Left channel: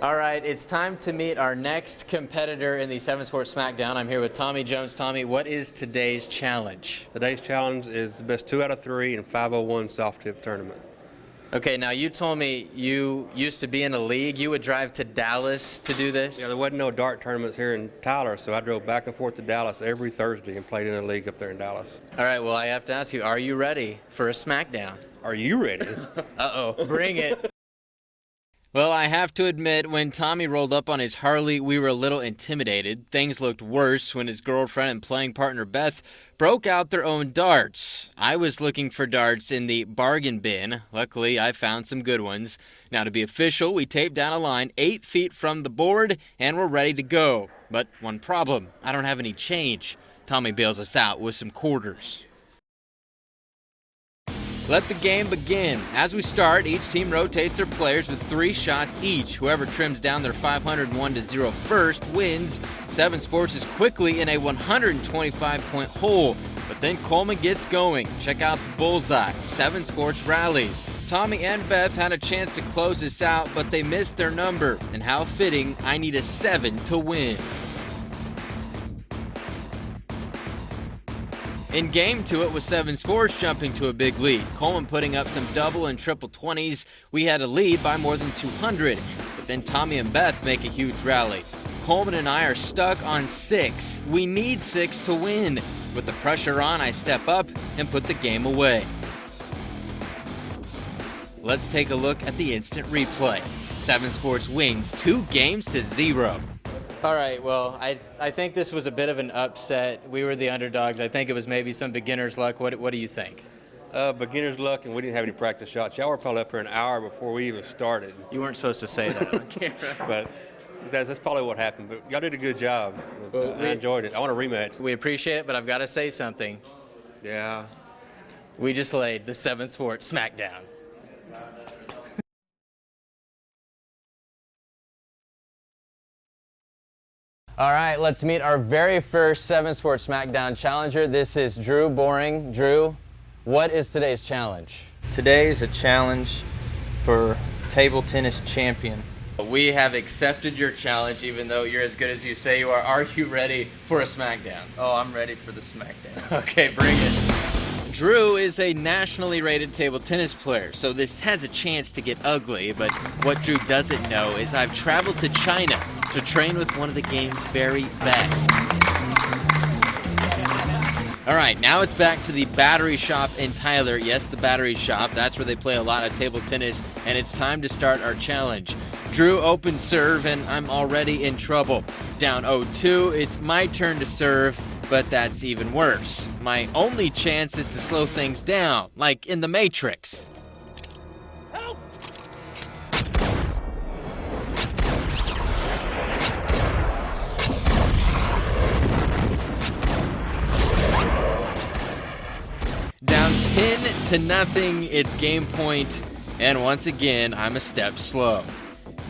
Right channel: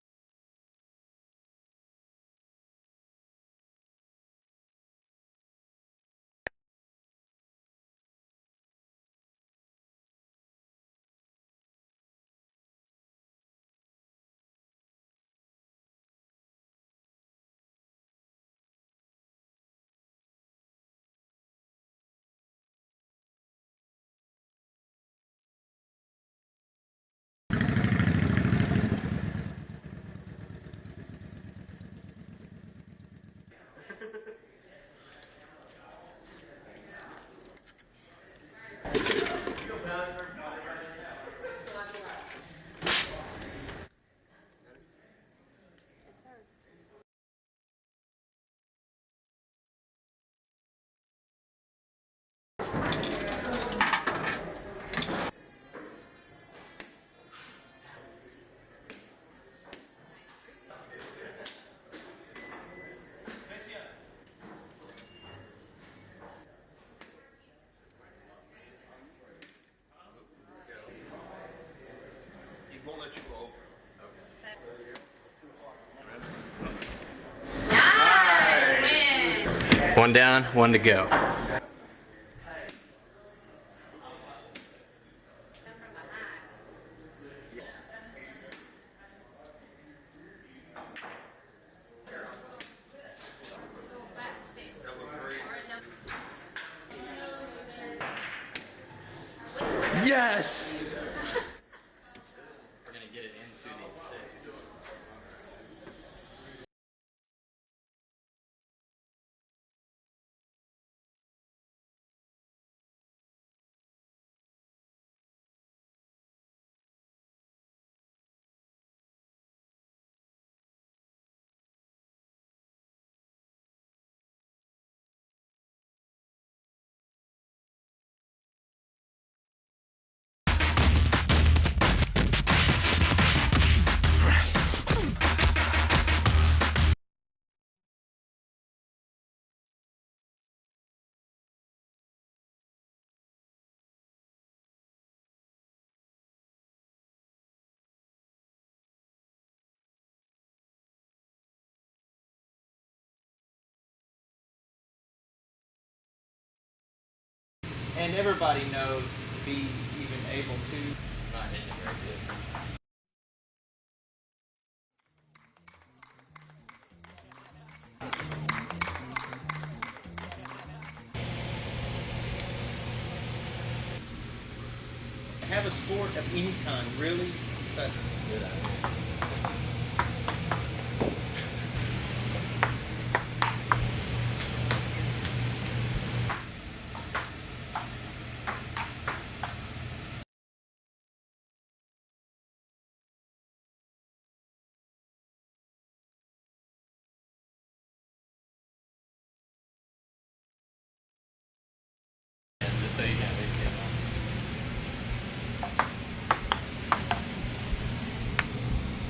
All right, it's time to meet our next competitor in the 7 Sports Smackdown. I'm here with Tommy Jones. Tommy, what is today's challenge? Today's challenge is the best 2 out of 3 in 501 soft tip tournament. Okay, now you told me you used to be in a league. You would drive to Dallas to do this? Yeah, there wasn't no dart tournaments here in Tyler, so I drove back and forth to Dallas every Thursday and played in a league up there in Dallas. All right, well, I have to ask you, are you ready for a Smackdown? Are you ready? Uh-oh, bring it. Well, I have to admit, when Tommy rolled up on his Harley, we were a little intimidated. Things looked worse when his girlfriend and playing partner Beth broke out their own darts. I was looking for darts in the bargain bin. Luckily, I found some good ones. Now, to be official, we taped down a line 8 feet from the board, and we're ready to go. But one problem, I don't have any change. Tommy bails us out with some quarters. Let the game begin. As we start, each team rotates their players with 3 shots each. Whoever trims down their 501-0 first wins. 7 Sports is quickly in a 125-point hole, but then Coleman gets going. Check out the bullseye. 7 Sports rallies. Tommy and Beth had a chance to close this out, but they missed their number. And how fitting, I need a 7 to win. Nice win. 1 down, 1 to go. In game 2, it was 7 Sports jumping to a big lead. Coleman putting up some double and triple 20s. We had a lead by more than 200. But then Tommy and Beth make a huge rally. Coleman and I are stuck on 6. We need 6 to win. With the pressure on, I step up and put the game away. Yes! Let's take a look at the instant replay. 7 Sports wins 2 games to 0. All right, well, I think this was a bit of an upset. We were the underdogs. I think it was maybe some beginner's luck. What do you think? Beginner's luck, and we didn't have any practice shots. Y'all were probably up here an hour before we even started. You weren't supposed to say that on camera. But that's probably what happened. But y'all did a good job. Well, I enjoyed it. I want a rematch. We appreciate it, but I've got to say something. Yeah. We just laid the 7 Sports Smackdown. All right, let's meet our very first 7 Sports Smackdown challenger. This is Drew Boring. Drew, what is today's challenge? Today is a challenge for table tennis champion. We have accepted your challenge, even though you're as good as you say you are. Are you ready for a Smackdown? Oh, I'm ready for the Smackdown. Okay, bring it. Drew is a nationally rated table tennis player, so this has a chance to get ugly, but what Drew doesn't know is I've traveled to China to train with one of the game's very best. All right, now it's back to the Battery Shop in Tyler. Yes, the Battery Shop, that's where they play a lot of table tennis, and it's time to start our challenge. Drew opens serve, and I'm already in trouble. Down 0-2, it's my turn to serve, but that's even worse. My only chance is to slow things down, like in the Matrix. Help! Down 10-0, it's game point, and once again, I'm a step slow.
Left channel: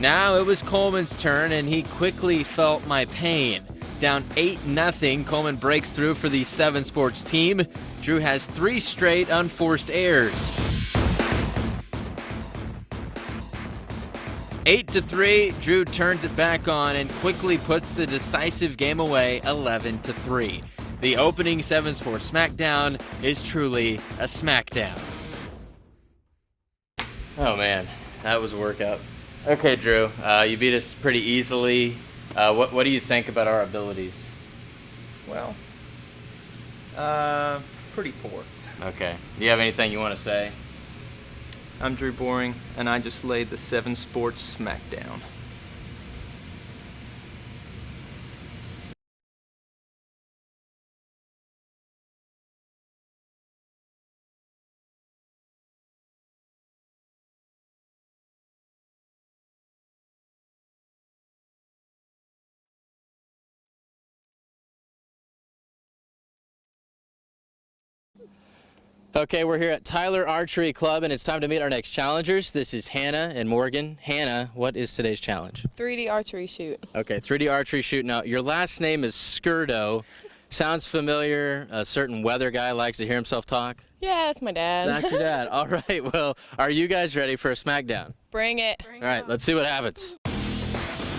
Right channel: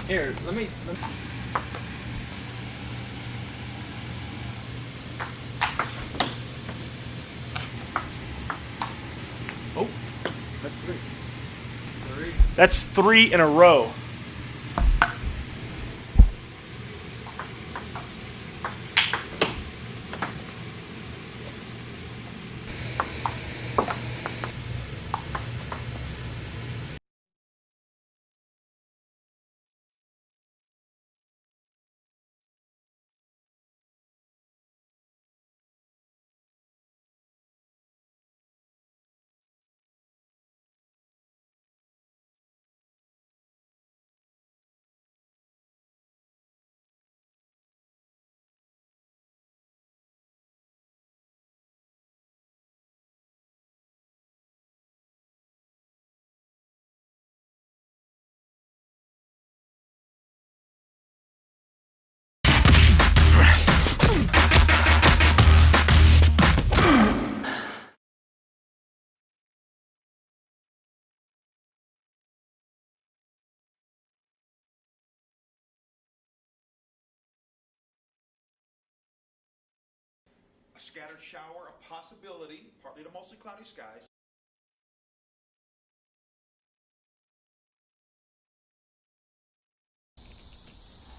Now it was Coleman's turn, and he quickly felt my pain. Down 8-0, Coleman breaks through for the 7 Sports team. Drew has 3 straight unforced errors. That's 3 in a row. 8-3, Drew turns it back on and quickly puts the decisive game away 11-3. The opening 7 Sports Smackdown is truly a Smackdown. Oh man, that was a workout. Okay, Drew, you beat us pretty easily. What do you think about our abilities? Well, pretty poor. Okay. Do you have anything you want to say? I'm Drew Boring, and I just laid the 7 Sports Smackdown. Okay, we're here at Tyler Archery Club, and it's time to meet our next challengers. This is Hannah and Morgan. Hannah, what is today's challenge? 3D archery shoot. Okay, 3D archery shoot. Now, your last name is Skirdo. Sounds familiar. A certain weather guy likes to hear himself talk. Yeah, that's my dad. That's your dad. All right, well, are you guys ready for a Smackdown? Bring it. All right, let's see what happens.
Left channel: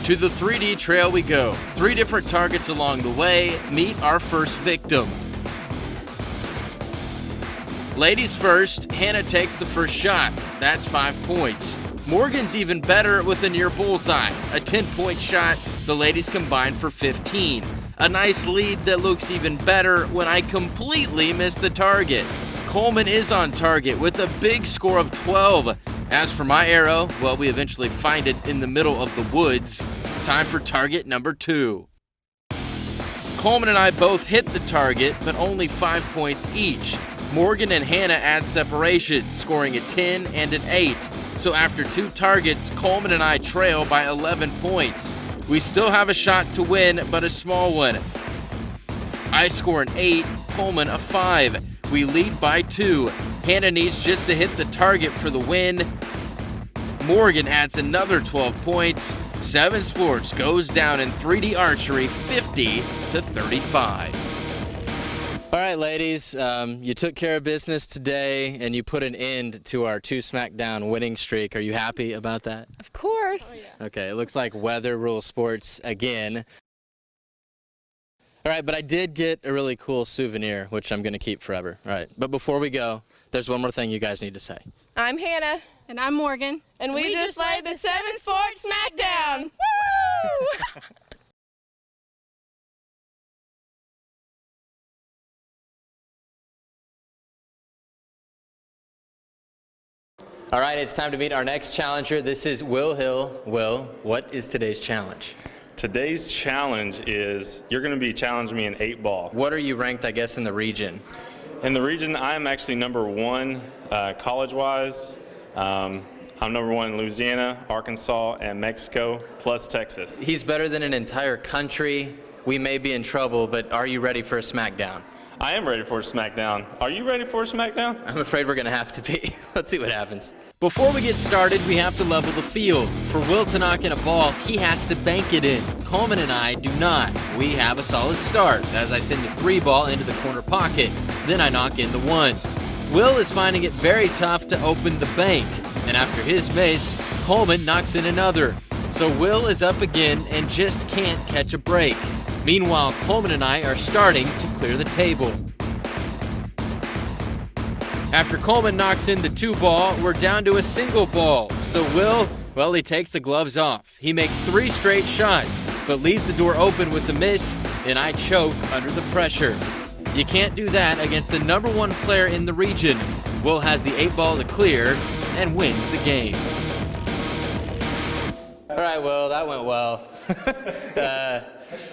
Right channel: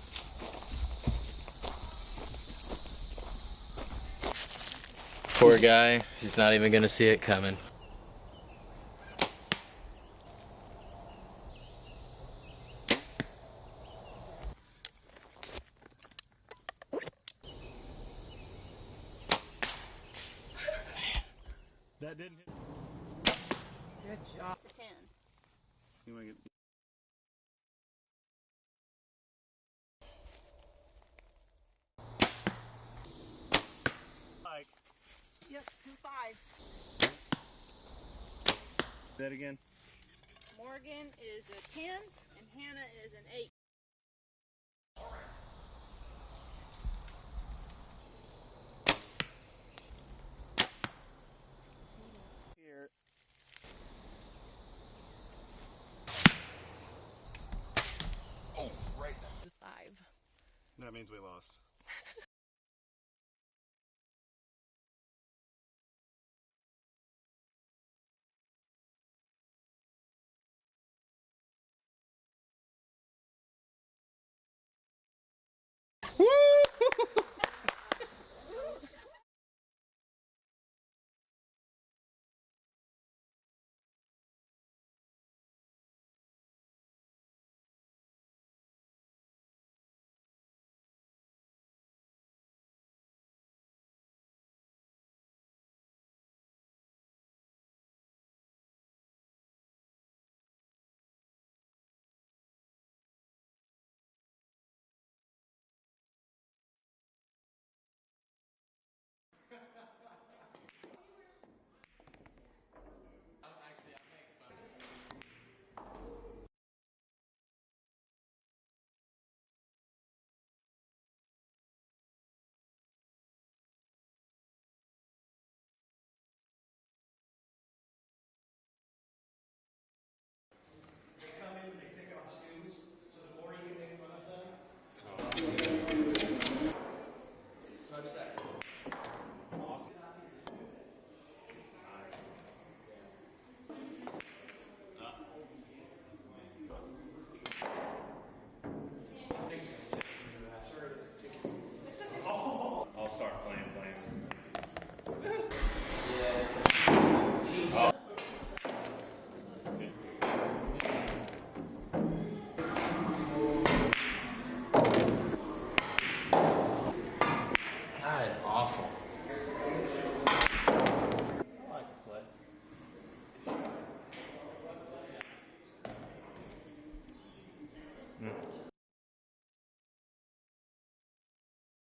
To the 3D trail we go. 3 different targets along the way. Meet our first victim. Poor guy, he's not even gonna see it coming. Ladies first, Hannah takes the first shot. That's 5 points. Morgan's even better with a near bullseye. A 10-point shot, the ladies combine for 15. A nice lead that looks even better when I completely miss the target. Coleman is on target with a big score of 12. As for my arrow, well, we eventually find it in the middle of the woods. Time for target number 2. Coleman and I both hit the target, but only 5 points each. Morgan and Hannah add separation, scoring a 10 and an 8. So after 2 targets, Coleman and I trail by 11 points. We still have a shot to win, but a small one. I score an 8, Coleman a 5. We lead by 2. Hannah needs just to hit the target for the win. Morgan adds another 12 points. 7 Sports goes down in 3D archery 50-35. All right, ladies, you took care of business today and you put an end to our 2 Smackdown winning streak. Are you happy about that? Of course. Oh, yeah. Okay, it looks like weather rules sports again. All right, but I did get a really cool souvenir, which I'm going to keep forever. All right, but before we go, there's one more thing you guys need to say. I'm Hannah. And I'm Morgan. And we just laid the 7 Sports Smackdown. Woo! All right, it's time to meet our next challenger. This is Will Hill. Will, what is today's challenge? Today's challenge is you're going to be challenging me in 8-ball. What are you ranked, I guess, in the region? In the region, I'm actually number 1 college-wise. I'm number 1 in Louisiana, Arkansas, and Mexico, plus Texas. He's better than an entire country. We may be in trouble, but are you ready for a Smackdown? I am ready for a Smackdown. Are you ready for a Smackdown? I'm afraid we're going to have to be. Let's see what happens. Before we get started, we have to level the field. For Will to knock in a ball, he has to bank it in. Coleman and I do not. We have a solid start as I send the 3 ball into the corner pocket. Then I knock in the 1. Will is finding it very tough to open the bank. And after his miss, Coleman knocks in another. So Will is up again and just can't catch a break. Meanwhile, Coleman and I are starting to clear the table. After Coleman knocks in the 2 ball, we're down to a single ball. So Will, well, he takes the gloves off. He makes 3 straight shots, but leaves the door open with the miss, and I choke under the pressure. You can't do that against the number 1 player in the region. Will has the 8 ball to clear and wins the game. All right, Will, that went well.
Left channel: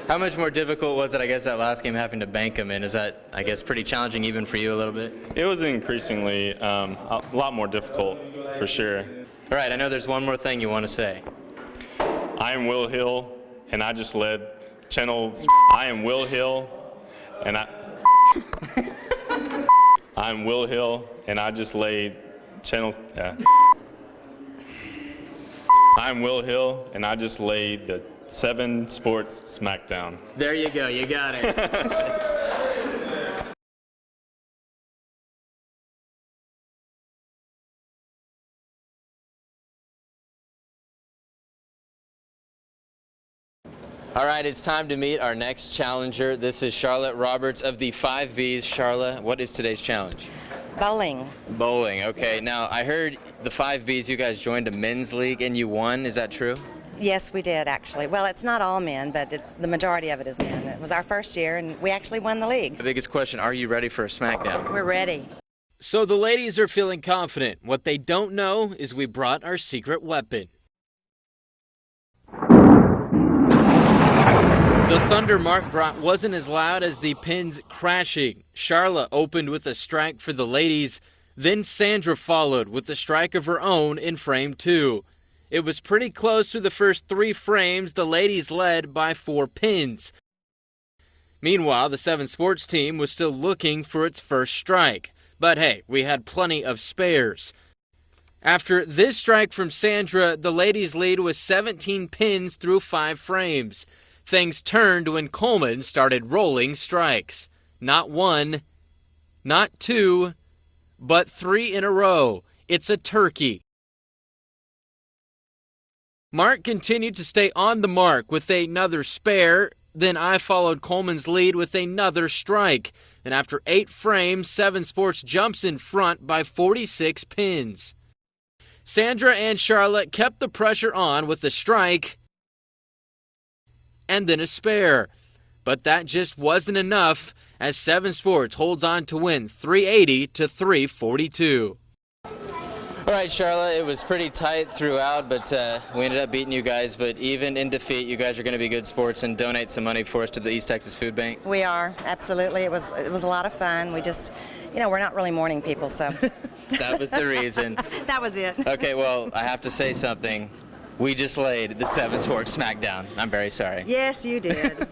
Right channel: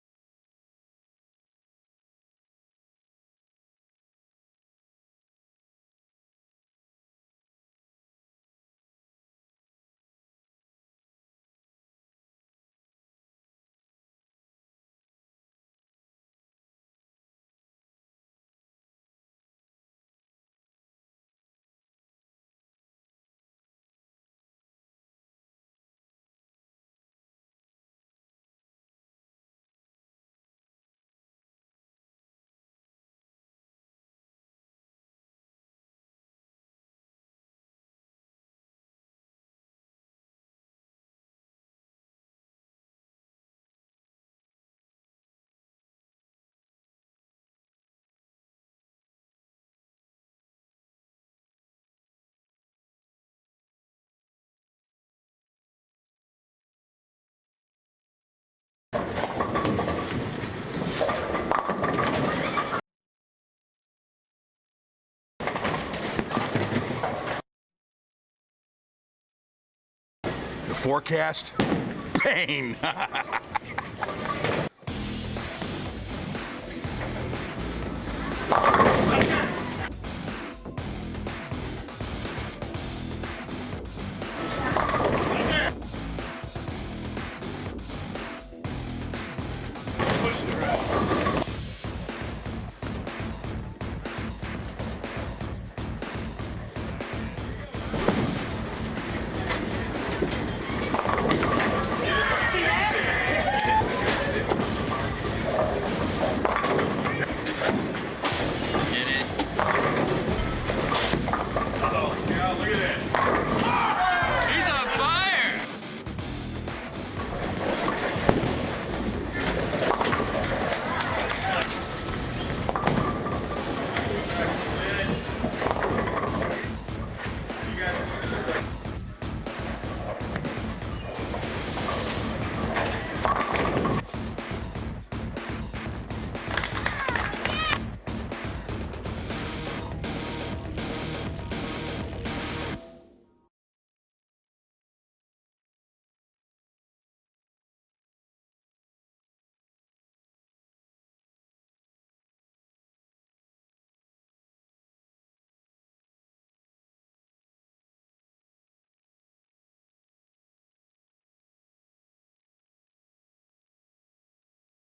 How much more difficult was it, I guess, that last game having to bank them in? Is that, I guess, pretty challenging even for you a little bit? It was increasingly a lot more difficult, for sure. All right, I know there's one more thing you want to say. I am Will Hill, and I just led channels. I am Will Hill, and I'm Will Hill, and I just laid channels. I'm Will Hill, and I just laid the 7 Sports Smackdown. There you go, you got it. All right, it's time to meet our next challenger. This is Charlotte Roberts of the 5Bs. Charlotte, what is today's challenge? Bowling. Bowling, okay. Now, I heard the 5Bs, you guys joined a men's league and you won, is that true? Yes, we did, actually. Well, it's not all men, but the majority of it is men. It was our first year, and we actually won the league. The biggest question, are you ready for a Smackdown? We're ready. So the ladies are feeling confident. What they don't know is we brought our secret weapon. The forecast? The thunder Mark brought wasn't as loud as the pins crashing. Charlotte opened with a strike for the ladies. Then Sandra followed with a strike of her own in frame 2. It was pretty close through the first 3 frames. The ladies led by 4 pins. Meanwhile, the 7 Sports team was still looking for its first strike. But hey, we had plenty of spares. After this strike from Sandra, the ladies' lead was 17 pins through 5 frames. Things turned when Coleman started rolling strikes. Not 1, not 2, but 3 in a row. It's a turkey. He's on fire! Mark continued to stay on the mark with another spare, then I followed Coleman's lead with another strike. And after 8 frames, 7 Sports jumps in front by 46 pins. Sandra and Charlotte kept the pressure on with a strike and then a spare. But that just wasn't enough as 7 Sports holds on to win 380 to 342. All right, Charlotte, it was pretty tight throughout, but we ended up beating you guys. But even in defeat, you guys are going to be good sports and donate some money for us to the East Texas Food Bank. We are, absolutely. It was a lot of fun. We just, we're not really morning people, so. That was the reason. That was it. Okay, well, I have to say something. We just laid the 7 Sports Smackdown. I'm very sorry. Yes, you did.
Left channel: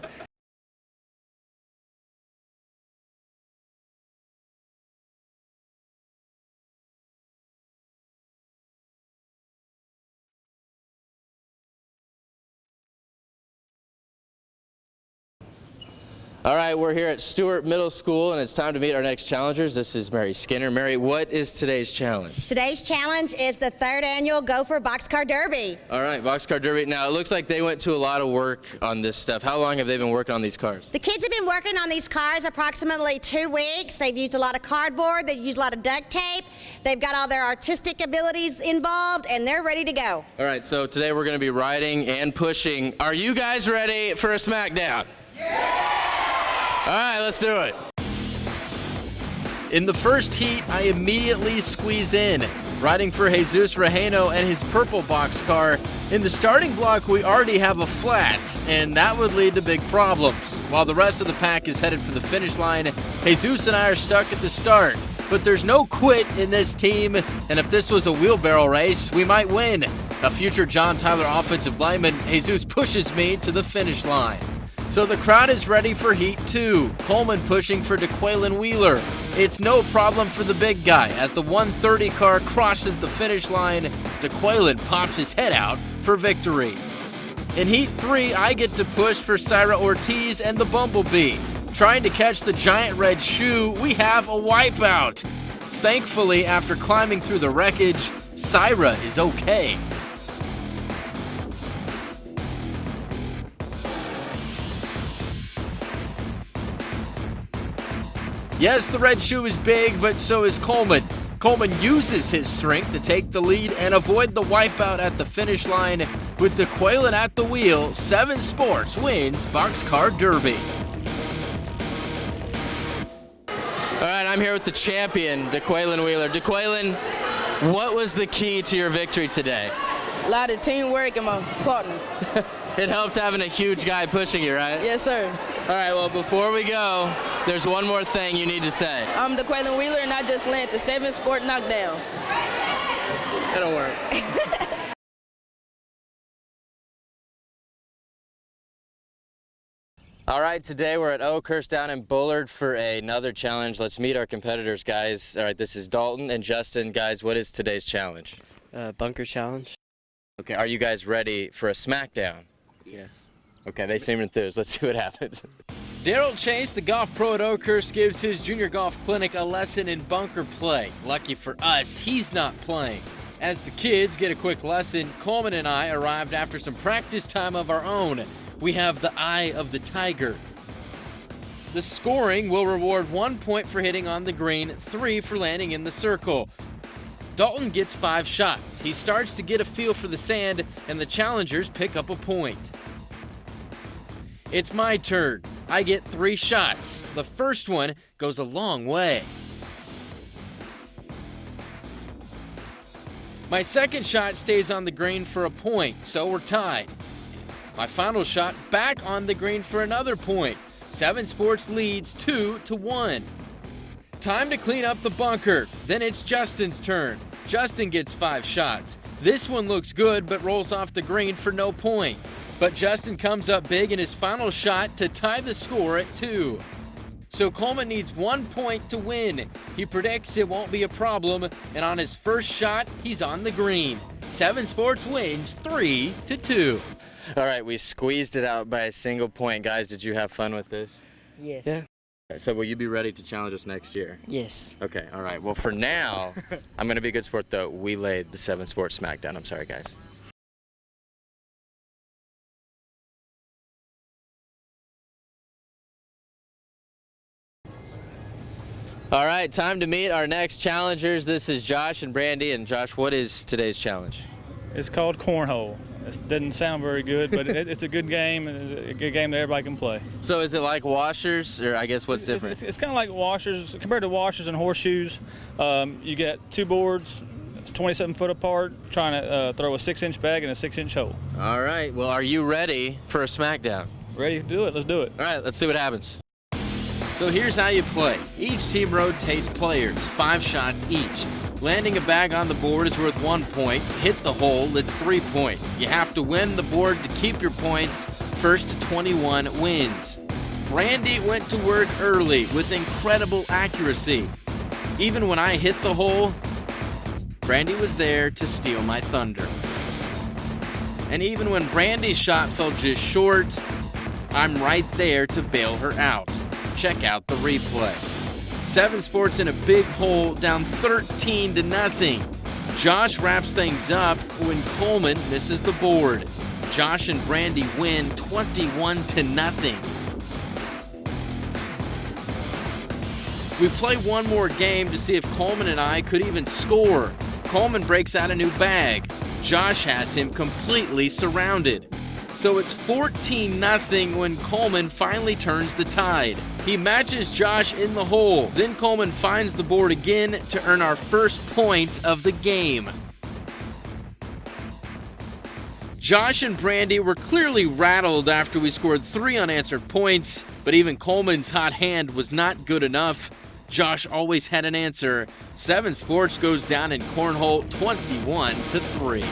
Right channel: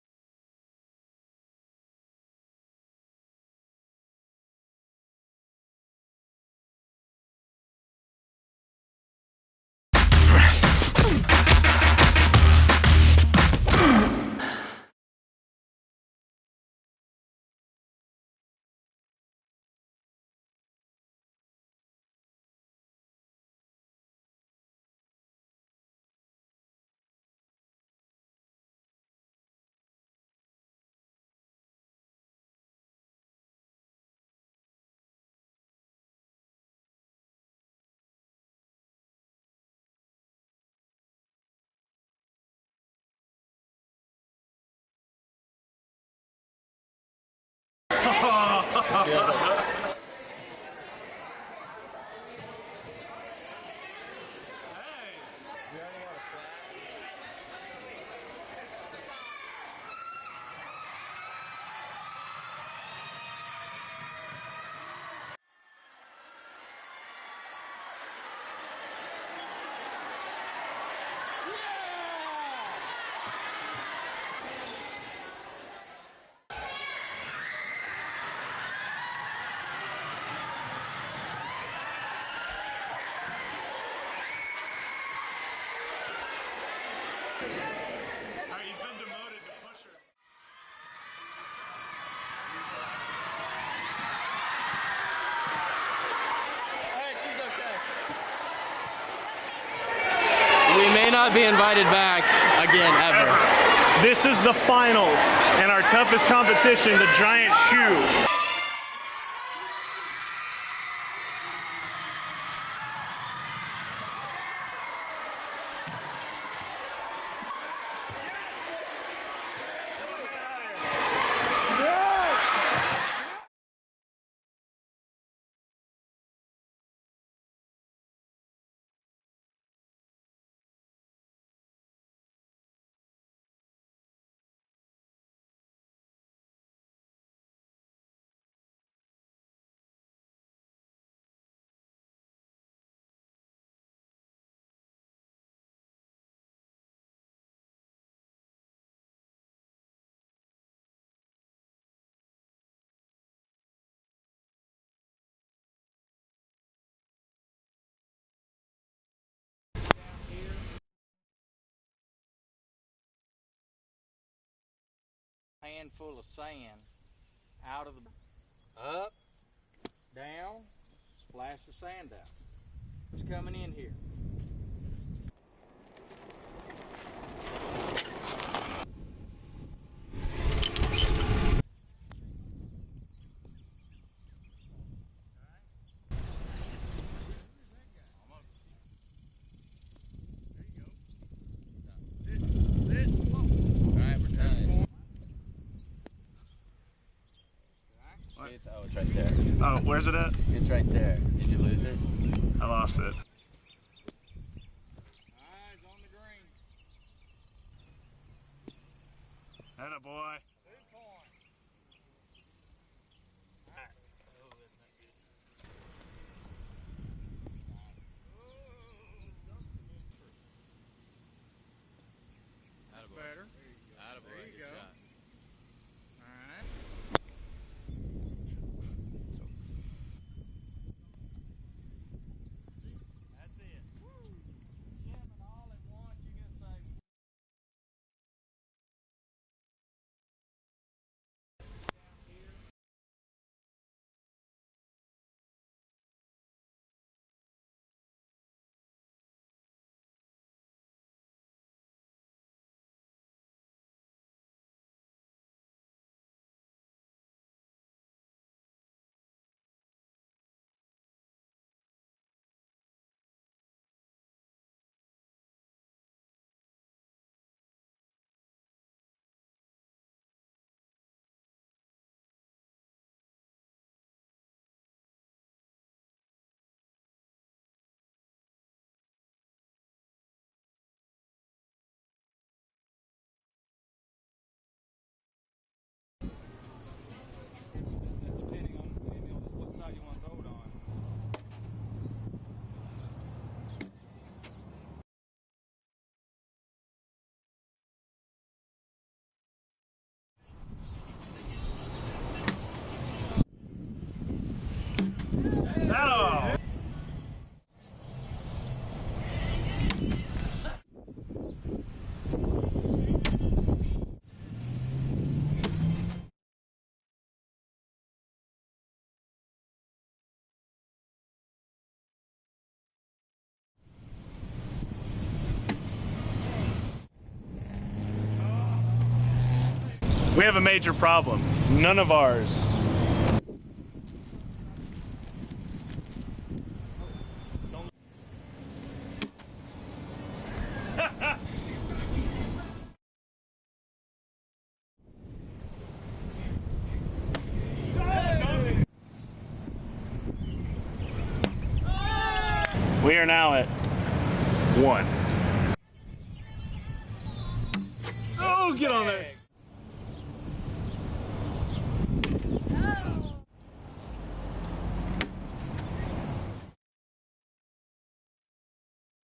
All right, we're here at Stewart Middle School, and it's time to meet our next challengers. This is Mary Skinner. Mary, what is today's challenge? Today's challenge is the 3rd annual Gopher Boxcar Derby. All right, Boxcar Derby. Now, it looks like they went to a lot of work on this stuff. How long have they been working on these cars? The kids have been working on these cars approximately 2 weeks. They've used a lot of cardboard. They've used a lot of duct tape. They've got all their artistic abilities involved, and they're ready to go. All right, so today we're going to be riding and pushing. Are you guys ready for a Smackdown? Yeah! All right, let's do it. In the first heat, I immediately squeeze in, riding for Jesus Rejeno and his purple boxcar. In the starting block, we already have a flat, and that would lead to big problems. While the rest of the pack is headed for the finish line, Jesus and I are stuck at the start. But there's no quit in this team, and if this was a wheelbarrow race, we might win. A future John Tyler offensive lineman, Jesus pushes me to the finish line. So the crowd is ready for Heat 2. Coleman pushing for DeQuaylen Wheeler. It's no problem for the big guy. As the 130 car crosses the finish line, DeQuaylen pops his head out for victory. In Heat 3, I get to push for Syra Ortiz and the Bumblebee. Trying to catch the giant red shoe, we have a wipeout. Thankfully, after climbing through the wreckage, Syra is okay. We may not be invited back again ever. This is the finals, and our toughest competition, the giant shoe. Yes, the red shoe is big, but so is Coleman. Coleman uses his strength to take the lead and avoid the wipeout at the finish line. With DeQuaylen at the wheel, 7 Sports wins Boxcar Derby. All right, I'm here with the champion, DeQuaylen Wheeler. DeQuaylen, what was the key to your victory today? A lot of teamwork and my partner. It helped having a huge guy pushing you, right? Yes, sir. All right, well, before we go, there's one more thing you need to say. I'm DeQuaylen Wheeler, and I just landed the 7 Sport knockdown. It'll work. All right, today we're at Oakhurst down in Bullard for another challenge. Let's meet our competitors, guys. All right, this is Dalton and Justin. Guys, what is today's challenge? Bunker challenge. Okay, are you guys ready for a Smackdown? Yes. Okay, they seem enthused. Let's see what happens. Daryl Chase, the golf pro at Oakhurst, gives his junior golf clinic a lesson in bunker play. Lucky for us, he's not playing. As the kids get a quick lesson, Coleman and I arrived after some practice time of our own. We have the eye of the tiger. The scoring will reward 1 point for hitting on the green, 3 for landing in the circle. Dalton gets 5 shots. He starts to get a feel for the sand, and the challengers pick up a point. It's my turn. I get 3 shots. The first one goes a long way. Oh, where's it at? It's right there. Did you lose it? I lost it. My second shot stays on the green for a point, so we're tied. My final shot back on the green for another point. 7 Sports leads 2-1. Time to clean up the bunker. Then it's Justin's turn. Justin gets 5 shots. This one looks good, but rolls off the green for no point. But Justin comes up big in his final shot to tie the score at 2. So Coleman needs 1 point to win. He predicts it won't be a problem, and on his first shot, he's on the green. 7 Sports wins 3-2. All right, we squeezed it out by a single point. Guys, did you have fun with this? Yes. Yeah. So will you be ready to challenge us next year? Yes. Okay, all right. Well, for now, I'm going to be a good sport, though. We laid the 7 Sports Smackdown. I'm sorry, guys. All right, time to meet our next challengers. This is Josh and Brandy. And Josh, what is today's challenge? It's called Cornhole. It doesn't sound very good, but it's a good game, and it's a good game that everybody can play. So is it like washers, or I guess what's different? It's kind of like washers. Compared to washers and horseshoes, you get 2 boards, it's 27 foot apart, trying to throw a 6-inch bag in a 6-inch hole. All right, well, are you ready for a Smackdown? Ready to do it, let's do it. All right, let's see what happens. So here's how you play. Each team rotates players, 5 shots each. Landing a bag on the board is worth 1 point. Hit the hole, it's 3 points. You have to win the board to keep your points. First to 21 wins. Brandy went to work early with incredible accuracy. Even when I hit the hole, Brandy was there to steal my thunder. And even when Brandy's shot fell just short, I'm right there to bail her out. Check out the replay. 7 Sports in a big hole, down 13-0. Josh wraps things up when Coleman misses the board. Josh and Brandy win 21-0. We have a major problem. None of ours. We play one more game to see if Coleman and I could even score. Coleman breaks out a new bag. Josh has him completely surrounded. So it's 14-0 when Coleman finally turns the tide. He matches Josh in the hole. Then Coleman finds the board again to earn our first point of the game. We are now at 1. Josh and Brandy were clearly rattled after we scored 3 unanswered points, but even Coleman's hot hand was not good enough. Josh always had an answer. 7 Sports goes down in Cornhole 21-3.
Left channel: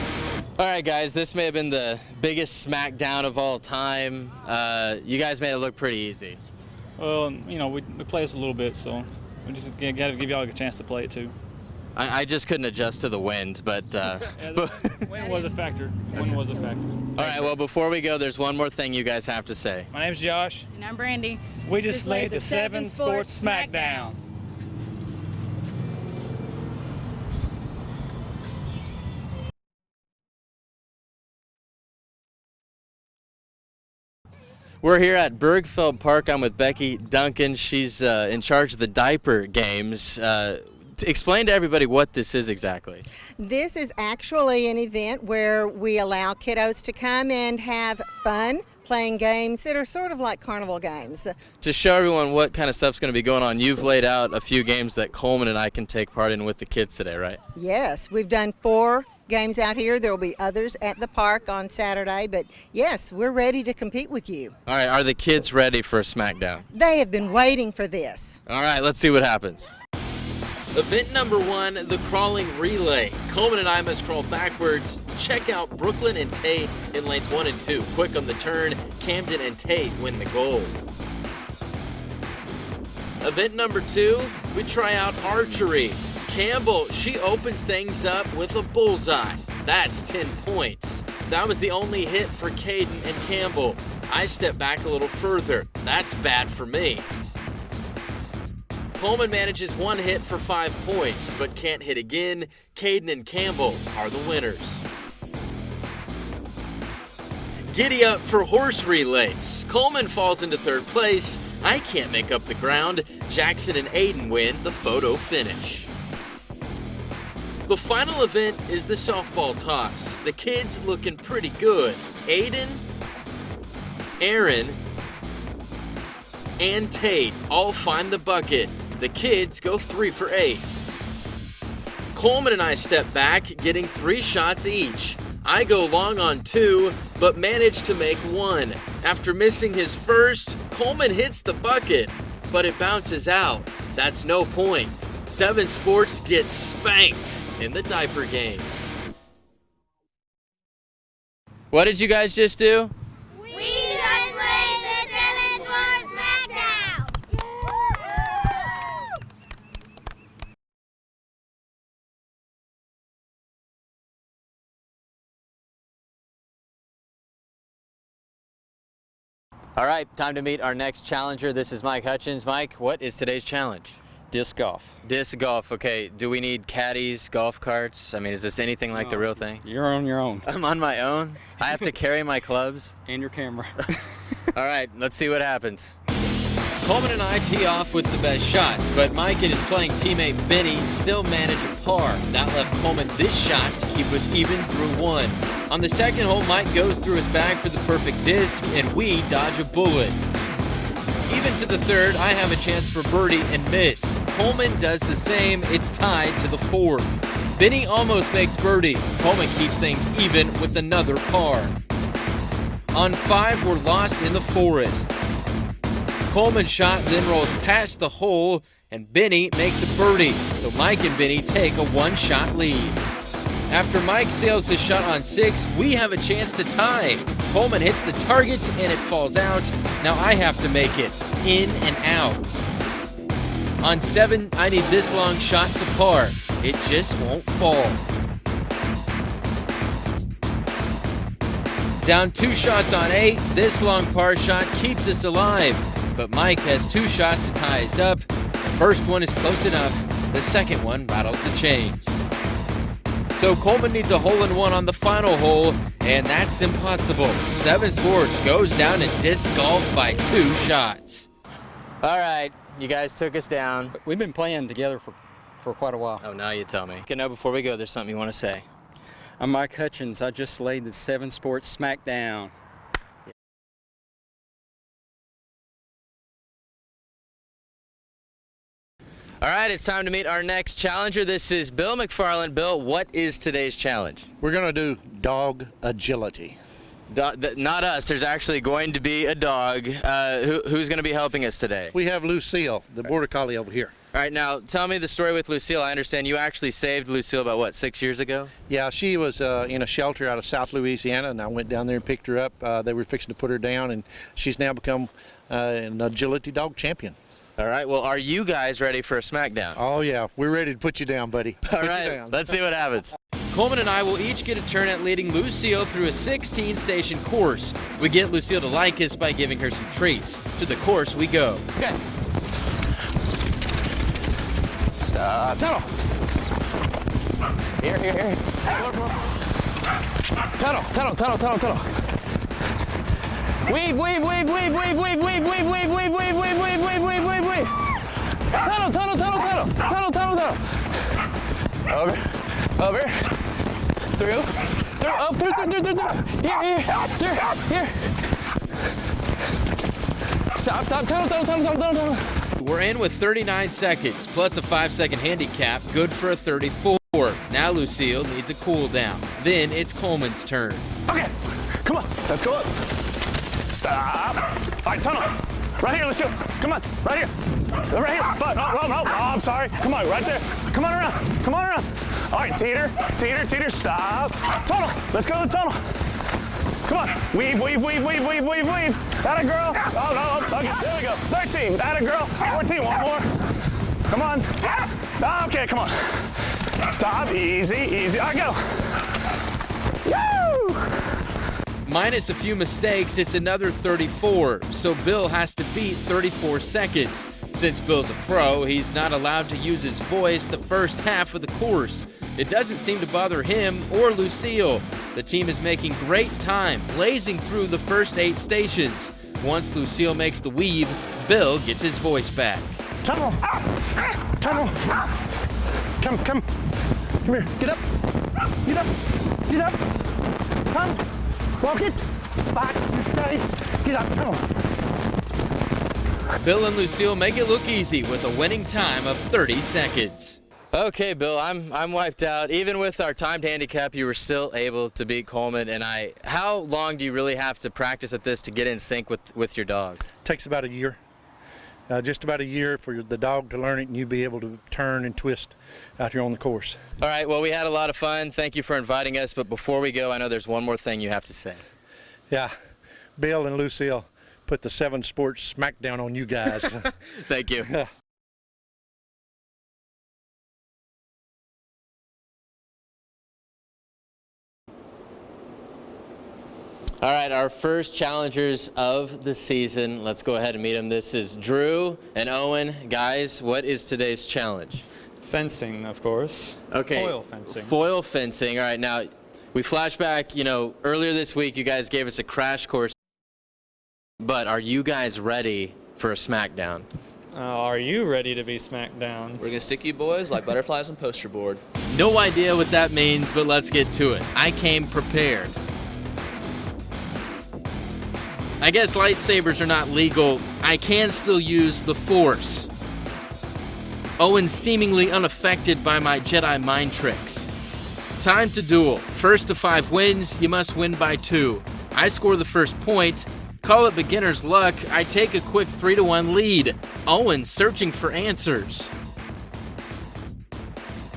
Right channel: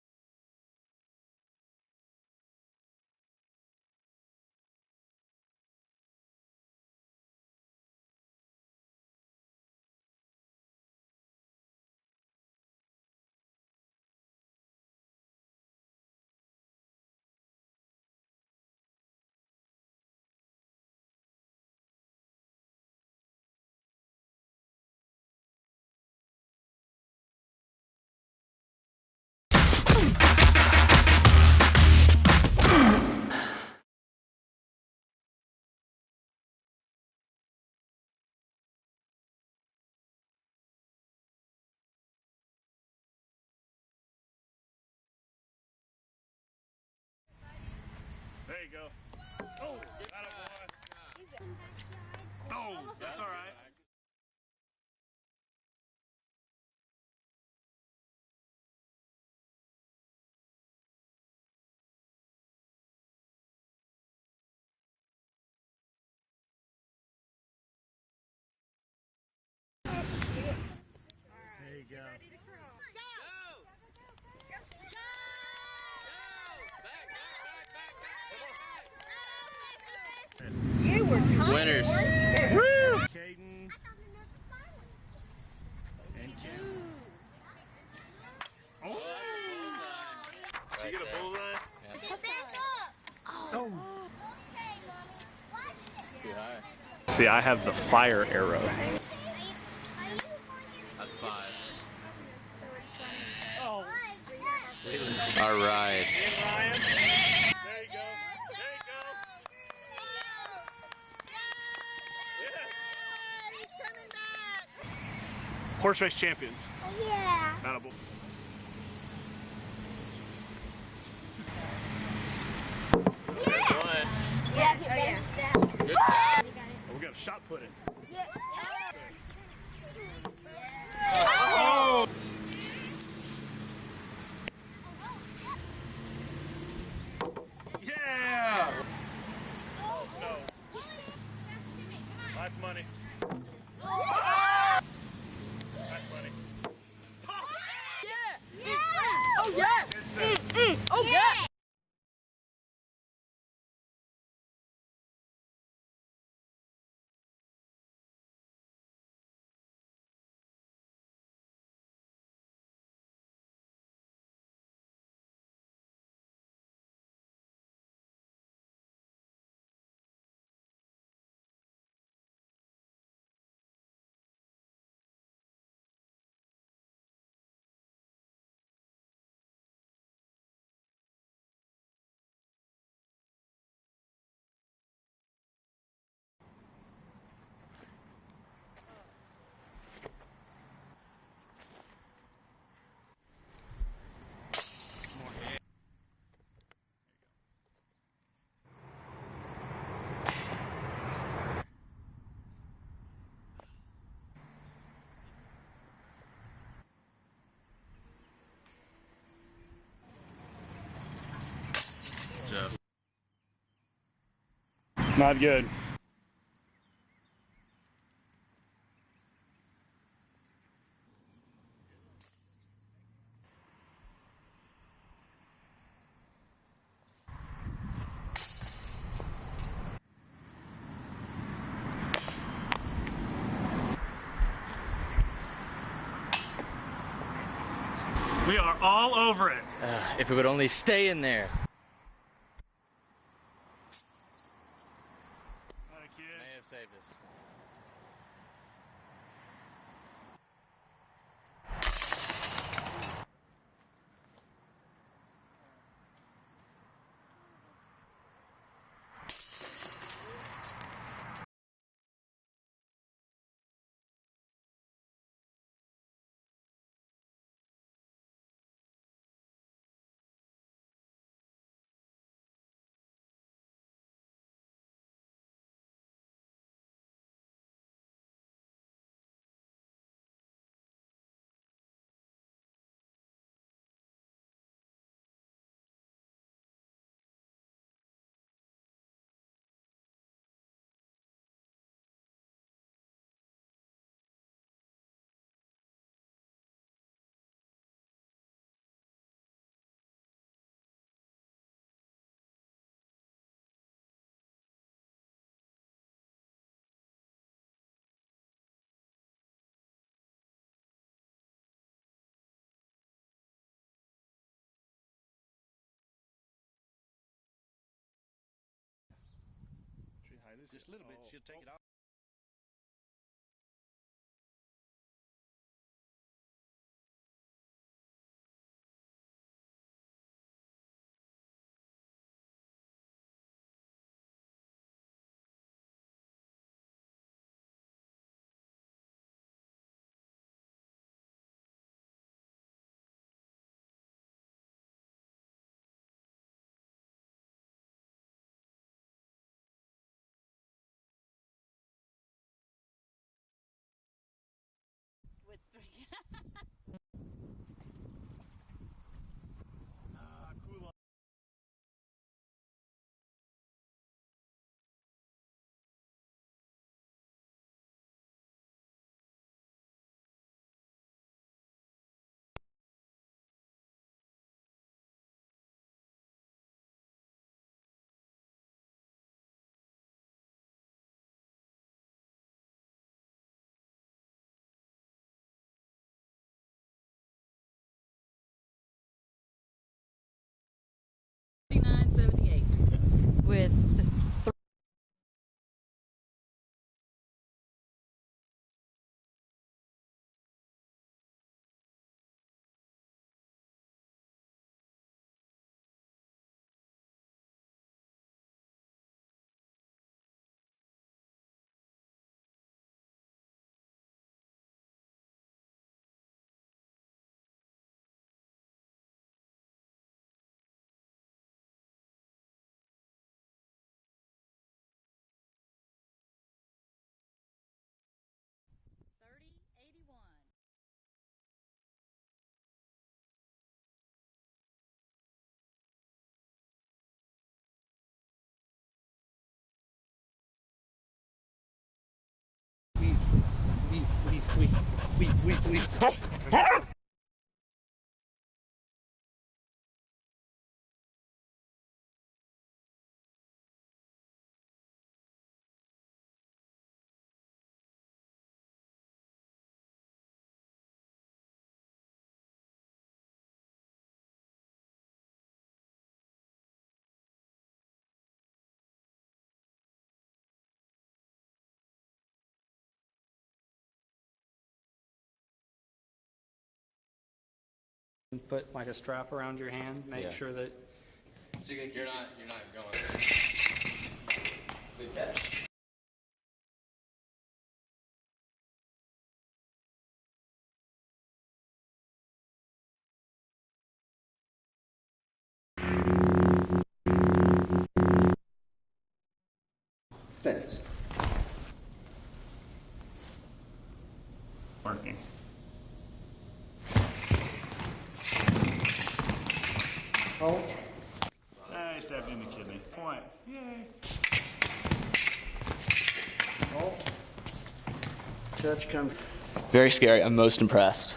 All right, guys, this may have been the biggest Smackdown of all time. You guys made it look pretty easy. Well, you know, we play this a little bit, so we just got to give y'all a chance to play it too. I just couldn't adjust to the wind, but... Wind was a factor. Wind was a factor. All right, well, before we go, there's one more thing you guys have to say. My name's Josh. And I'm Brandy. We just laid the 7 Sports Smackdown. We're here at Bergfeld Park. I'm with Becky Duncan. She's in charge of the Diaper Games. Explain to everybody what this is exactly. This is actually an event where we allow kiddos to come and have fun playing games that are sort of like carnival games. To show everyone what kind of stuff's going to be going on, you've laid out a few games that Coleman and I can take part in with the kids today, right? Yes, we've done 4 games out here. There will be others at the park on Saturday, but yes, we're ready to compete with you. All right, are the kids ready for a Smackdown? They have been waiting for this. All right, let's see what happens. Event number 1, the crawling relay. Coleman and I must crawl backwards. Check out Brooklyn and Tate in lanes 1 and 2. Quick on the turn, Camden and Tate win the goal. Winners. Woo! Event number 2, we try out archery. Campbell, she opens things up with a bullseye. That's 10 points. That was the only hit for Caden and Campbell. I step back a little further. That's bad for me. See, I have the fire arrow. Coleman manages 1 hit for 5 points, but can't hit again. Caden and Campbell are the winners. All right. Giddy up for horse relays. Coleman falls into 3rd place. I can't make up the ground. Jackson and Aiden win the photo finish. Horse race champions. The final event is the softball toss. The kids looking pretty good. Aiden, Aaron, and Tate all find the bucket. The kids go 3 for 8. Coleman and I step back, getting 3 shots each. I go long on 2, but manage to make 1. After missing his first, Coleman hits the bucket, but it bounces out. That's no point. 7 Sports gets spanked in the Diaper Games. Oh, yeah. Oh, yeah. What did you guys just do? We just played the 7 Sports Smackdown. All right, time to meet our next challenger. This is Mike Hutchins. Mike, what is today's challenge? Disc golf. Disc golf, okay. Do we need caddies, golf carts? I mean, is this anything like the real thing? You're on your own. I'm on my own? I have to carry my clubs? And your camera. All right, let's see what happens. Coleman and I tee off with the best shots, but Mike and his playing teammate Benny still manage a par. That left Coleman this shot to keep us even through one. On the second hole, Mike goes through his bag for the perfect disc, and we dodge a bullet. Even to the third, I have a chance for birdie and miss. Coleman does the same. It's tied to the fourth. Benny almost makes birdie. Coleman keeps things even with another par. On 5, we're lost in the forest. Not good. Coleman's shot then rolls past the hole, and Benny makes a birdie. So Mike and Benny take a one-shot lead. After Mike sails his shot on 6, we have a chance to tie. Coleman hits the target, and it falls out. Now I have to make it in and out. On 7, I need this long shot to par. It just won't fall. We are all over it. If it would only stay in there. Down 2 shots on 8, this long par shot keeps us alive. But Mike has 2 shots to tie us up. The first one is close enough. The second one rattles the chain. So Coleman needs a hole-in-one on the final hole, and that's impossible. 7 Sports goes down in disc golf by 2 shots. All right, you guys took us down. We've been playing together for quite a while. Oh, now you tell me. Okay, now before we go, there's something you want to say. I'm Mike Hutchins. I just laid the 7 Sports Smackdown. All right, it's time to meet our next challenger. This is Bill McFarland. Bill, what is today's challenge? We're going to do dog agility. Not us. There's actually going to be a dog. Who's going to be helping us today? We have Lucille, the border collie over here. All right, now tell me the story with Lucille. I understand you actually saved Lucille about, what, 6 years ago? Yeah, she was in a shelter out of South Louisiana, and I went down there and picked her up. They were fixing to put her down, and she's now become an agility dog champion. All right, well, are you guys ready for a Smackdown? Oh, yeah, we're ready to put you down, buddy. All right, let's see what happens. Coleman and I will each get a turn at leading Lucille through a 16-station course. We get Lucille to like us by giving her some treats. To the course we go. Okay. Tunnel. Here. Tunnel. Weave. Tunnel. Over. Through. Up, through. Here. Stop. Tunnel. We're in with 39 seconds, plus a 5-second handicap, good for a 34. Now Lucille needs a cool down. Then it's Coleman's turn. Okay, come on, let's go up. Stop. All right, tunnel. Right here, Lucille. Come on, right here. Right here. Fun. No. Oh, I'm sorry. Come on, right there. Come on around. All right, teeter. Stop. Tunnel. Let's go to the tunnel. Come on. Weave. Atta girl. Oh, no. Okay, there we go. 13. Atta girl. 14. One more. Come on. Okay, come on. Stop. Easy. I go. Woo! Minus a few mistakes, it's another 34. So Bill has to beat 34 seconds. Since Bill's a pro, he's not allowed to use his voice the first half of the course. It doesn't seem to bother him or Lucille. The team is making great time, blazing through the first 8 stations. Once Lucille makes the weave, Bill gets his voice back. Tunnel. Come here. Get up. Come. Walk it. Back. Stay. Get up. Come on. Bill and Lucille make it look easy with a winning time of 30 seconds. Okay, Bill, I'm wiped out. Even with our timed handicap, you were still able to beat Coleman and I. How long do you really have to practice at this to get in sync with your dog? Takes about a year. Just about a year for the dog to learn it and you be able to turn and twist as you're on the course. All right, well, we had a lot of fun. Thank you for inviting us, but before we go, I know there's one more thing you have to say. Yeah, Bill and Lucille put the 7 Sports Smackdown on you guys. Thank you. All right, our first challengers of the season. Let's go ahead and meet them. This is Drew and Owen. Guys, what is today's challenge? Fencing, of course. Okay. Foil fencing. Foil fencing. All right, now we flash back, earlier this week you guys gave us a crash course. But are you guys ready for a Smackdown? Are you ready to be smacked down? We're going to stick you boys like butterflies on poster board. No idea what that means, but let's get to it. I came prepared. I guess lightsabers are not legal. I can still use the Force. Owen seemingly unaffected by my Jedi mind tricks. Time to duel. First to 5 wins, you must win by 2. I score the first point. Call it beginner's luck. I take a quick 3-1 lead. Owen searching for answers. Very scary. I'm most impressed.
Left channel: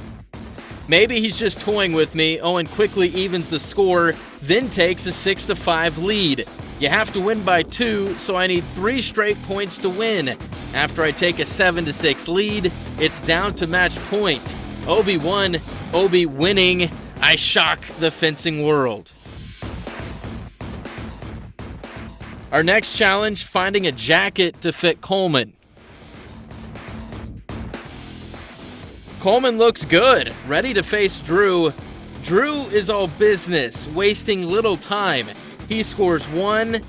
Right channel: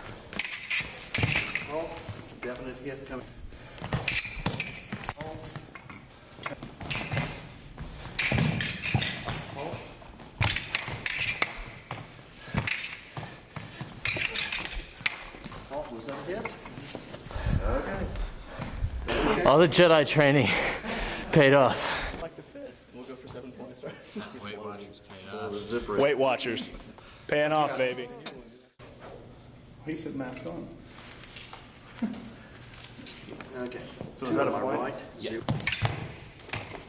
Maybe he's just toying with me. Owen quickly evens the score, then takes a 6-5 lead. You have to win by 2, so I need 3 straight points to win. After I take a 7-6 lead, it's down to match point. Obi won, Obi winning. I shock the fencing world. All the Jedi training paid off. Our next challenge, finding a jacket to fit Coleman. Weight Watchers. Paying off, baby. Coleman looks good, ready to face Drew. Drew is all business, wasting little time. He scores 1,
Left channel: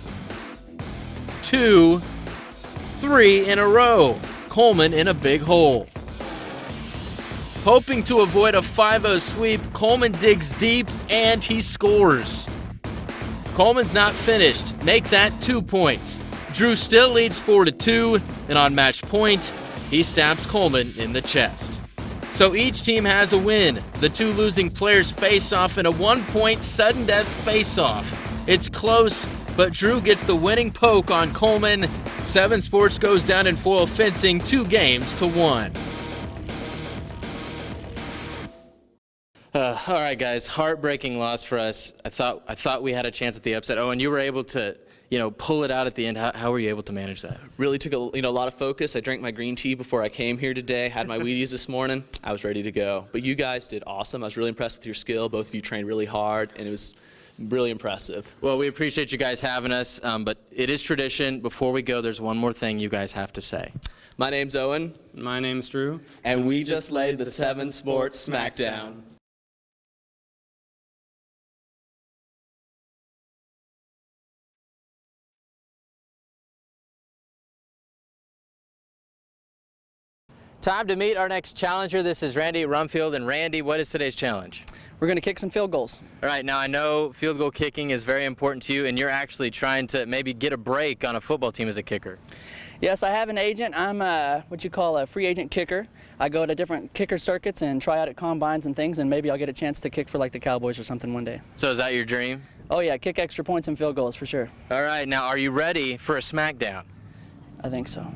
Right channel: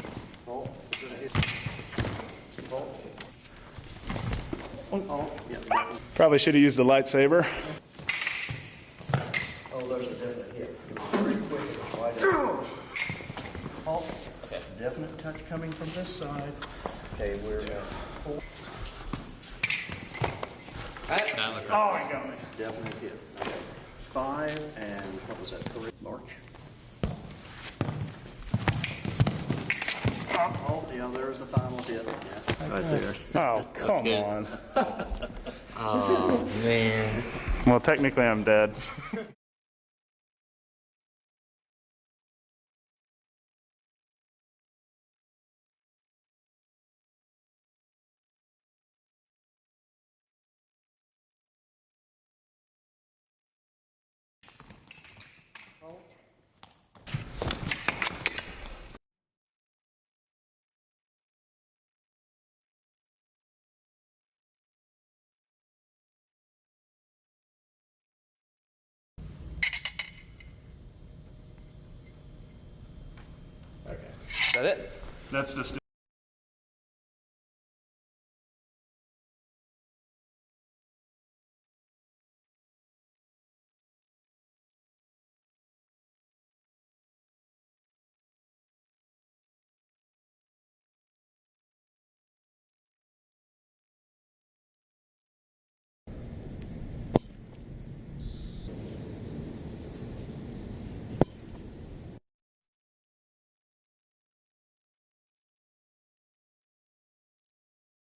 2, 3 in a row. Coleman in a big hole. Probably should have used the lightsaber. Hoping to avoid a 5-0 sweep, Coleman digs deep and he scores. Coleman's not finished. Make that 2 points. Drew still leads 4-2, and on match point, he stabs Coleman in the chest. So each team has a win. The 2 losing players face off in a 1-point sudden death face-off. It's close, but Drew gets the winning poke on Coleman. 7 Sports goes down in foil fencing 2-1. Oh, man. Well, technically I'm dead. All right, guys, heartbreaking loss for us. I thought we had a chance at the upset. Oh, and you were able to, pull it out at the end. How were you able to manage that? Really took a lot of focus. I drank my green tea before I came here today, had my Wheaties this morning. I was ready to go. But you guys did awesome. I was really impressed with your skill. Both of you trained really hard, and it was really impressive. Well, we appreciate you guys having us, but it is tradition. Before we go, there's one more thing you guys have to say. My name's Owen. My name's Drew. And we just laid the 7 Sports Smackdown. Is that it? That's just. Time to meet our next challenger. This is Randy Rumfield. And Randy, what is today's challenge? We're going to kick some field goals. All right, now I know field goal kicking is very important to you, and you're actually trying to maybe get a break on a football team as a kicker. Yes, I have an agent. I'm what you call a free agent kicker. I go to different kicker circuits and try out at combines and things, and maybe I'll get a chance to kick for like the Cowboys or something one day. So is that your dream? Oh yeah, kick extra points and field goals for sure. All right, now are you ready for a Smackdown? I think so.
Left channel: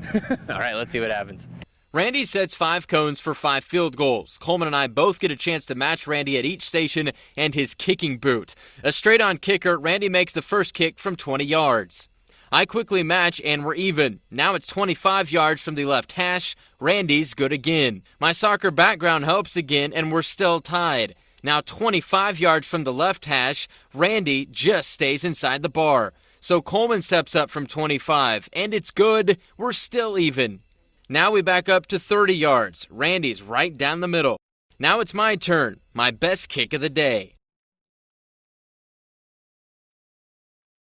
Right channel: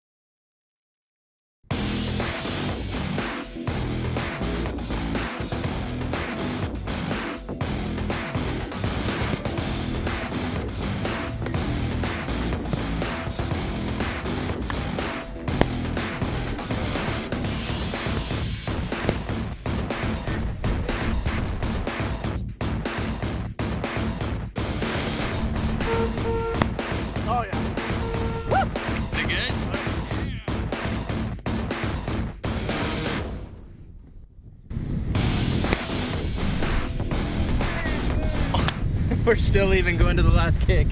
All right, let's see what happens. Randy sets 5 cones for 5 field goals. Coleman and I both get a chance to match Randy at each station and his kicking boot. A straight-on kicker, Randy makes the first kick from 20 yards. I quickly match and we're even. Now it's 25 yards from the left hash. Randy's good again. My soccer background helps again and we're still tied. Now 25 yards from the left hash. Randy just stays inside the bar. So Coleman steps up from 25 and it's good. We're still even. Now we back up to 30 yards. Randy's right down the middle. Now it's my turn. My best kick of the day. We're still even going to the last kick.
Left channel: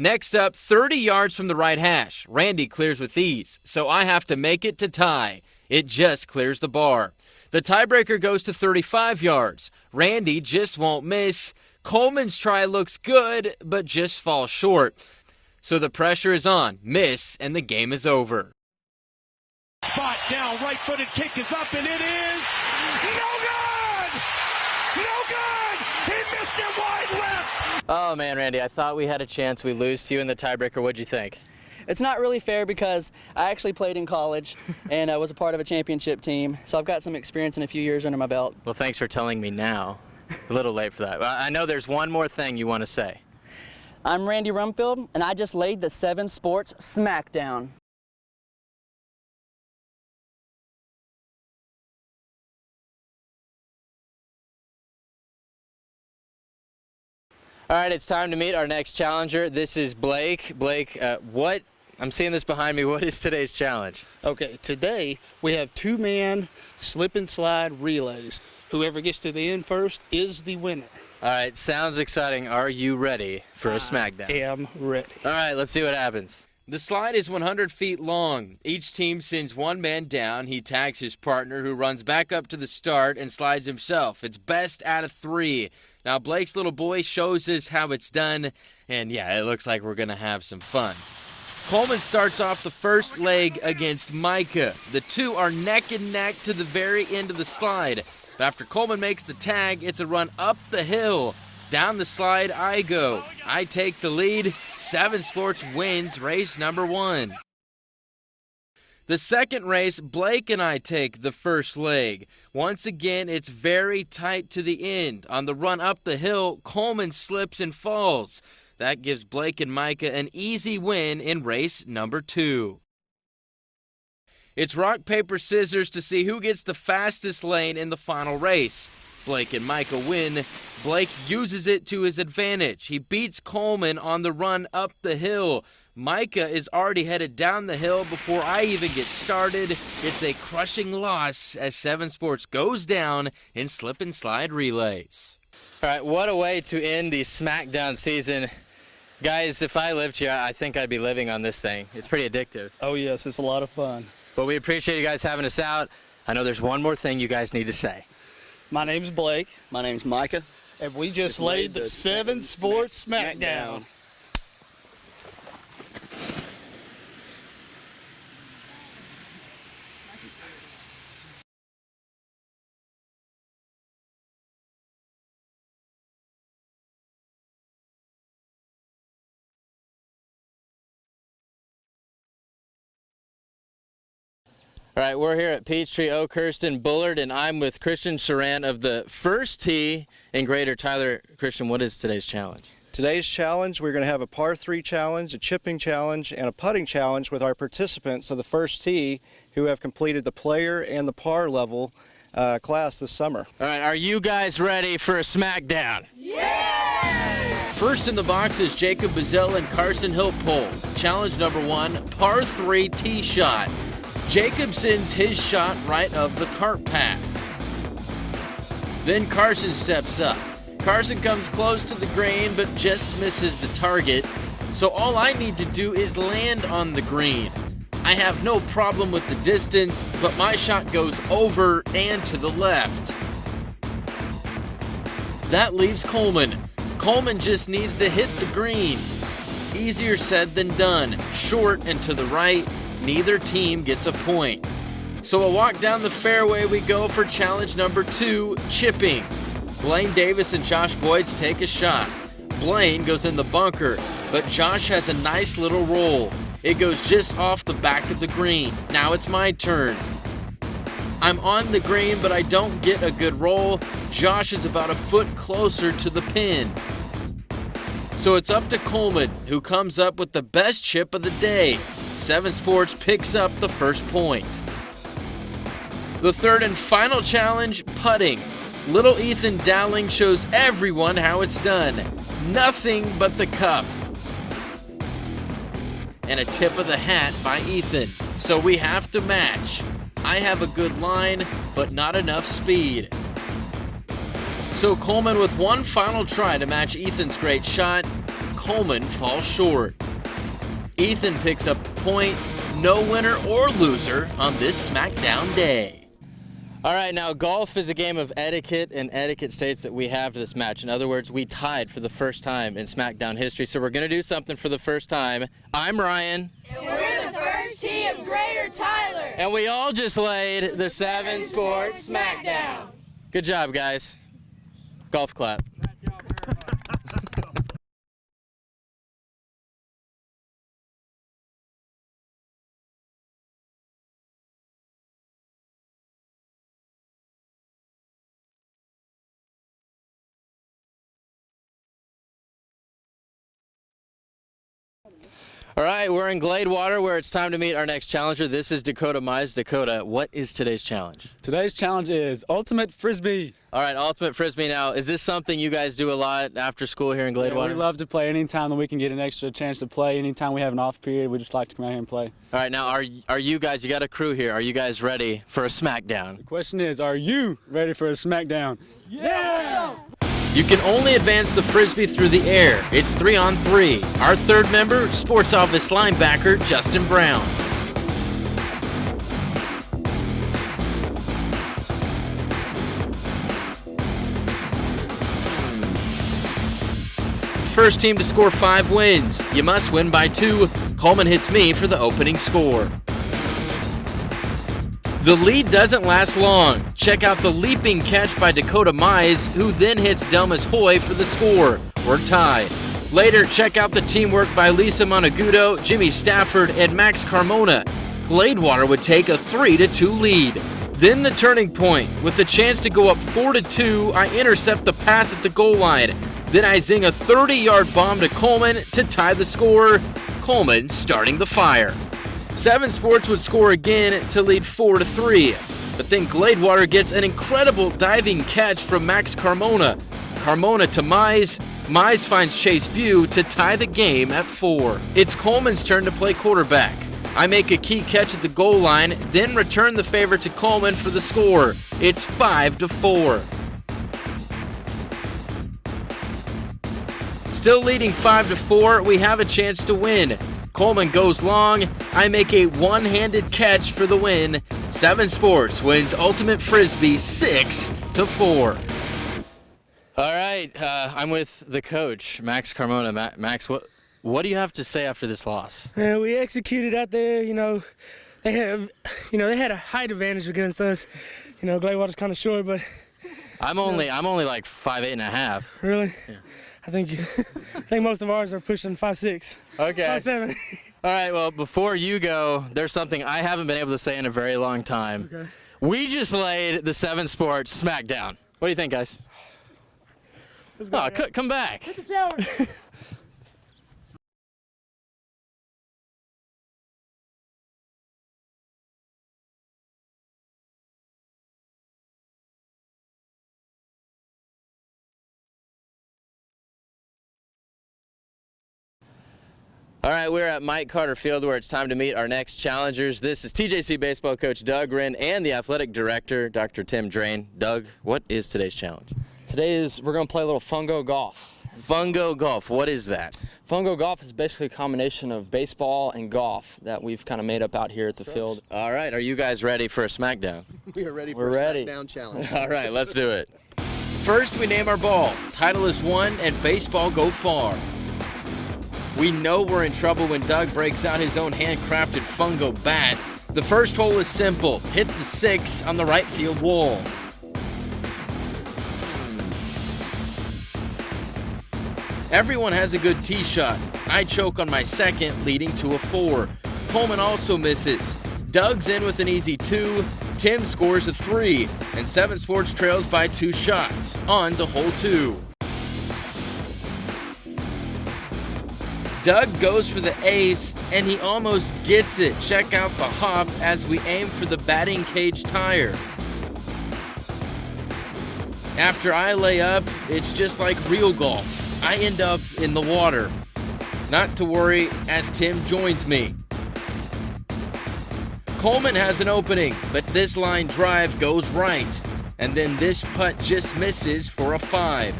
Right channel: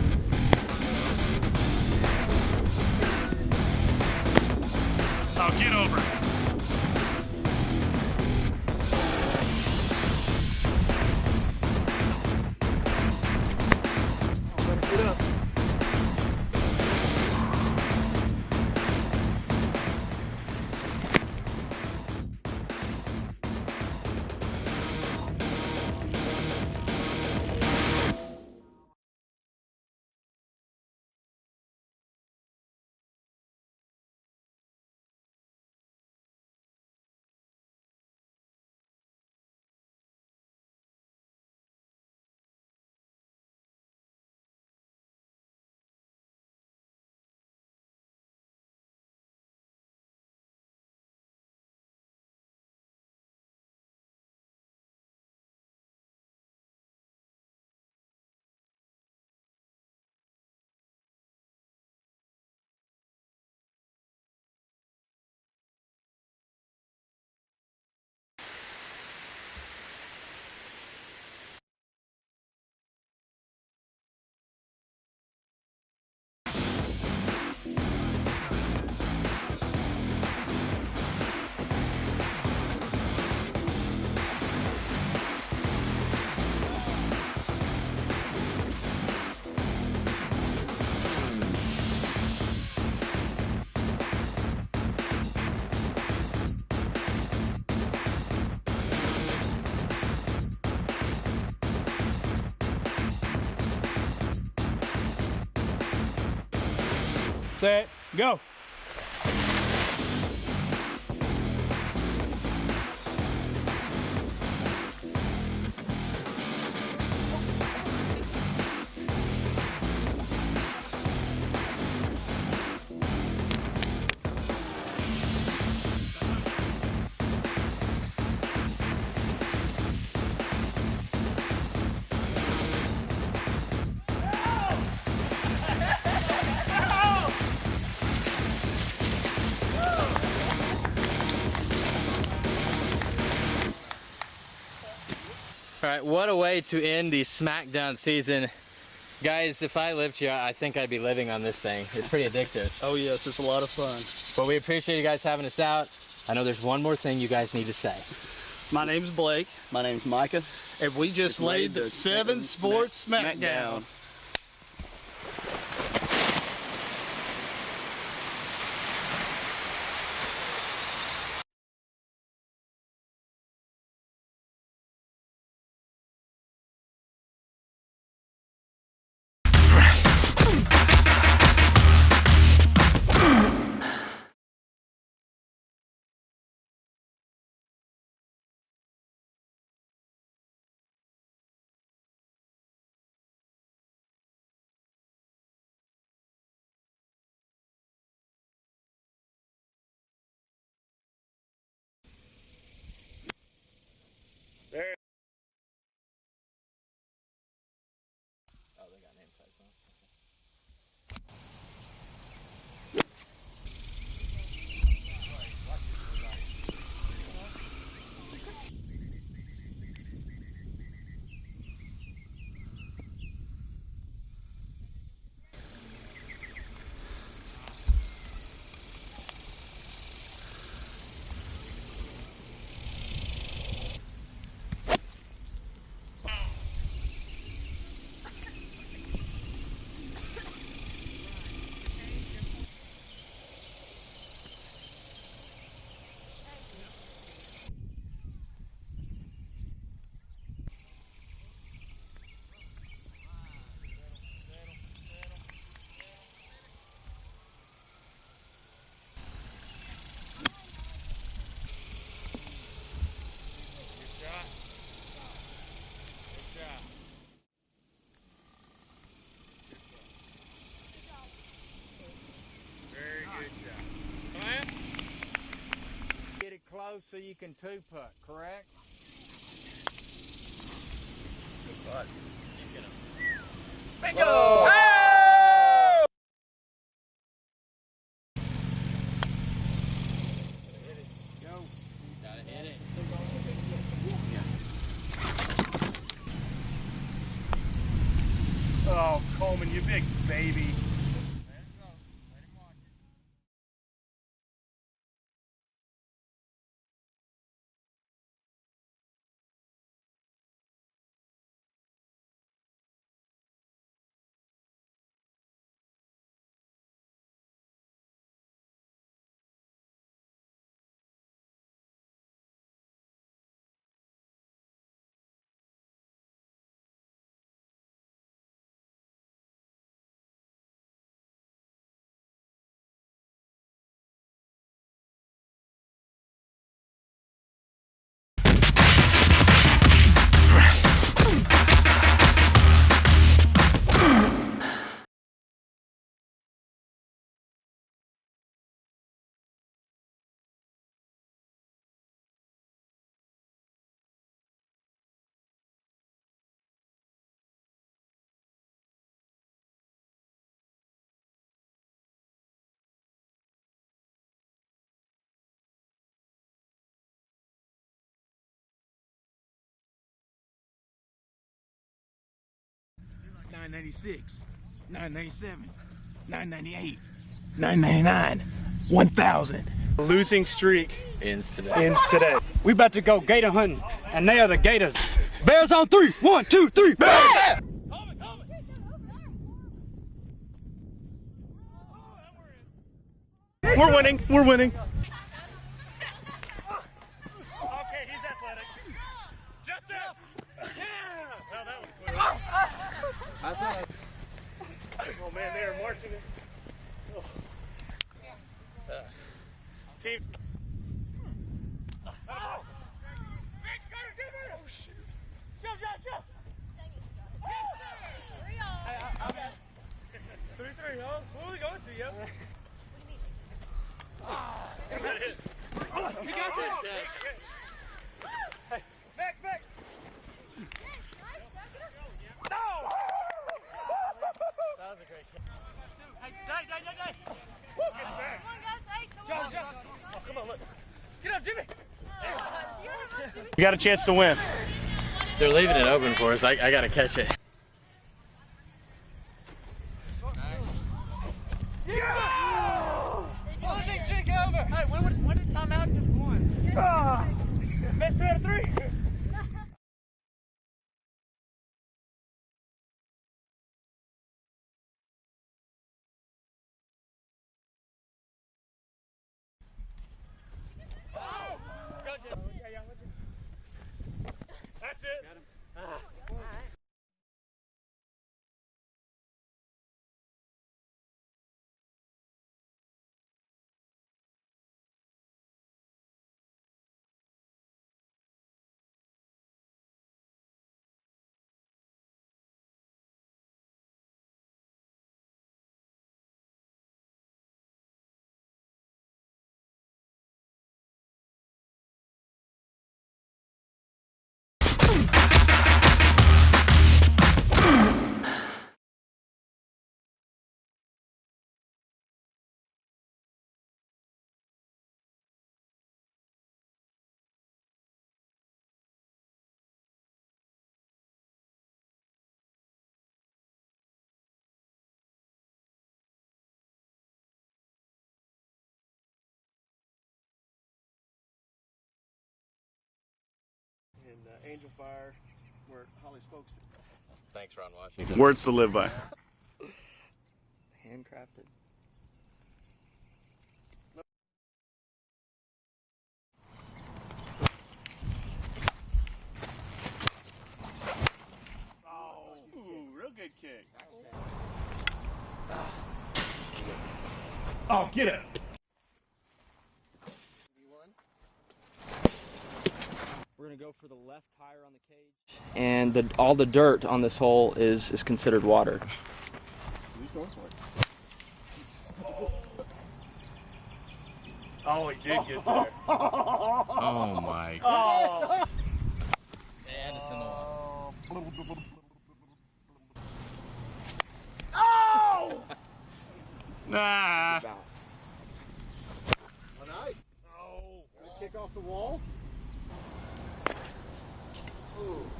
Next up, 30 yards from the right hash. Randy clears with ease, so I have to make it to tie. It just clears the bar. The tiebreaker goes to 35 yards. Randy just won't miss. Coleman's try looks good, but just falls short. So the pressure is on. Miss, and the game is over. Spot down, right-footed kick is up, and it is no good! No good! He missed it wide left! Oh man, Randy, I thought we had a chance. We lose to you in the tiebreaker. What'd you think? It's not really fair because I actually played in college and I was a part of a championship team, so I've got some experience and a few years under my belt. Well, thanks for telling me now. A little late for that. I know there's one more thing you want to say. I'm Randy Rumfield, and I just laid the 7 Sports Smackdown. All right, it's time to meet our next challenger. This is Blake. Blake, I'm seeing this behind me. What is today's challenge? Okay, today we have 2-man slip and slide relays. Whoever gets to the end first is the winner. All right, sounds exciting. Are you ready for a Smackdown? I am ready. All right, let's see what happens. The slide is 100 feet long. Each team sends one man down. He tags his partner, who runs back up to the start and slides himself. It's best out of 3. Now Blake's little boy shows us how it's done, and yeah, it looks like we're gonna have some fun. Coleman starts off the first leg against Micah. The two are neck and neck to the very end of the slide. After Coleman makes the tag, it's a run up the hill. Down the slide I go. I take the lead. 7 Sports wins race number 1. Set, go. The second race, Blake and I take the first leg. Once again, it's very tight to the end. On the run up the hill, Coleman slips and falls. That gives Blake and Micah an easy win in race number 2. It's rock, paper, scissors to see who gets the fastest lane in the final race. Blake and Micah win. Blake uses it to his advantage. He beats Coleman on the run up the hill. Micah is already headed down the hill before I even get started. It's a crushing loss as 7 Sports goes down in slip and slide relays. All right, what a way to end the Smackdown season. Guys, if I lived here, I think I'd be living on this thing. It's pretty addictive. Oh yes, it's a lot of fun. But we appreciate you guys having us out. I know there's one more thing you guys need to say. My name's Blake. My name's Micah. And we just laid the 7 Sports Smackdown. All right, we're here at Peachtree, Oakhurst, and Bullard, and I'm with Christian Saran of the First Tee in Greater Tyler. Christian, what is today's challenge? Today's challenge, we're going to have a par 3 challenge, a chipping challenge, and a putting challenge with our participants of the First Tee who have completed the player and the par level class this summer. All right, are you guys ready for a Smackdown? Yeah! First in the box is Jacob Bazell and Carson Hiltpole. Challenge number 1, par 3 tee shot. Jacob sends his shot right of the cart path. Then Carson steps up. Carson comes close to the green but just misses the target. So all I need to do is land on the green. I have no problem with the distance, but my shot goes over and to the left. That leaves Coleman. Coleman just needs to hit the green. Easier said than done. Short and to the right. Neither team gets a point. So a walk down the fairway we go for challenge number 2, chipping. Blaine Davis and Josh Boyds take a shot. Blaine goes in the bunker, but Josh has a nice little roll. It goes just off the back of the green. Now it's my turn. I'm on the green, but I don't get a good roll. Josh is about a foot closer to the pin. So it's up to Coleman, who comes up with the best chip of the day. 7 Sports picks up the first point. The third and final challenge, putting. Little Ethan Dowling shows everyone how it's done. Nothing but the cup. And a tip of the hat by Ethan. So we have to match. I have a good line, but not enough speed. So Coleman with one final try to match Ethan's great shot. Coleman falls short. Ethan picks up the point. No winner or loser on this Smackdown day. All right, now golf is a game of etiquette, and etiquette states that we have this match. In other words, we tied for the first time in Smackdown history, so we're going to do something for the first time. I'm Ryan. And we're the First Tee of Greater Tyler. And we all just laid the 7 Sports Smackdown. Good job, guys. Golf clap. All right, we're in Gladewater where it's time to meet our next challenger. This is Dakota Mize. Dakota, what is today's challenge? Today's challenge is Ultimate Frisbee. All right, Ultimate Frisbee. Now, is this something you guys do a lot after school here in Gladewater? Yeah, we love to play anytime that we can get an extra chance to play. Anytime we have an off period, we just like to come out here and play. All right, now, are you guys, you got a crew here, are you guys ready for a Smackdown? The question is, are you ready for a Smackdown? Yeah! You can only advance the Frisbee through the air. It's 3-on-3. Our third member, Sports Office linebacker Justin Brown. 999, 1,000. Losing streak ends today. We about to go gator hunting, and they are the Gators. Bears on 3. 1, 2, 3, bears! First team to score 5 wins. You must win by 2. Coleman hits me for the opening score. We're winning. We're winning. The lead doesn't last long. Check out the leaping catch by Dakota Mize, who then hits Delmas Hoy for the score. We're tied. Later, check out the teamwork by Lisa Monagudo, Jimmy Stafford, and Max Carmona. Gladewater would take a 3-2 lead. Then the turning point. With a chance to go up 4-2, I intercept the pass at the goal line. Then I zing a 30-yard bomb to Coleman to tie the score. Coleman starting the fire. 7 Sports would score again to lead 4-3. But then Gladewater gets an incredible diving catch from Max Carmona. Carmona to Mize. Mize finds Chase Bew to tie the game at 4. It's Coleman's turn to play quarterback. I make a key catch at the goal line, then return the favor to Coleman for the score. It's 5-4. We got a chance to win. They're leaving it open for us. I got to catch it. Still leading 5-4, we have a chance to win. Coleman goes long. I make a one-handed catch for the win. 7 Sports wins Ultimate Frisbee 6-4. All right, I'm with the coach, Max Carmona. Max, what do you have to say after this loss? We executed out there. They had a height advantage against us. Gladewater's kind of short, but I'm only like 5'8.5". Really? Yeah. I think most of ours are pushing 5'6". Okay. 5'7". All right. Well, before you go, there's something I haven't been able to say in a very long time. Okay. We just laid the 7 Sports Smackdown. What do you think, guys? Let's go, come back. Hit the shower. All right, we're at Mike Carter Field where it's time to meet our next challengers. This is TJC baseball coach Doug Wren and the athletic director, Dr. Tim Drain. Doug, what is today's challenge? We're going to play a little fungo golf. Fungo golf, what is that? Fungo golf is basically a combination of baseball and golf that we've kind of made up out here at the field. All right, are you guys ready for a Smackdown? We are ready for a Smackdown challenge. All right, let's do it. First, we name our ball. Titleist 1 and baseball go far. Words to live by. We know we're in trouble when Doug breaks out his own handcrafted fungo bat. The first hole is simple. Hit the 6 on the right field wall. Everyone has a good tee shot. I choke on my second, leading to a 4. Coleman also misses. Doug's in with an easy 2. Tim scores a 3. And 7 Sports trails by 2 shots. On to hole 2. And all the dirt on this hole is considered water. Doug goes for the ace, and he almost gets it. Check out the hop as we aim for the batting cage tire. After I lay up, it's just like real golf. I end up in the water. Not to worry, as Tim joins me. Coleman has an opening, but this line drive goes right. And then this putt just misses for a 5.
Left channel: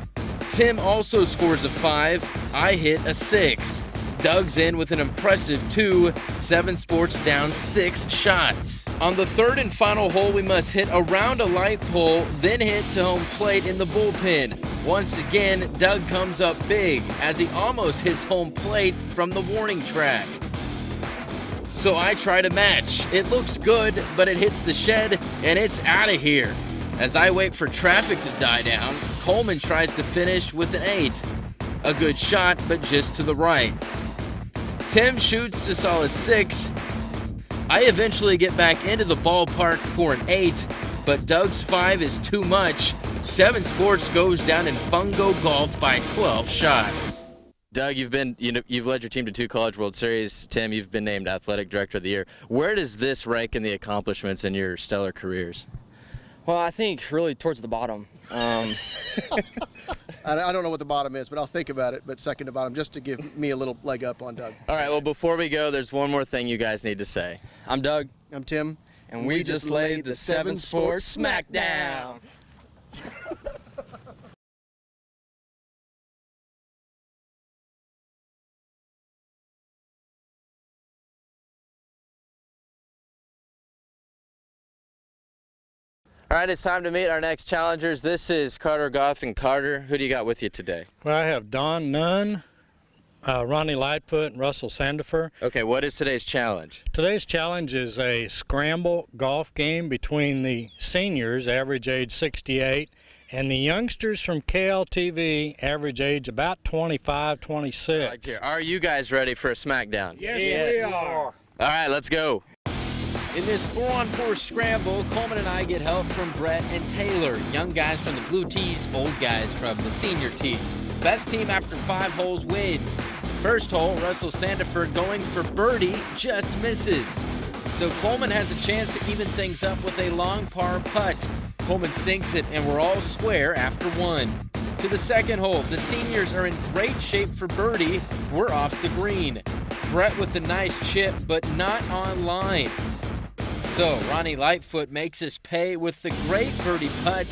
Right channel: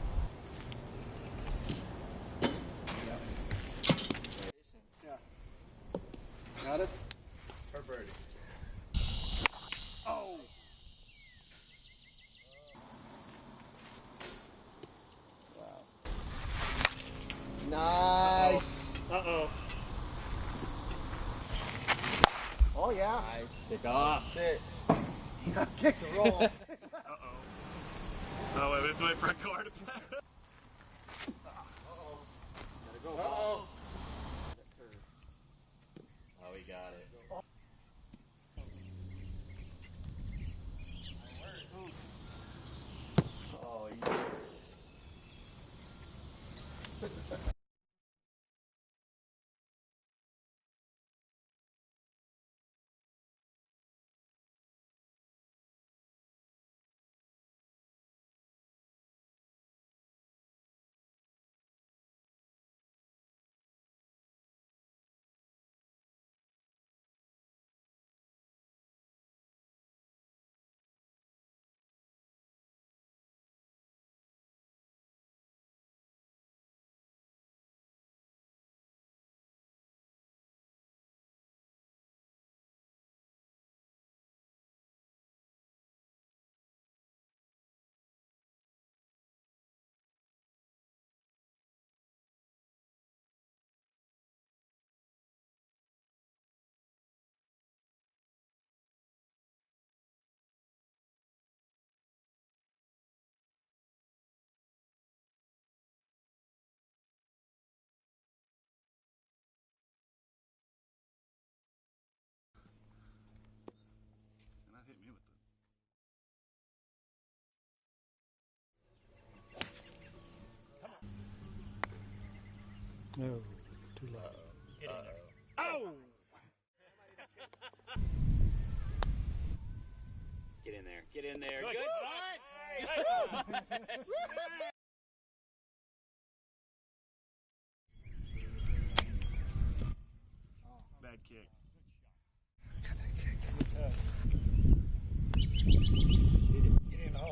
Tim also scores a 5. I hit a 6. Doug's in with an impressive 2. 7 Sports down 6 shots. On the third and final hole, we must hit around a light pole, then hit to home plate in the bullpen. Once again, Doug comes up big as he almost hits home plate from the warning track. So I try to match. It looks good, but it hits the shed and it's out of here. As I wait for traffic to die down, Coleman tries to finish with an 8. A good shot, but just to the right. Tim shoots a solid 6. I eventually get back into the ballpark for an 8, but Doug's 5 is too much. 7 Sports goes down in fungo golf by 12 shots. Doug, you've led your team to 2 College World Series. Tim, you've been named Athletic Director of the Year. Where does this rank in the accomplishments in your stellar careers? Well, I think really towards the bottom. I don't know what the bottom is, but I'll think about it. But second to bottom, just to give me a little leg up on Doug. All right, well, before we go, there's one more thing you guys need to say. I'm Doug. I'm Tim. And we just laid the 7 Sports Smackdown. All right, it's time to meet our next challengers. This is Carter Goff and Carter. Who do you got with you today? Well, I have Don Nunn, Ronnie Lightfoot, and Russell Sandifer. Okay, what is today's challenge? Today's challenge is a scramble golf game between the seniors, average age 68, and the youngsters from KLTV, average age about 25, 26. Are you guys ready for a Smackdown? Yes, we are. All right, let's go. In this 4-on-4 scramble, Coleman and I get help from Brett and Taylor, young guys from the blue tees, old guys from the senior tees. Best team after 5 holes wins. First hole, Russell Sandifer going for birdie, just misses. So Coleman has a chance to even things up with a long par putt. Coleman sinks it, and we're all square after 1. To the second hole, the seniors are in great shape for birdie. We're off the green. Brett with a nice chip, but not on line. So Ronnie Lightfoot makes us pay with the great birdie putt.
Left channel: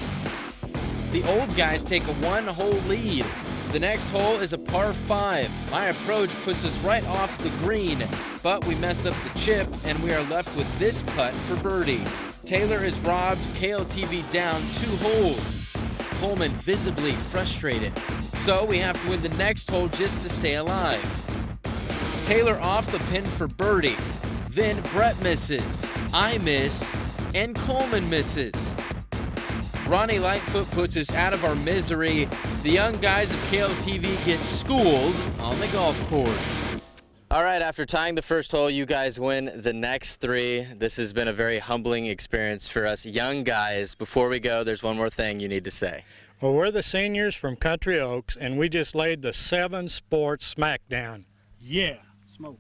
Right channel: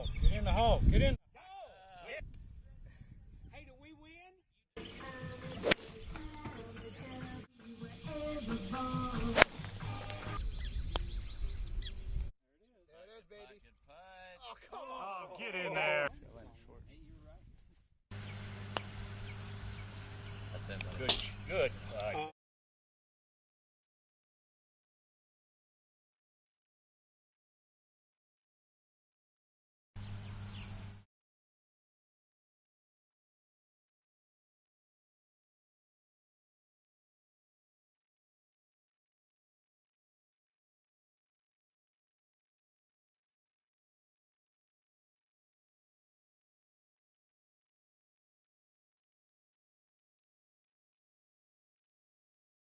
The old guys take a 1-hole lead. The next hole is a par 5. My approach puts us right off the green, but we mess up the chip and we are left with this putt for birdie. Taylor is robbed KLTV down 2 holes. Coleman visibly frustrated. So we have to win the next hole just to stay alive. Taylor off the pin for birdie. Then Brett misses, I miss, and Coleman misses. Ronnie Lightfoot puts us out of our misery. The young guys of KLTV get schooled on the golf course. All right, after tying the first hole, you guys win the next 3. This has been a very humbling experience for us young guys. Before we go, there's one more thing you need to say. Well, we're the seniors from Country Oaks, and we just laid the 7 sports Smackdown. Yeah, smoke.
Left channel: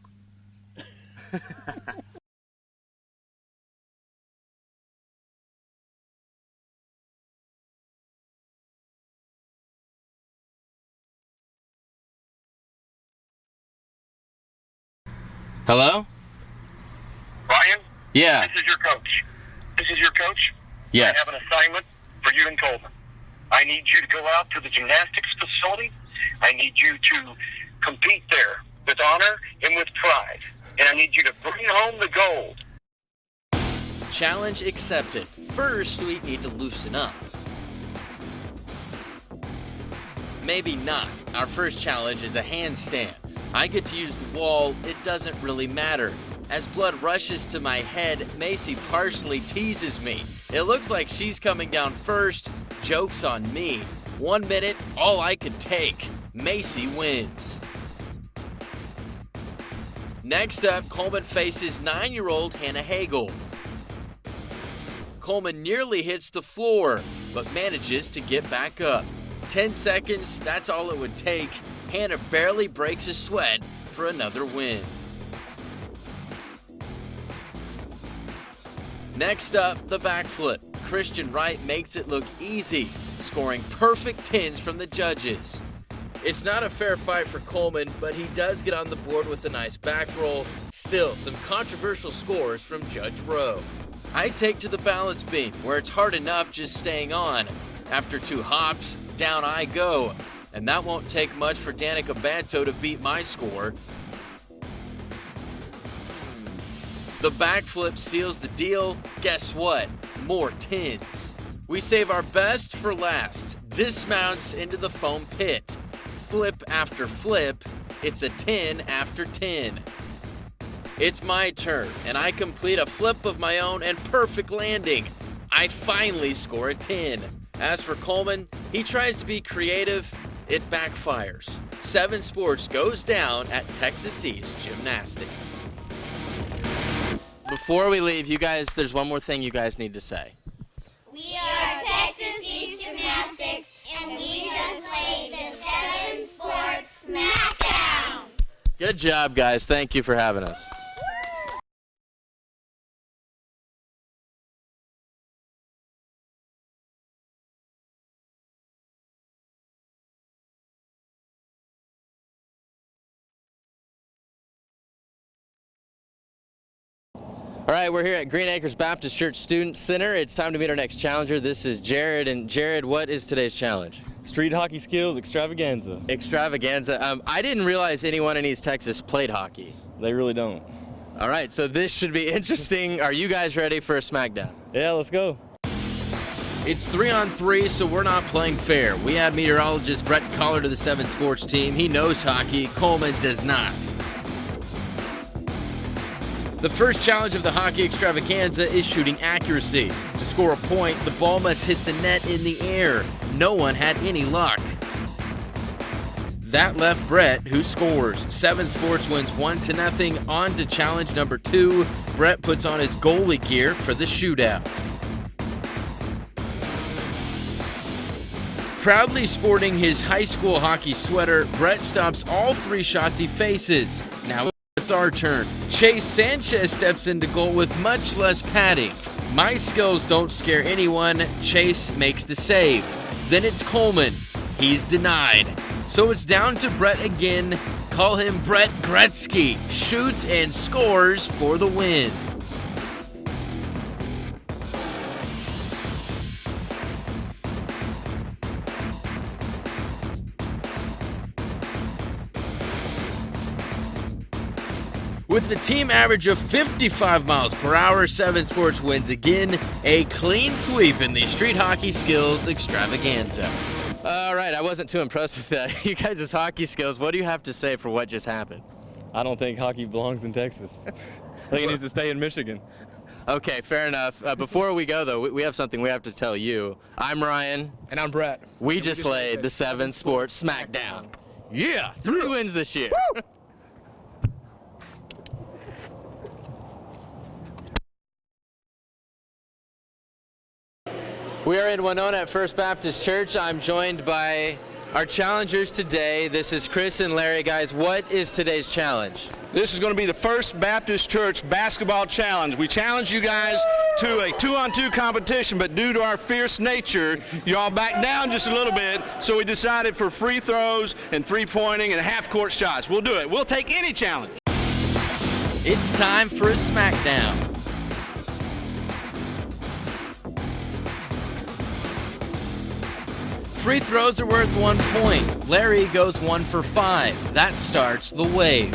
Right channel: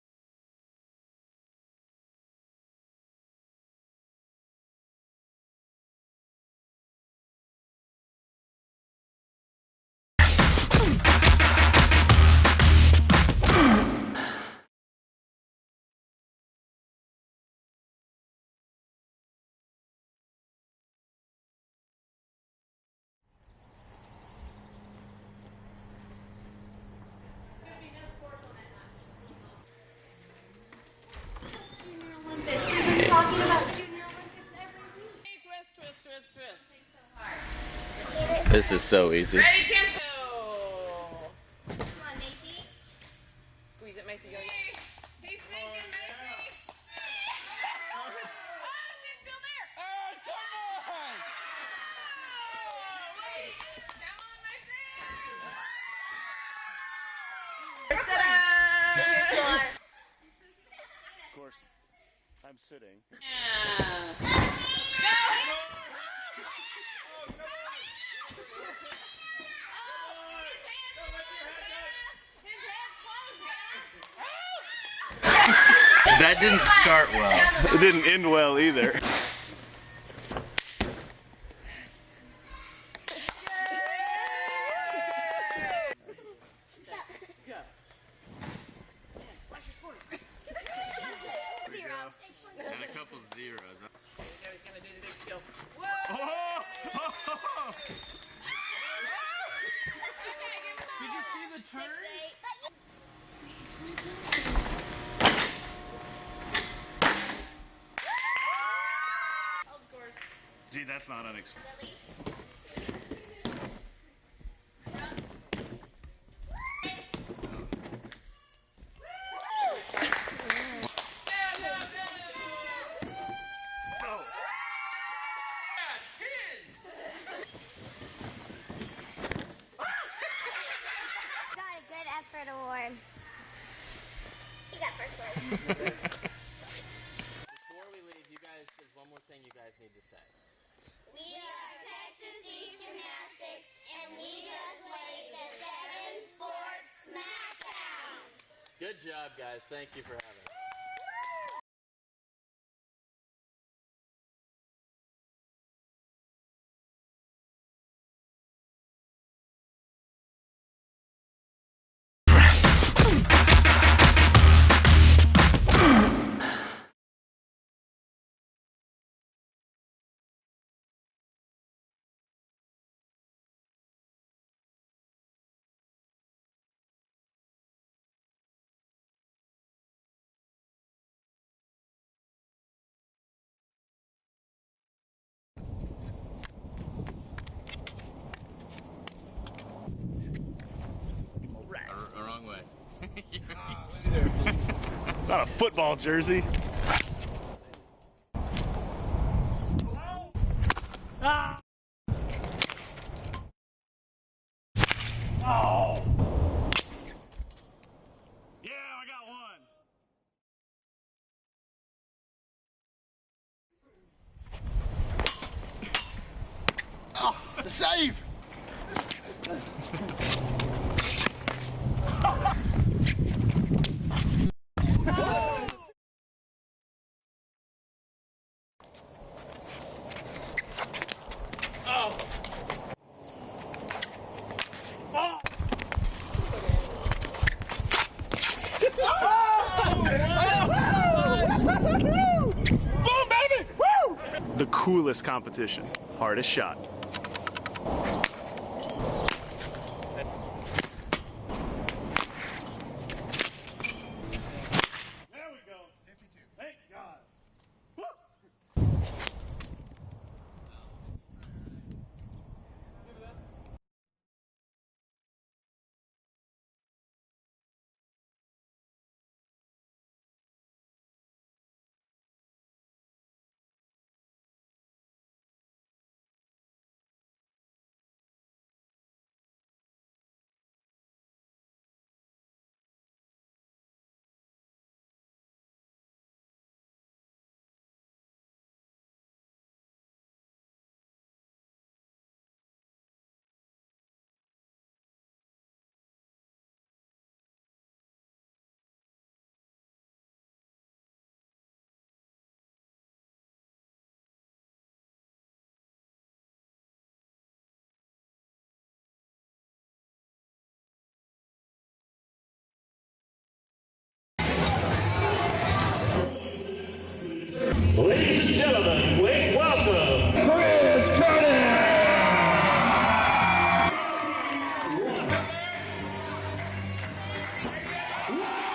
Hello? Ryan? Yeah. This is your coach. This is your coach? Yes. I have an assignment for you and Coleman. I need you to go out to the gymnastics facility. I need you to compete there with honor and with pride. And I need you to bring home the gold. Challenge accepted. First, we need to loosen up. This is so easy. Maybe not. Our first challenge is a handstand. I get to use the wall, it doesn't really matter. As blood rushes to my head, Macy partially teases me. It looks like she's coming down first. Joke's on me. 1 minute, all I could take. Macy wins. Next up, Coleman faces 9-year-old Hannah Hagel. Coleman nearly hits the floor, but manages to get back up. 10 seconds, that's all it would take. Hannah barely breaks a sweat for another win. That didn't start well. It didn't end well either. Next up, the backflip. Christian Wright makes it look easy, scoring perfect 10s from the judges. It's not a fair fight for Coleman, but he does get on the board with a nice back roll. Still, some controversial scores from Judge Rowe. I take to the balance beam, where it's hard enough just staying on. After 2 hops, down I go. And that won't take much for Danica Banto to beat my score. The backflip seals the deal. Guess what? More 10s. We save our best for last. Dismounts into the foam pit. Flip after flip, it's a 10 after 10. It's my turn, and I complete a flip of my own and perfect landing. I finally score a 10. As for Coleman, he tries to be creative. It backfires. 7 Sports goes down at Texas East Gymnastics. Before we leave, you guys, there's one more thing you guys need to say. We are Texas East Gymnastics, and we just laid the 7 Sports Smackdown. Good job, guys. Thank you for having us. All right, we're here at Green Acres Baptist Church Student Center. It's time to meet our next challenger. This is Jared. And Jared, what is today's challenge? Street hockey skills extravaganza. Extravaganza. I didn't realize anyone in East Texas played hockey. They really don't. All right, so this should be interesting. Are you guys ready for a Smackdown? Yeah, let's go. It's 3-on-3, so we're not playing fair. We add meteorologist Brett Collar to the 7 Sports team. He knows hockey. Coleman does not. Not a football jersey. The first challenge of the hockey extravaganza is shooting accuracy. To score a point, the ball must hit the net in the air. No one had any luck. That left Brett, who scores. 7 Sports wins 1-0. On to challenge number 2. Brett puts on his goalie gear for the shootout. Proudly sporting his high school hockey sweater, Brett stops all 3 shots he faces. Now it's our turn. Chase Sanchez steps into goal with much less padding. My skills don't scare anyone. Chase makes the save. Then it's Coleman. He's denied. So it's down to Brett again. Call him Brett Gretzky. Shoots and scores for the win. Boom, baby! Woo! The coolest competition. Hardest shot. With the team average of 55 miles per hour, 7 Sports wins again. A clean sweep in the street hockey skills extravaganza. All right, I wasn't too impressed with that. You guys' hockey skills, what do you have to say for what just happened? I don't think hockey belongs in Texas. I think it needs to stay in Michigan. Okay, fair enough. Before we go, though, we have something we have to tell you. I'm Ryan. And I'm Brett. We just laid the 7 Sports Smackdown. Yeah, 3 wins this year. Woo! We are in Winona at First Baptist Church. I'm joined by our challengers today. This is Chris and Larry. Guys, what is today's challenge? This is going to be the First Baptist Church Basketball Challenge. We challenge you guys to a 2-on-2 competition, but due to our fierce nature, y'all backed down just a little bit, so we decided for free throws and three-pointing and half-court shots. We'll do it. We'll take any challenge. It's time for a Smackdown. Ladies and gentlemen, please welcome Free throws are worth 1 point. Larry goes 1 for 5. That starts the wave.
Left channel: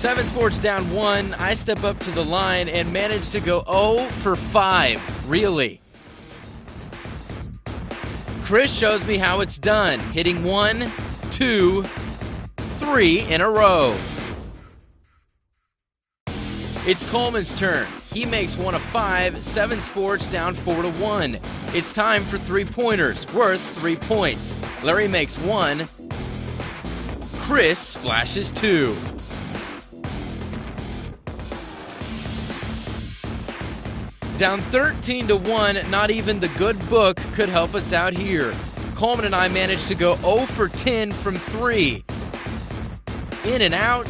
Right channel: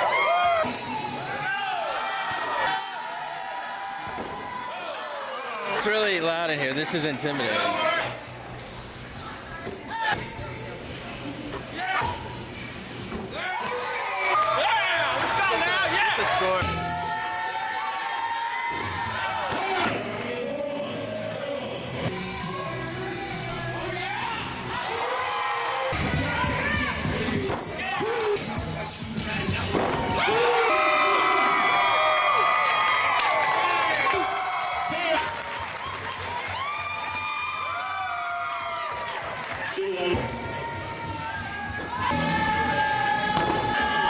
7 Sports down 1. I step up to the line and manage to go 0 for 5. Really? It's really loud in here. This is intimidating. Chris shows me how it's done, hitting 1, 2, 3 in a row. It's Coleman's turn. He makes 1 of 5. 7 Sports down 4-1. It's time for 3-pointers, worth 3 points. Larry makes 1. Chris splashes 2. Down 13-1, not even the good book could help us out here. Coleman and I managed to go 0 for 10 from 3. In and out.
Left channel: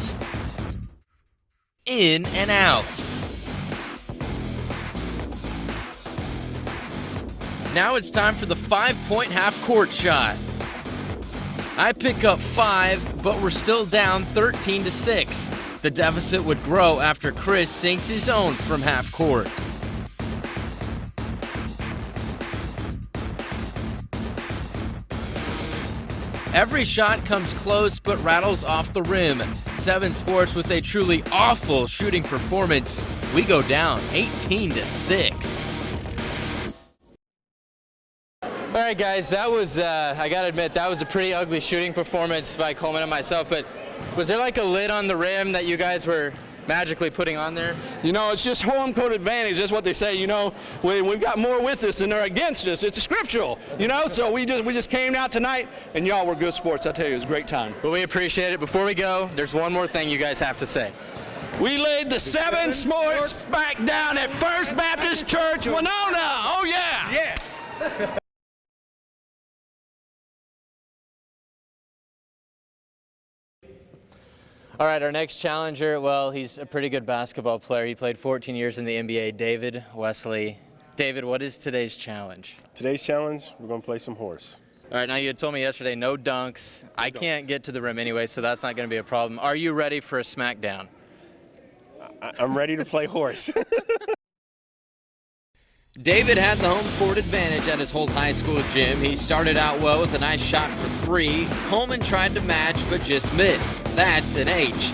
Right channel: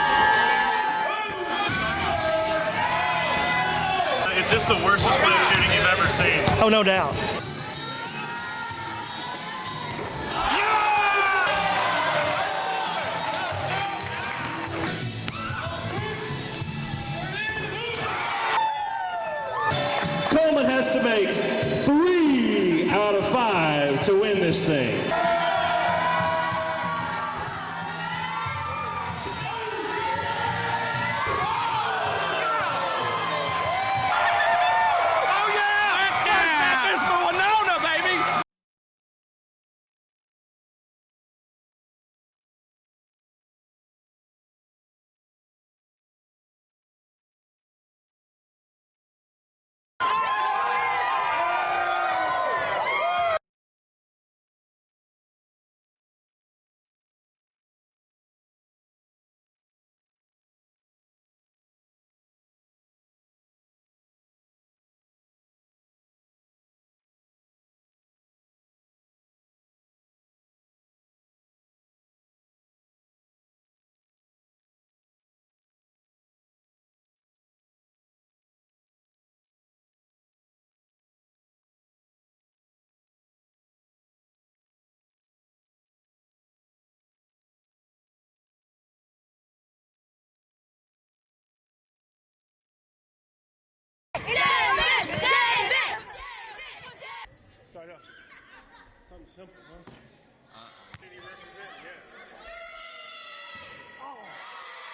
In and out. Is this the worst split shooting you've ever seen? Oh, no doubt. Now it's time for the 5-point half-court shot. I pick up 5, but we're still down 13-6. The deficit would grow after Chris sinks his own from half-court. Coleman has to make 3 out of 5 to win this thing. Every shot comes close but rattles off the rim. 7 Sports with a truly awful shooting performance. We go down 18-6. All right, guys, that was, I gotta admit, that was a pretty ugly shooting performance by Coleman and myself, but was there like a lid on the rim that you guys were magically putting on there? You know, it's just home court advantage. That's what they say. You know, we've got more with us than they're against us. It's scriptural, you know. So we just came out tonight, and y'all were good sports. I tell you, it was a great time. Well, we appreciate it. Before we go, there's one more thing you guys have to say. We laid the 7 Sports back down at First Baptist Church, Winona. Oh yeah. Yes. All right, our next challenger, well, he's a pretty good basketball player. He played 14 years in the NBA, David Wesley. David, what is today's challenge? Today's challenge, we're going to play some horse. All right, now you had told me yesterday no dunks. I can't get to the rim anyway, so that's not going to be a problem. Are you ready for a Smackdown? I'm ready to play horse. David had the home court advantage at his Holt High School gym. He started out well with a nice shot for 3. Coleman tried to match but just missed. That's an H.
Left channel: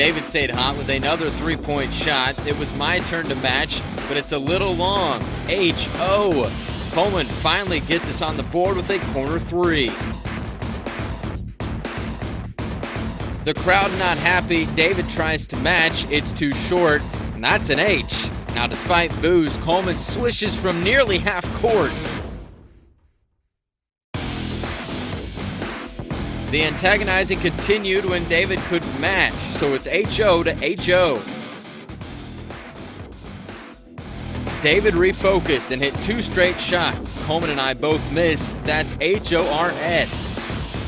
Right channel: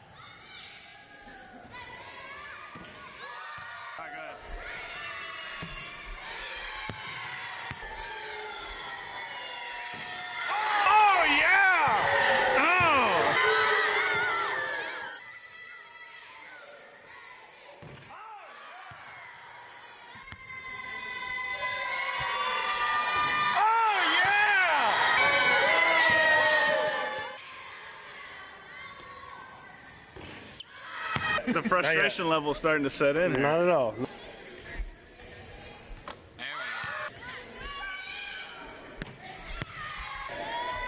David stayed hot with another three-point shot. It was my turn to match, but it's a little long. H.O. Coleman finally gets us on the board with a corner three. Oh, yeah! Oh! The crowd not happy. David tries to match. It's too short, and that's an H. Now, despite boos, Coleman swishes from nearly half court. The antagonizing continued when David couldn't match, so it's H.O. to H.O. The frustration level is starting to set in. Not at all. David refocused and hit 2 straight shots. Coleman and I both miss. That's H.O.R.S.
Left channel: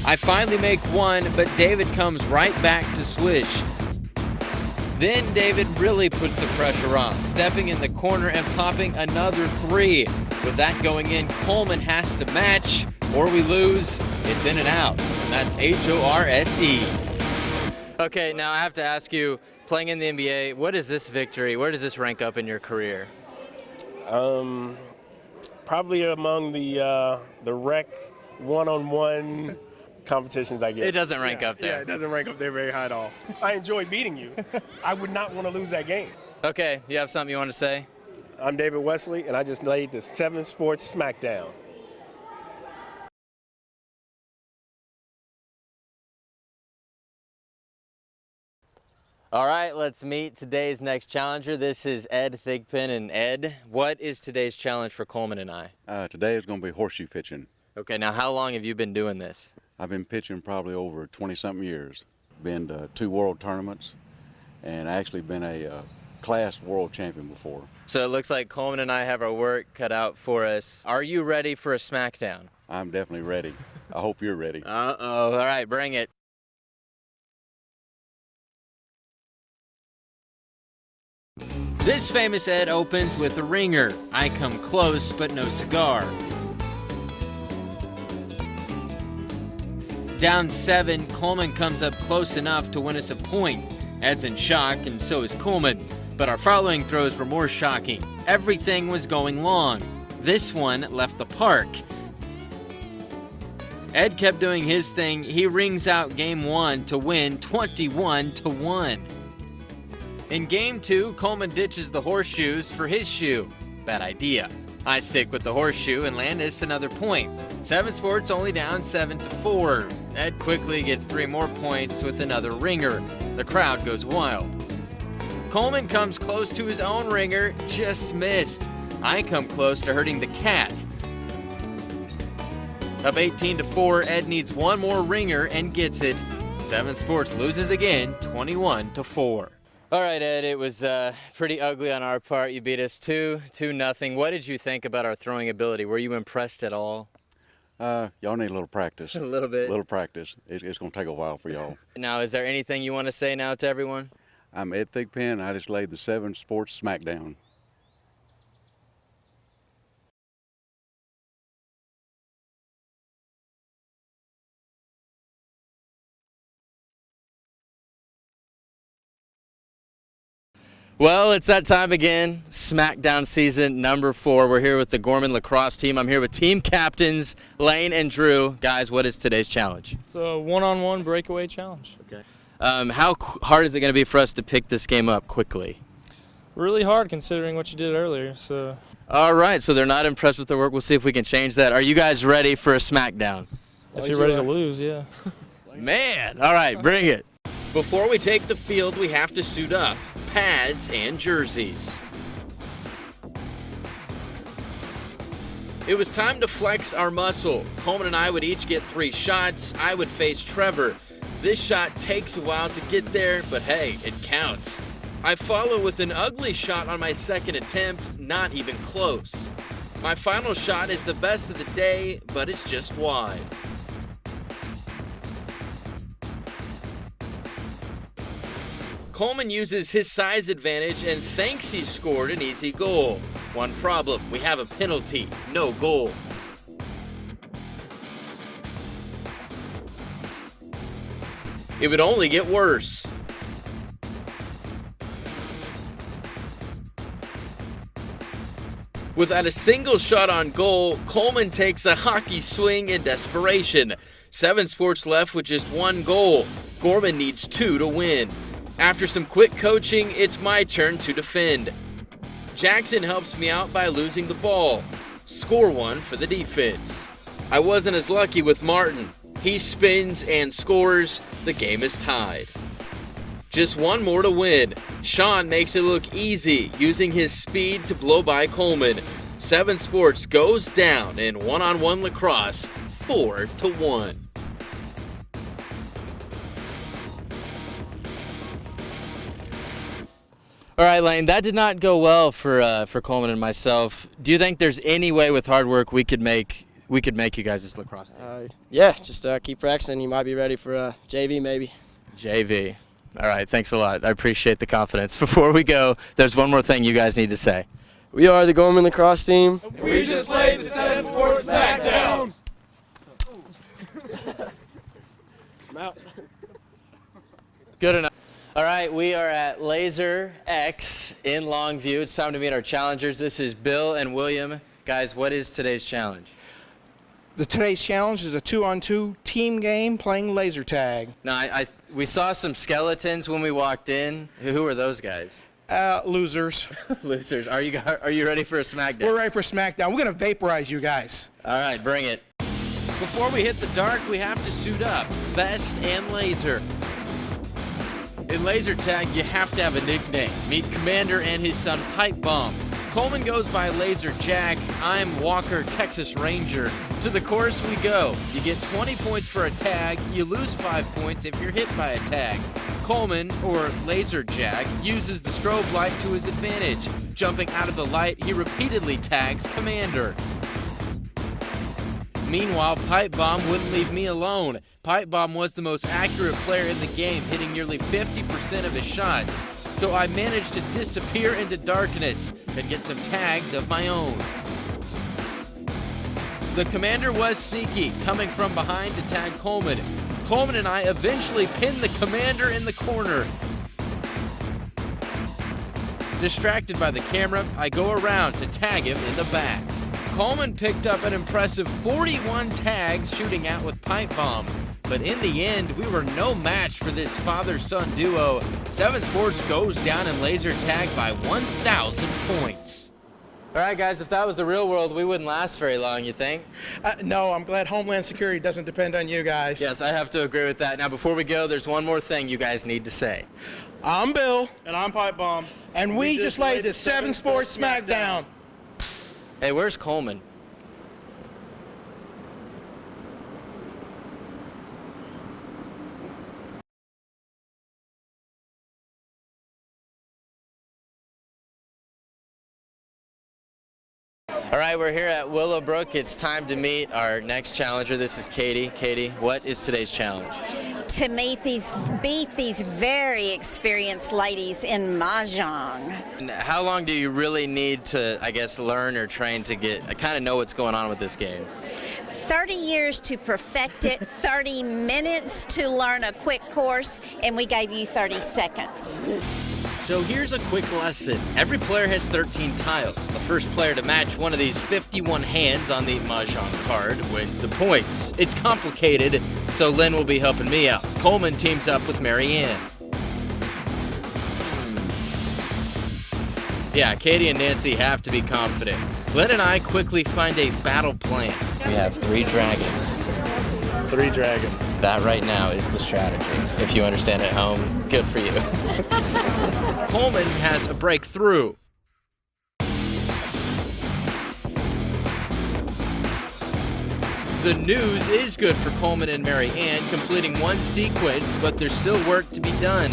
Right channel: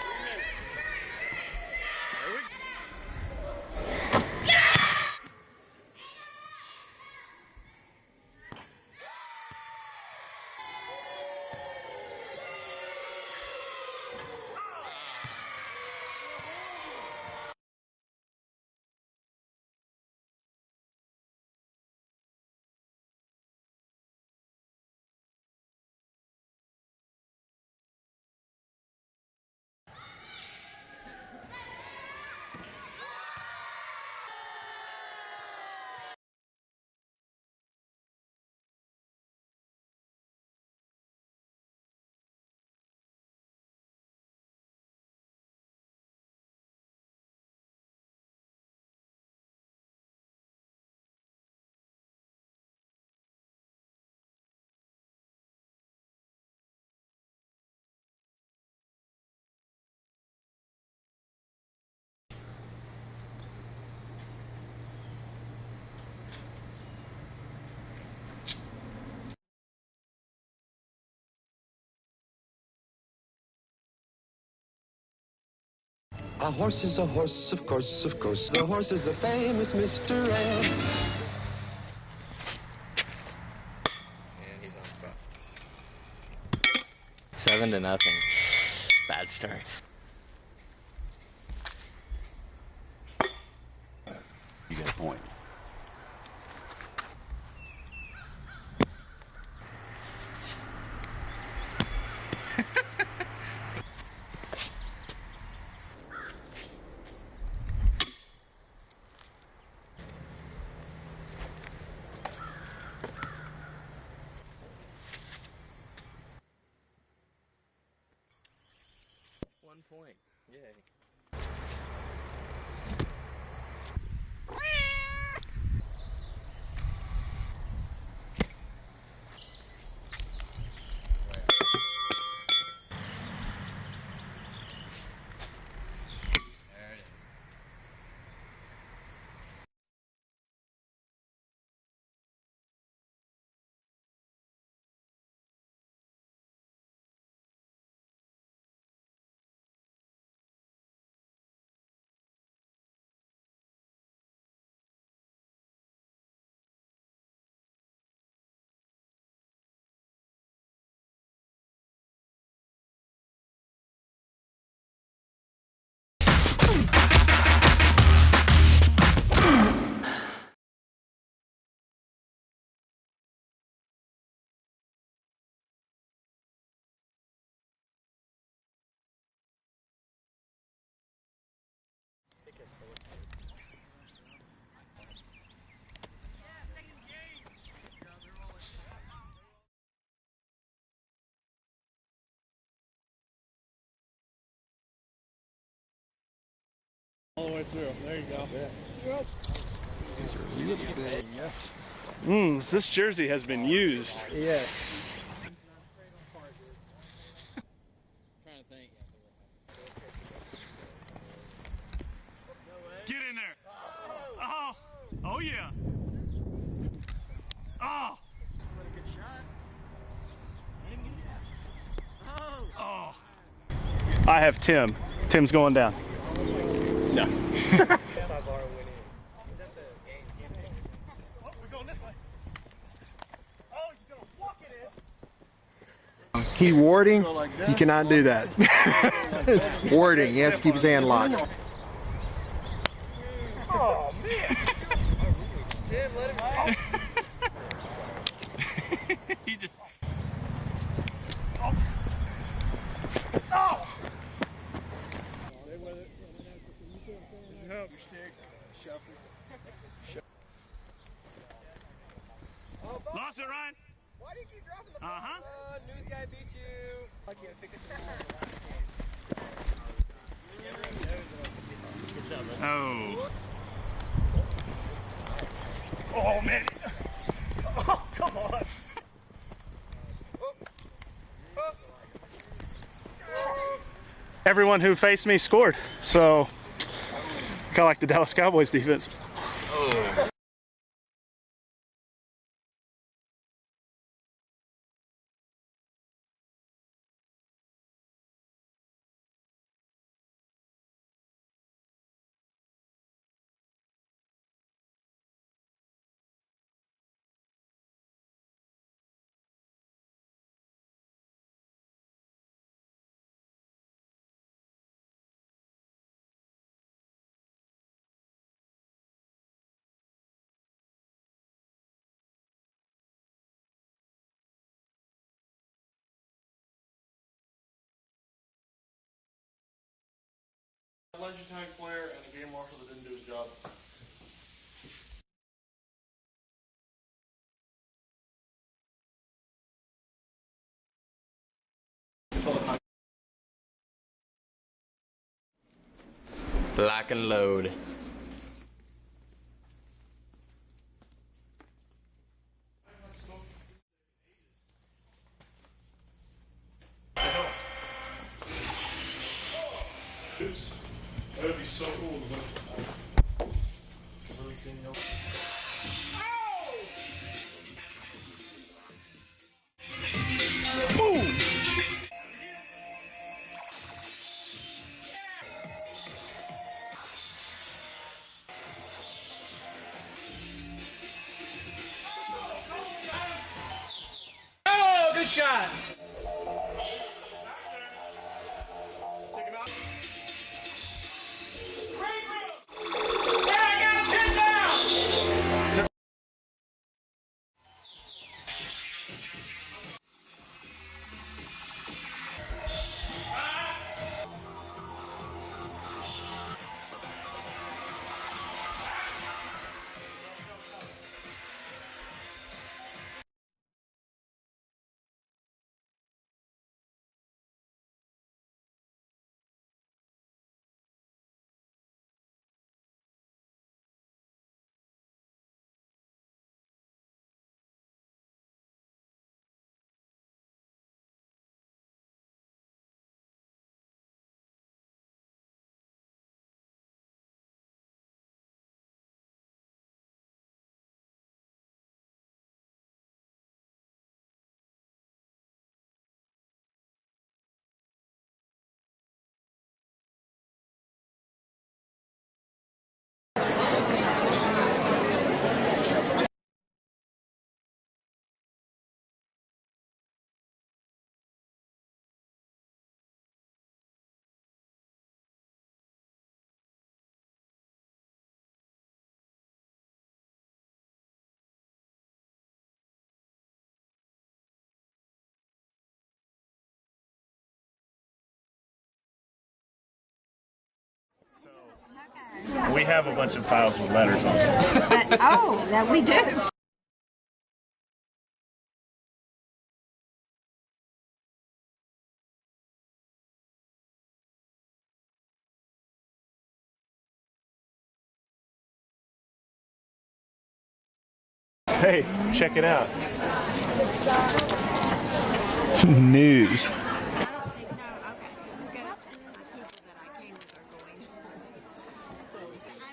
I finally make one, but David comes right back to swish. Then David really puts the pressure on, stepping in the corner and popping another 3. With that going in, Coleman has to match, or we lose. It's in and out. That's H.O.R.S.E. Okay, now I have to ask you, playing in the NBA, what is this victory? Where does this rank up in your career? Probably among the rec one-on-one competitions I get. It doesn't rank up there. Yeah, it doesn't rank up there very high at all. I enjoy beating you. I would not want to lose that game. Okay, you have something you want to say? I'm David Wesley, and I just laid the 7 Sports Smackdown. All right, let's meet today's next challenger. This is Ed Thigpen. And Ed, what is today's challenge for Coleman and I? Today is going to be horseshoe pitching. Okay, now how long have you been doing this? I've been pitching probably over 20-something years. Been to 2 world tournaments and actually been a class world champion before. So it looks like Coleman and I have our work cut out for us. Are you ready for a smackdown? I'm definitely ready. I hope you're ready. Uh-oh. All right, bring it. A horse is a horse, of course, of course. The horse is the famous Mr. Ed. This famous Ed opens with a ringer. I come close, but no cigar. 7-0. Bad start. Down 7, Coleman comes up close enough to win us a point. Ed's in shock, and so is Coleman. But our following throws were more shocking. Everything was going long. This one left the park. Ed kept doing his thing. He rings out game 1 to win 21-1. In game 2, Coleman ditches the horseshoes for his shoe. Bad idea. I stick with the horseshoe and land us another point. 7 Sports only down 7-4. Ed quickly gets 3 more points with another ringer. The crowd goes wild. Coleman comes close to his own ringer, just missed. I come close to hurting the cat. Up 18-4, Ed needs 1 more ringer and gets it. 7 Sports loses again, 21-4. All right, Ed, it was pretty ugly on our part. You beat us 2-0. What did you think about our throwing ability? Were you impressed at all? Y'all need a little practice. A little bit. A little practice. It's going to take a while for y'all. Now, is there anything you want to say now to everyone? I'm Ed Thigpen. I just laid the 7 Sports Smackdown. Well, it's that time again. Smackdown season number 4. We're here with the Gorman Lacrosse team. I'm here with team captains Lane and Drew. Guys, what is today's challenge? It's a one-on-one breakaway challenge. Okay. How hard is it going to be for us to pick this game up quickly? Really hard considering what you did earlier. So. All right, so they're not impressed with their work. We'll see if we can change that. Are you guys ready for a Smackdown? If you're ready to lose, yeah. Man, all right, bring it. Before we take the field, we have to suit up. Pads and jerseys. This jersey has been used. Yeah. It was time to flex our muscle. Coleman and I would each get 3 shots. I would face Trevor. This shot takes a while to get there, but hey, it counts. I follow with an ugly shot on my second attempt, not even close. My final shot is the best of the day, but it's just wide. I have Tim. Tim's going down. No. Coleman uses his size advantage and thinks he scored an easy goal. One problem, we have a penalty, no goal. Key warding, you cannot do that. It's warding, he has to keep his hand locked. It would only get worse. Without a single shot on goal, Coleman takes a hockey swing in desperation. 7 Sports left with just 1 goal. Gorman needs 2 to win. After some quick coaching, it's my turn to defend. Jackson helps me out by losing the ball. Score one for the defense. I wasn't as lucky with Martin. He spins and scores. The game is tied. Just one more to win. Sean makes it look easy, using his speed to blow by Coleman. Seven Sports goes down in one-on-one lacrosse, 4-1. Everyone who faced me scored, so kind of like the Dallas Cowboys defense. All right, Lane, that did not go well for Coleman and myself. Do you think there's any way with hard work we could make you guys this lacrosse team? Yeah, just keep practicing. You might be ready for JV maybe. JV. All right, thanks a lot. I appreciate the confidence. Before we go, there's one more thing you guys need to say. We are the Gorman Lacrosse team. We just laid the 7 Sports Smackdown. Good enough. All right, we are at Lazer X in Longview. It's time to meet our challengers. This is Bill and William. Guys, what is today's challenge? Today's challenge is a 2-on-2 team game playing laser tag. No, we saw some skeletons when we walked in. Who are those guys? Losers. Losers. Are you ready for a Smackdown? We're ready for Smackdown. We're going to vaporize you guys. All right, bring it. Before we hit the dark, we have to suit up. Vest and laser. Lock and load. In laser tag, you have to have a nickname. Meet Commander and his son Pipe Bomb. Coleman goes by Laser Jack. I'm Walker, Texas Ranger. To the course we go. You get 20 points for a tag. You lose 5 points if you're hit by a tag. Coleman, or Laser Jack, uses the strobe light to his advantage. Jumping out of the light, he repeatedly tags Commander. Boom! Meanwhile, Pipe Bomb wouldn't leave me alone. Pipe Bomb was the most accurate player in the game, hitting nearly 50% of his shots. So I managed to disappear into darkness and get some tags of my own. Oh, good shot! The Commander was sneaky, coming from behind to tag Coleman. Coleman and I eventually pinned the Commander in the corner. Distracted by the camera, I go around to tag him in the back. Coleman picked up an impressive 41 tags shooting out with Pipe Bomb. But in the end, we were no match for this father-son duo. 7 Sports goes down in laser tag by 1,000 points. All right, guys, if that was the real world, we wouldn't last very long, you think? No, I'm glad Homeland Security doesn't depend on you guys. Yes, I have to agree with that. Now, before we go, there's one more thing you guys need to say. I'm Bill. And I'm Pipe Bomb. And we just laid the 7 Sports Smackdown. Hey, where's Coleman? All right, we're here at Willowbrook. It's time to meet our next challenger. This is Katie. Katie, what is today's challenge? To beat these very experienced ladies in Mahjong. And how long do you really need to, I guess, learn or train to kind of know what's going on with this game? 30 years to perfect it, 30 minutes to learn a quick course, and we gave you 30 seconds. So here's a quick lesson. Every player has 13 tiles. The first player to match one of these 51 hands on the Mahjong card wins the points. It's complicated, so Lynn will be helping me out. Coleman teams up with Mary Ann. We have a bunch of tiles with letters on them. Oh, that we do. Yeah, Katie and Nancy have to be confident. Lynn and I quickly find a battle plan. We have 3 dragons. 3 dragons. That right now is the strategy. If you understand at home, good for you. Coleman has a breakthrough. Hey, check it out. News. The news is good for Coleman and Mary Ann, completing one sequence, but there's still work to be done.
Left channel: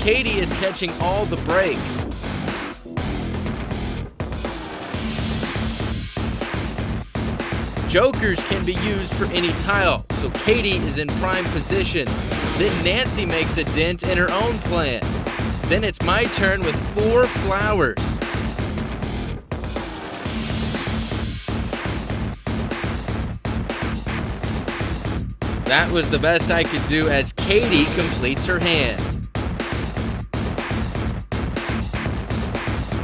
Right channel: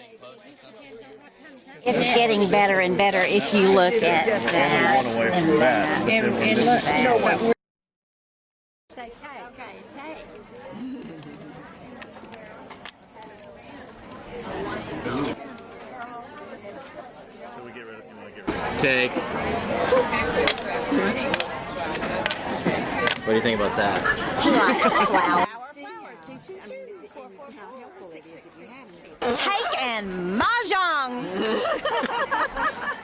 Katie is catching all the breaks. It's getting better and better if you look at that and look. Jokers can be used for any tile, so Katie is in prime position. Then Nancy makes a dent in her own plan. Then it's my turn with 4 flowers. Dang. What do you think about that? That was the best I could do as Katie completes her hand. Take and Mahjong!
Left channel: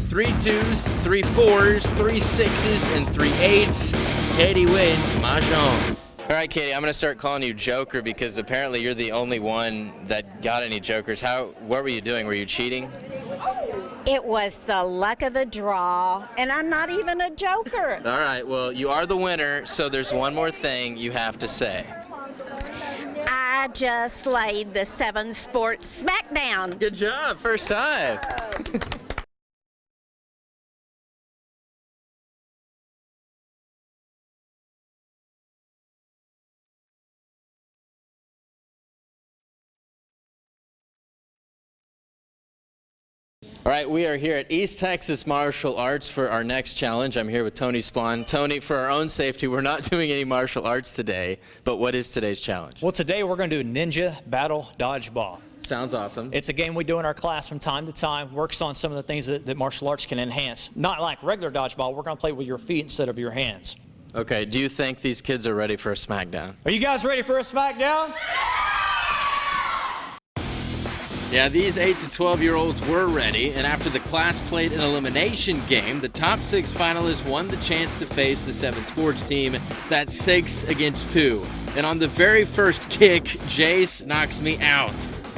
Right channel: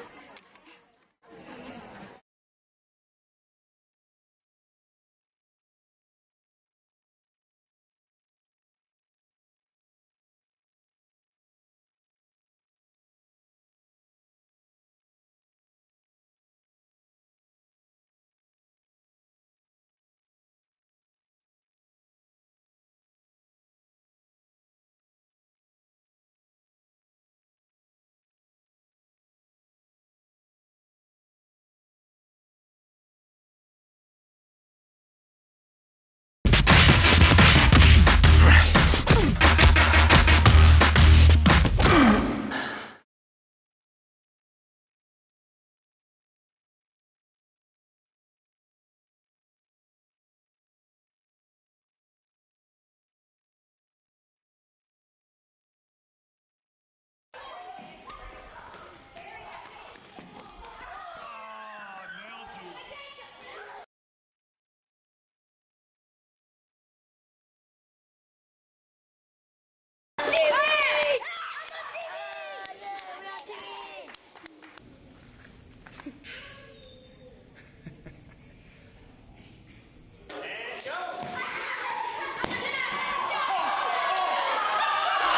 3 2s, 3 4s, 3 6s, and 3 8s. Katie wins Mahjong. All right, Katie, I'm going to start calling you Joker because apparently you're the only one that got any jokers. What were you doing? Were you cheating? It was the luck of the draw, and I'm not even a joker. All right, well, you are the winner, so there's one more thing you have to say. I just laid the 7 Sports Smackdown. Good job, first time. All right, we are here at East Texas Martial Arts for our next challenge. I'm here with Tony Splon. Tony, for our own safety, we're not doing any martial arts today, but what is today's challenge? Well, today we're going to do Ninja Battle Dodgeball. Sounds awesome. It's a game we do in our class from time to time, works on some of the things that martial arts can enhance. Not like regular dodgeball, we're going to play with your feet instead of your hands. Okay, do you think these kids are ready for a smackdown? Are you guys ready for a smackdown? Yeah, these 8 to 12-year-olds were ready, and after the class played an elimination game, the top 6 finalists won the chance to face the 7 sports team. That's 6 against 2. And on the very first kick, Jace knocks me out.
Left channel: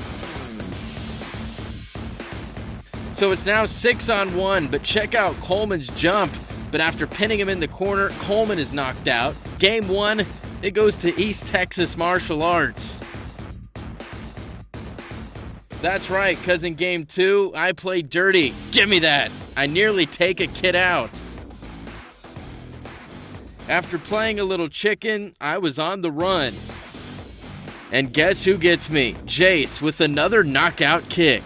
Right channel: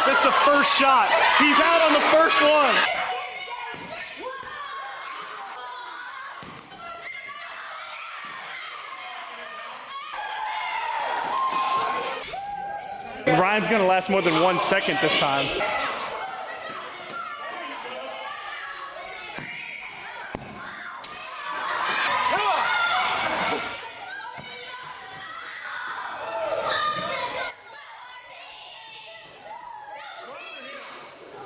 That's the first shot. He's out on the first one. So it's now 6-on-1, but check out Coleman's jump. But after pinning him in the corner, Coleman is knocked out. Game 1, it goes to East Texas Martial Arts. Ryan's going to last more than 1 second this time. That's right, because in Game 2, I played dirty. Give me that. I nearly take a kid out. After playing a little chicken, I was on the run. And guess who gets me? Jace with another knockout kick.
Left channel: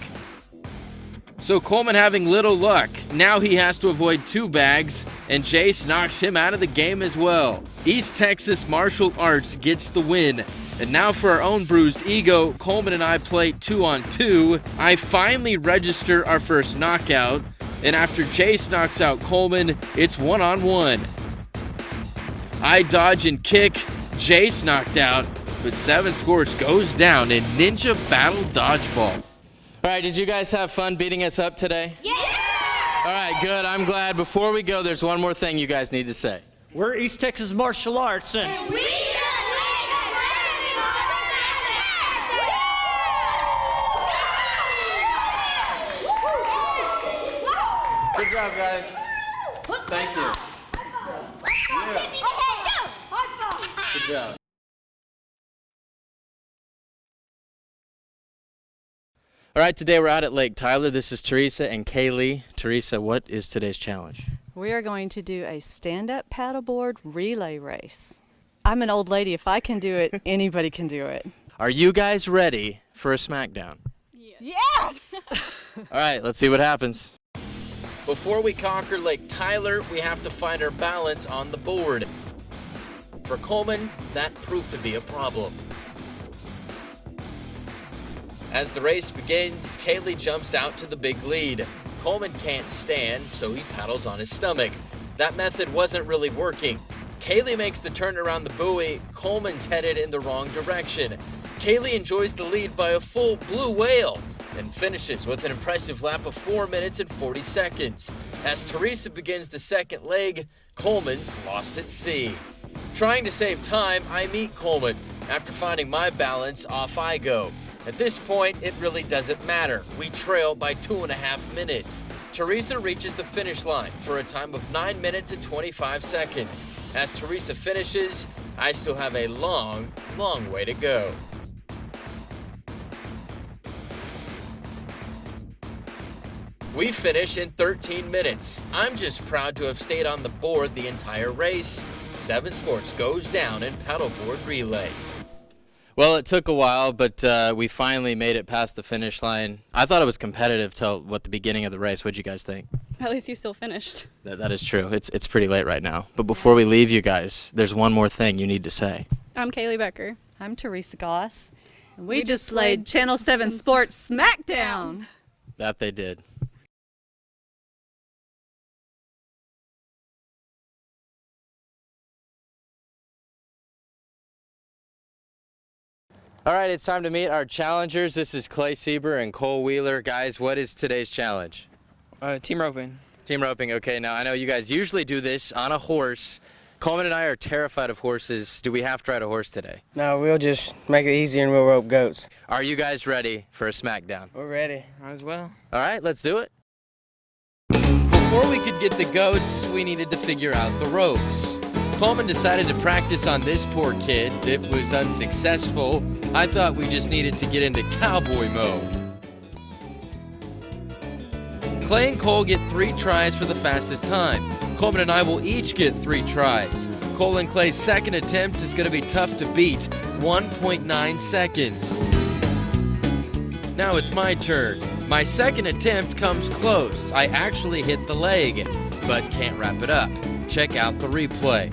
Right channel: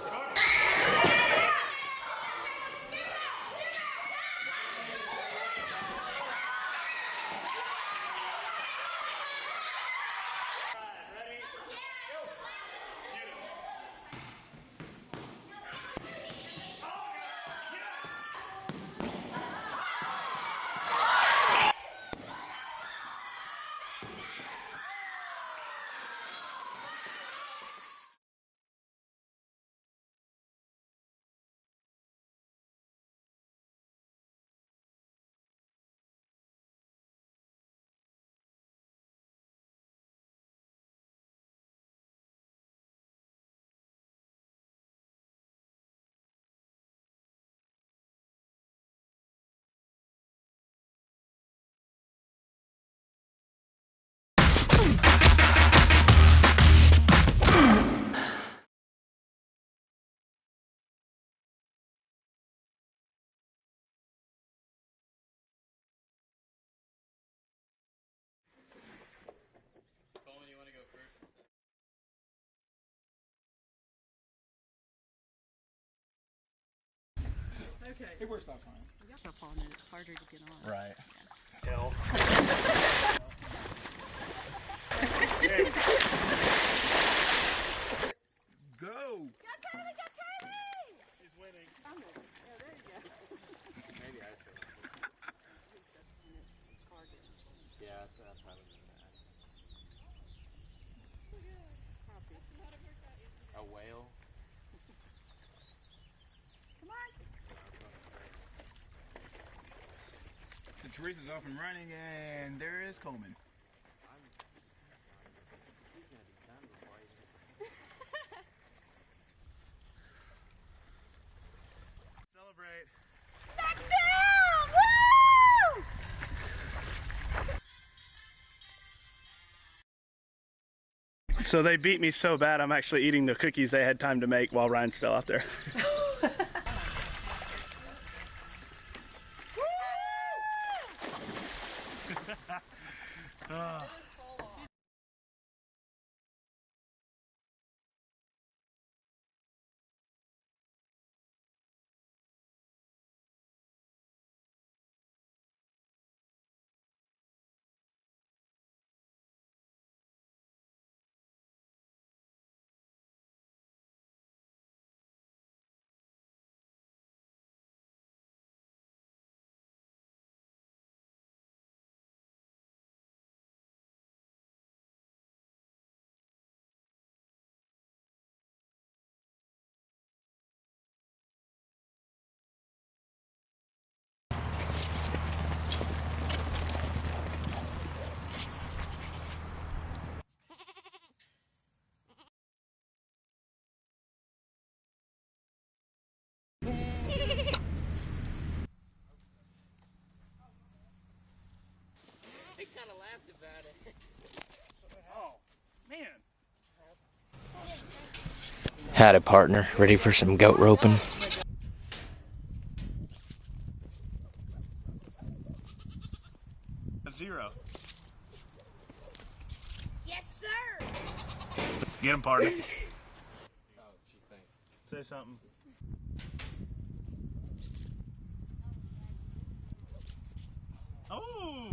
So Coleman having little luck. Now he has to avoid 2 bags, and Jace knocks him out of the game as well. East Texas Martial Arts gets the win. And now for our own bruised ego, Coleman and I play 2-on-2. I finally register our first knockout, and after Jace knocks out Coleman, it's 1-on-1. I dodge and kick, Jace knocked out, but 7 Sports goes down in Ninja Battle Dodgeball. All right, did you guys have fun beating us up today? Yeah! All right, good, I'm glad. Before we go, there's one more thing you guys need to say. We're East Texas Martial Arts, and we Good job, guys. Thank you. Yeah. Good job. All right, today we're out at Lake Tyler. This is Teresa and Kaylee. Teresa, what is today's challenge? We are going to do a stand-up paddleboard relay race. I'm an old lady. If I can do it, anybody can do it. Are you guys ready for a smackdown? Yes! All right, let's see what happens. Before we conquer Lake Tyler, we have to find our balance on the board. For Coleman, that proved to be a problem. As the race begins, Kaylee jumps out to the big lead. Coleman can't stand, so he paddles on his stomach. That method wasn't really working. Kaylee makes the turn around the buoy. Coleman's headed in the wrong direction. Kaylee enjoys the lead by a full blue whale and finishes with an impressive lap of 4 minutes and 40 seconds. As Teresa begins the second leg, Coleman's lost at sea. Trying to save time, I meet Coleman. After finding my balance, off I go. At this point, it really doesn't matter. We trail by 2.5 minutes. Teresa reaches the finish line for a time of 9 minutes and 25 seconds. As Teresa finishes, I still have a long, long way to go. So they beat me so bad, I'm actually eating the cookies they had time to make while Ryan's still out there. We finish in 13 minutes. I'm just proud to have stayed on the board the entire race. 7 Sports goes down in paddleboard relays. Well, it took a while, but we finally made it past the finish line. I thought it was competitive till the beginning of the race. What'd you guys think? At least you still finished. That is true. It's pretty late right now. But before we leave you guys, there's one more thing you need to say. I'm Kaylee Becker. I'm Teresa Goss. And we just laid Channel 7 Sports Smackdown. That they did. All right, it's time to meet our challengers. This is Clay Sieber and Cole Wheeler. Guys, what is today's challenge? Team roping. Team roping, okay. Now, I know you guys usually do this on a horse. Coleman and I are terrified of horses. Do we have to ride a horse today? No, we'll just make it easier and we'll rope goats. Are you guys ready for a Smackdown? We're ready. Might as well. All right, let's do it. Before we could get the goats, we needed to figure out the ropes. Coleman decided to practice on this poor kid. It was unsuccessful. I thought we just needed to get into cowboy mode. Had a partner, ready for some goat roping. Clay and Cole get 3 tries for the fastest time. Coleman and I will each get 3 tries. Cole and Clay's second attempt is going to be tough to beat, 1.9 seconds. Now it's my turn. My second attempt comes close. I actually hit the leg, but can't wrap it up. Check out the replay.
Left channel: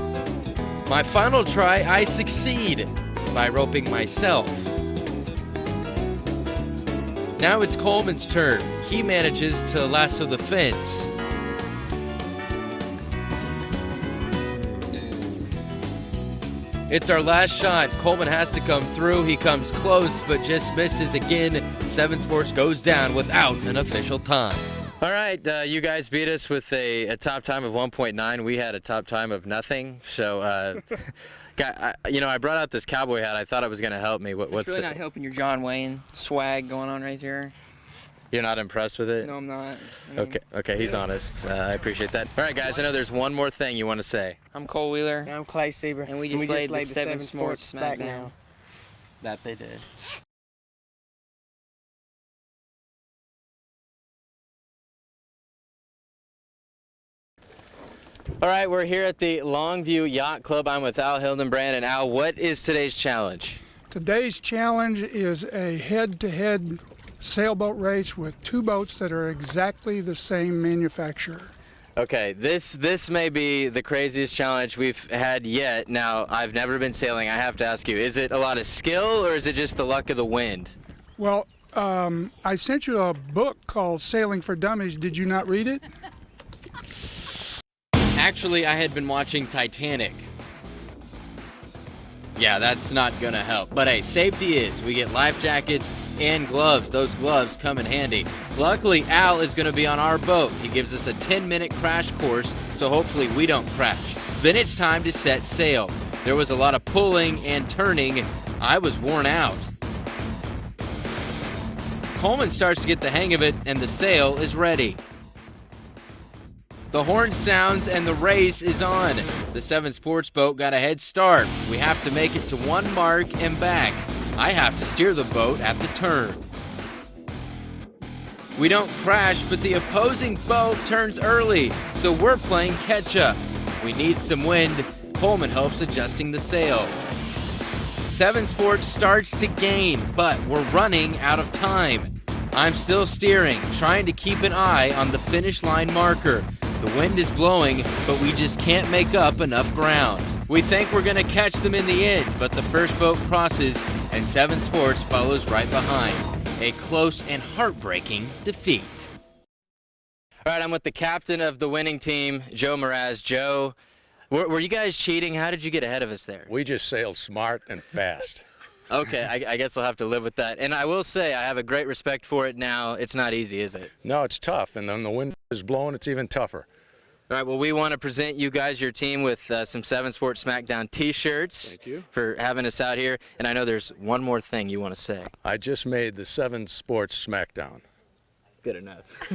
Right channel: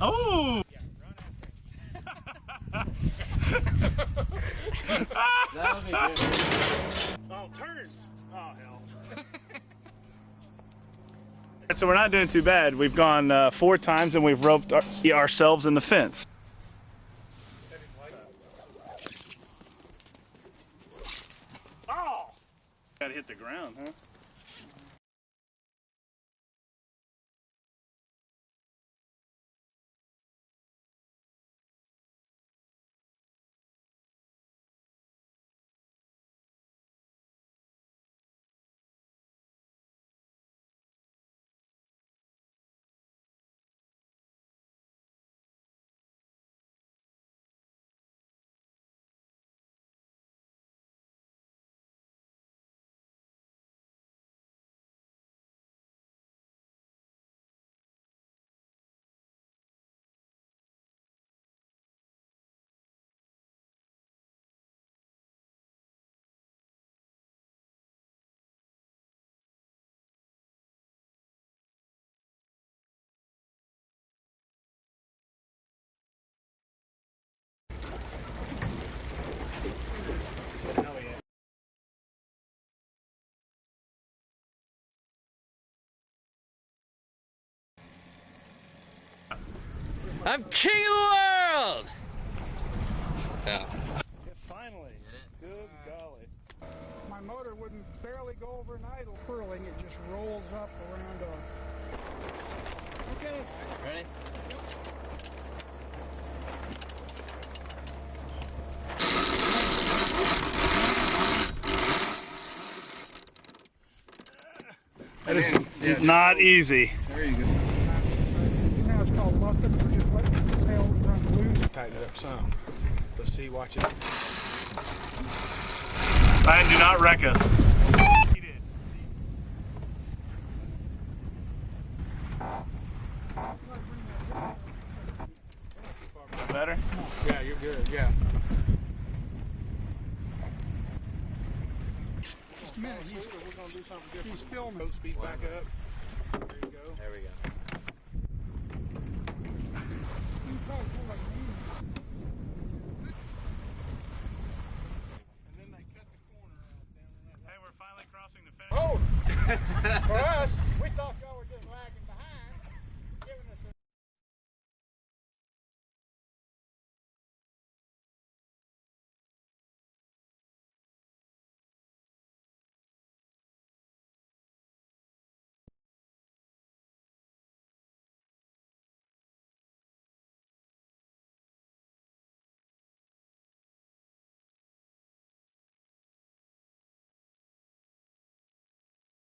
Oh! My final try, I succeed by roping myself. Now it's Coleman's turn. He manages to lasso the fence. So we're not doing too bad. We've gone 4 times and we've roped ourselves in the fence. It's our last shot. Coleman has to come through. He comes close, but just misses again. 7 Sports goes down without an official time. All right, you guys beat us with a top time of 1.9. We had a top time of nothing. So, I brought out this cowboy hat. I thought it was going to help me. It's really not helping your John Wayne swag going on right there. You're not impressed with it? No, I'm not. Okay, he's honest. I appreciate that. All right, guys, I know there's one more thing you want to say. I'm Cole Wheeler. I'm Clay Sieber. And we just laid the 7 Sports Smackdown. That they did. All right, we're here at the Longview Yacht Club. I'm with Al Hildenbrand. And Al, what is today's challenge? Today's challenge is a head-to-head sailboat race with 2 boats that are exactly the same manufacturer. Okay, this may be the craziest challenge we've had yet. Now, I've never been sailing. I have to ask you, is it a lot of skill or is it just the luck of the wind? Well, I sent you a book called Sailing for Dummies. Did you not read it? Actually, I had been watching Titanic. I'm king of the world! Yeah, that's not gonna help. But hey, safety is. We get life jackets and gloves. Those gloves come in handy. Luckily, Al is gonna be on our boat. He gives us a 10-minute crash course, so hopefully we don't crash. Then it's time to set sail. There was a lot of pulling and turning. I was worn out. Coleman starts to get the hang of it, and the sail is ready. That is not easy. The horn sounds and the race is on. The 7 Sports boat got a head start. We have to make it to 1 mark and back. I have to steer the boat at the turn. Ryan, do not wreck us. We don't crash, but the opposing boat turns early, so we're playing catch up. We need some wind. Coleman helps adjusting the sail. 7 Sports starts to gain, but we're running out of time. I'm still steering, trying to keep an eye on the finish line marker. The wind is blowing, but we just can't make up enough ground. We think we're going to catch them in the end, but the first boat crosses, and 7 Sports follows right behind. A close and heartbreaking defeat. All right, I'm with the captain of the winning team, Joe Mraz. Joe, were you guys cheating? How did you get ahead of us there? We just sailed smart and fast. Okay, I guess I'll have to live with that. And I will say, I have a great respect for it now. It's not easy, is it? No, it's tough, and then the wind is blowing, it's even tougher. All right, well, we want to present you guys, your team, with some 7 Sports Smackdown t-shirts. Thank you. For having us out here. And I know there's one more thing you want to say. I just made the 7 Sports Smackdown. Good enough.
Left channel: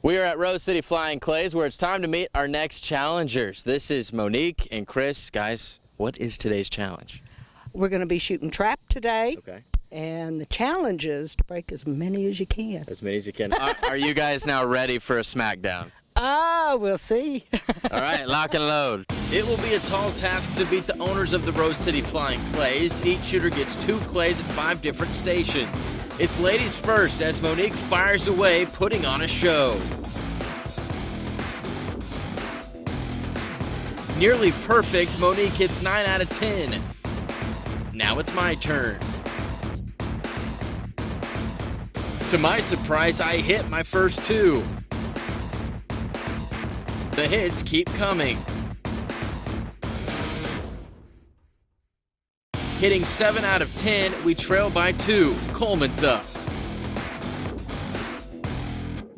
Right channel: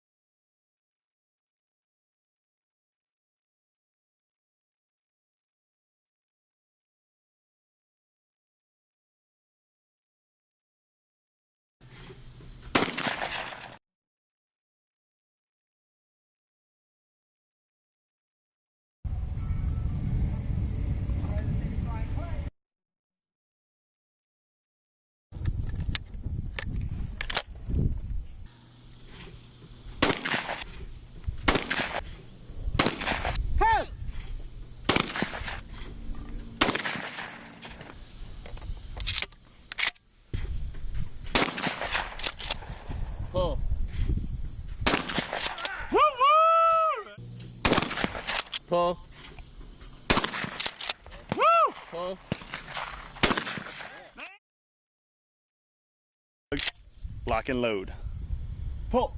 We are at Rose City Flying Clays, where it's time to meet our next challengers. This is Monique and Chris. Guys, what is today's challenge? We're going to be shooting trap today. Okay. And the challenge is to break as many as you can. As many as you can. Are you guys now ready for a Smackdown? We'll see. All right, lock and load. It will be a tall task to beat the owners of the Rose City Flying Clays. Each shooter gets 2 clays at 5 different stations. It's ladies first as Monique fires away, putting on a show. Nearly perfect, Monique hits 9 out of 10. Now it's my turn. To my surprise, I hit my first 2. The hits keep coming. Well, Hitting 7 out of 10, we trail by 2. Coleman's up. Lock and load. Pull.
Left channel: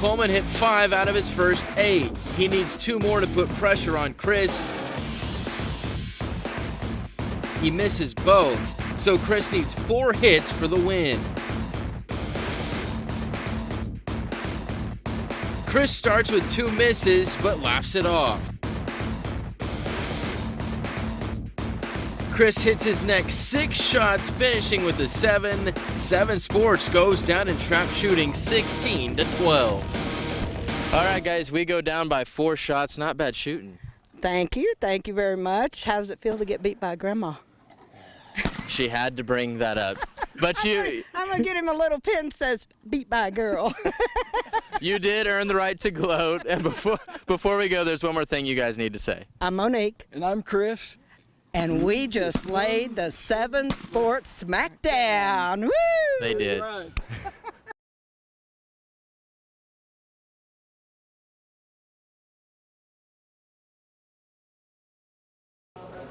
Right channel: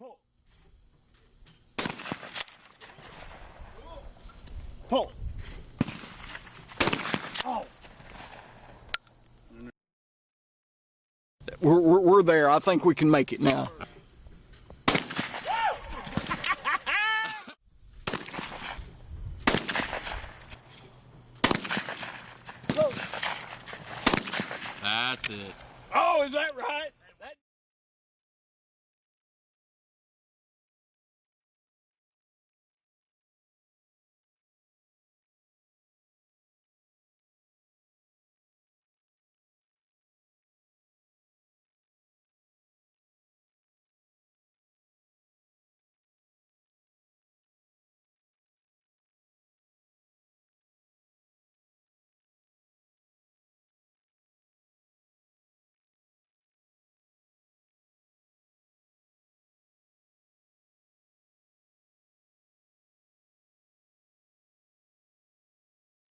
Coleman hit 5 out of his first 8. He needs 2 more to put pressure on Chris. Pull. He misses both, so Chris needs 4 hits for the win. We're there. I think we can make it now. Chris starts with 2 misses, but laughs it off. Chris hits his next 6 shots, finishing with a 7. 7 Sports goes down in trap shooting 16-12. All right, guys, we go down by 4 shots. Not bad shooting. Thank you very much. How does it feel to get beat by Grandma? She had to bring that up. But I'm gonna get him a little pin that says beat by a girl. You did earn the right to gloat. And before we go, there's one more thing you guys need to say. I'm Monique. And I'm Chris. And we just laid the 7 Sports Smackdown. Woo! They did.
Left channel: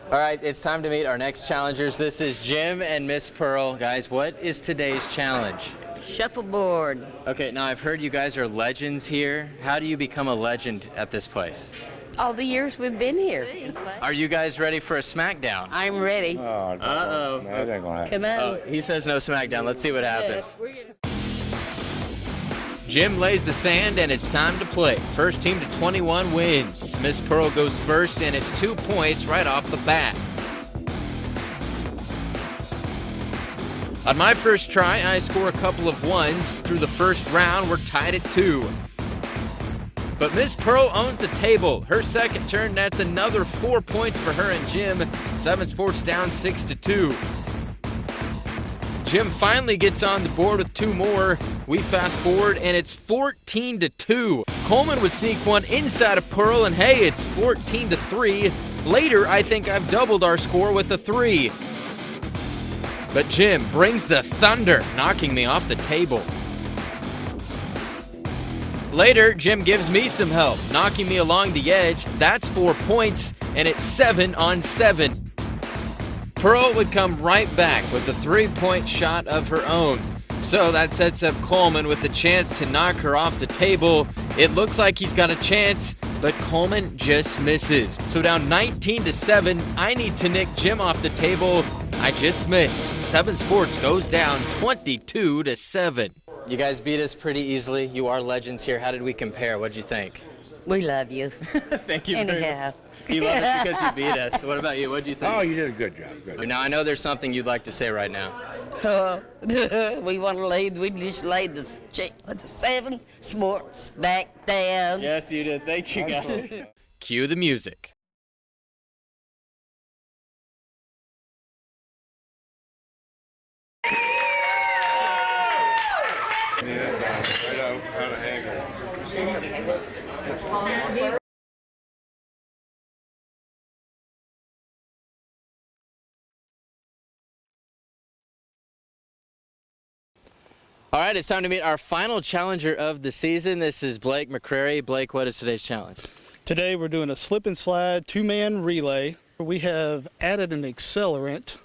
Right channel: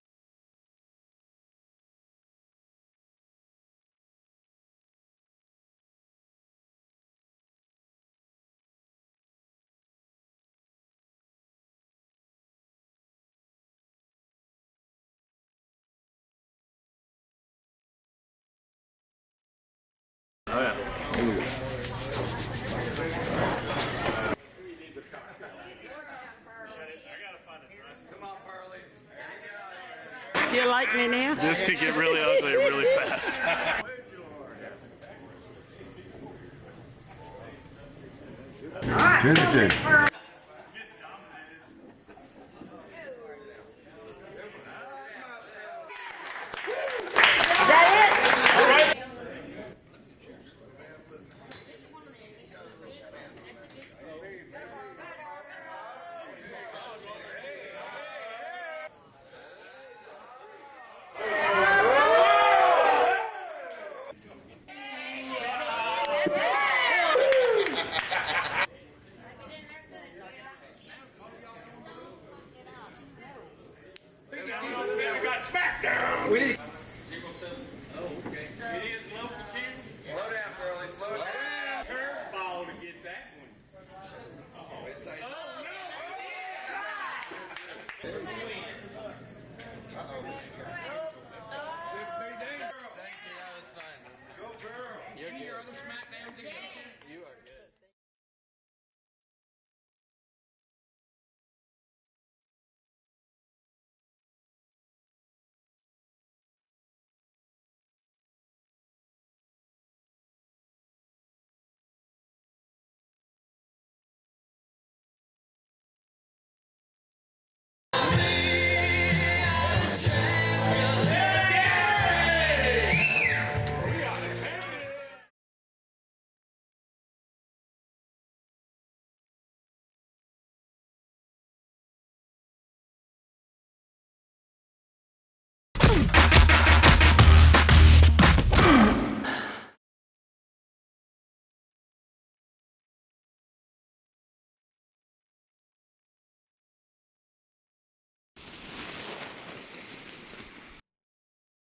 All right, it's time to meet our next challengers. This is Jim and Miss Pearl. Guys, what is today's challenge? Shuffleboard. Okay, now I've heard you guys are legends here. How do you become a legend at this place? All the years we've been here. Are you guys ready for a Smackdown? I'm ready. Uh-oh. No, that ain't gonna happen. Come on. Oh, he says no Smackdown. Let's see what happens. Yes. Jim lays the sand, and it's time to play. First team to 21 wins. Miss Pearl goes first, and it's 2 points right off the bat. You like me now? This could get really ugly really fast. On my first try, I score a couple of 1s. Through the first round, we're tied at 2. But Miss Pearl owns the table. Her second turn, that's another 4 points for her and Jim. 7 Sports down 6-2. That it? Jim finally gets on the board with 2 more. We fast forward, and it's 14-2. Coleman would sneak one inside of Pearl, and hey, it's 14-3. Later, I think I've doubled our score with a 3. But Jim brings the thunder, knocking me off the table. Later, Jim gives me some help, knocking me along the edge. That's 4 points, and it's 7-on-7. Pearl would come right back with a 3-point shot of her own. So that sets up Coleman with a chance to knock her off the table. It looks like he's got a chance, but Coleman just misses. So down 19-7, I need to nick Jim off the table. I just miss. 7 Sports goes down 22-7. You guys beat us pretty easily. You are legends here. How did we compare? What'd you think? We love you. Thank you very Anyhow. much. You love us because you beat us. What about you? What'd you think? Oh, you did a good job. Good. Now, I know there's something you'd like to say right now. We want to lead. We just laid the 7 Sports back down. Yes, you did. Thank you, guys. Cue the music. All right, it's time to meet our final challenger of the season. This is Blake McCrary. Blake, what is today's challenge? Today we're doing a slip and slide 2-man relay. We have added an accelerant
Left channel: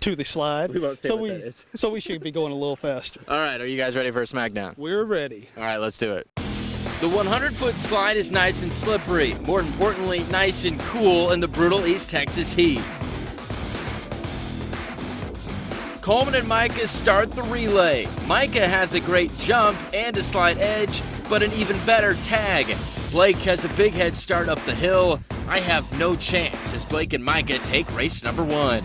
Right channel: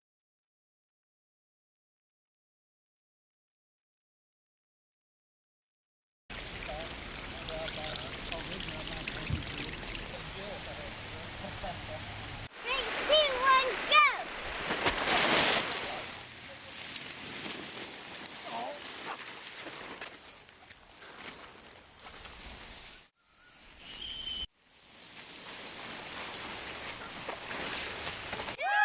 to the slide. We won't say what that is. So we should be going a little faster. All right, are you guys ready for a Smackdown? We're ready. All right, let's do it. The 100-foot slide is nice and slippery. More importantly, nice and cool in the brutal East Texas heat. Coleman and Micah start the relay. Micah has a great jump and a slight edge, but an even better tag. Blake has a big head start up the hill. I have no chance as Blake and Micah take race number 1.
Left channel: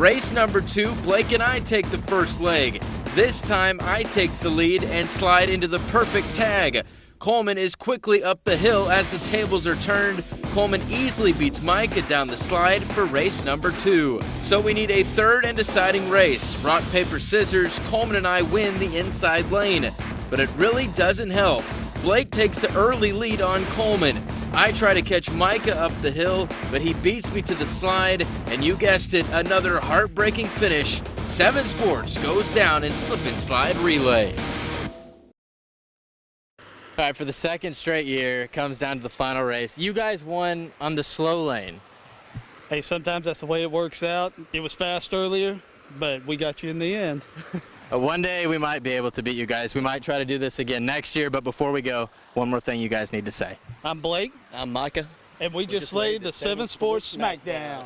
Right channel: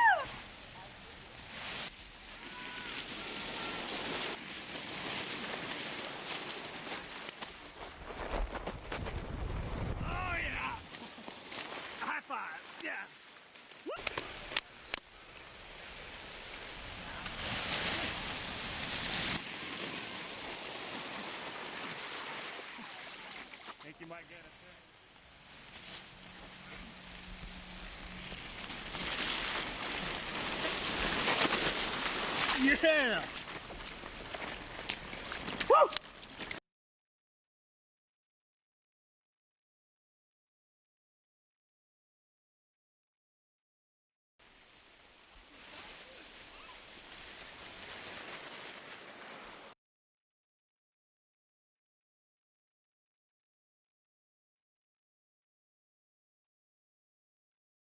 Race number 2, Blake and I take the first leg. This time I take the lead and slide into the perfect tag. Coleman is quickly up the hill as the tables are turned. Coleman easily beats Micah down the slide for race number 2. So we need a third and deciding race. Rock, paper, scissors, Coleman and I win the inside lane. But it really doesn't help. Blake takes the early lead on Coleman. I try to catch Micah up the hill, but he beats me to the slide, and you guessed it, another heartbreaking finish. 7 Sports goes down in slip and slide relays. All right, for the second straight year, it comes down to the final race. You guys won on the slow lane. Hey, sometimes that's the way it works out. It was fast earlier, but we got you in the end. One day we might be able to beat you guys. We might try to do this again next year, but before we go, one more thing you guys need to say. I'm Blake. I'm Micah. And we just laid the 7 Sports Smackdown.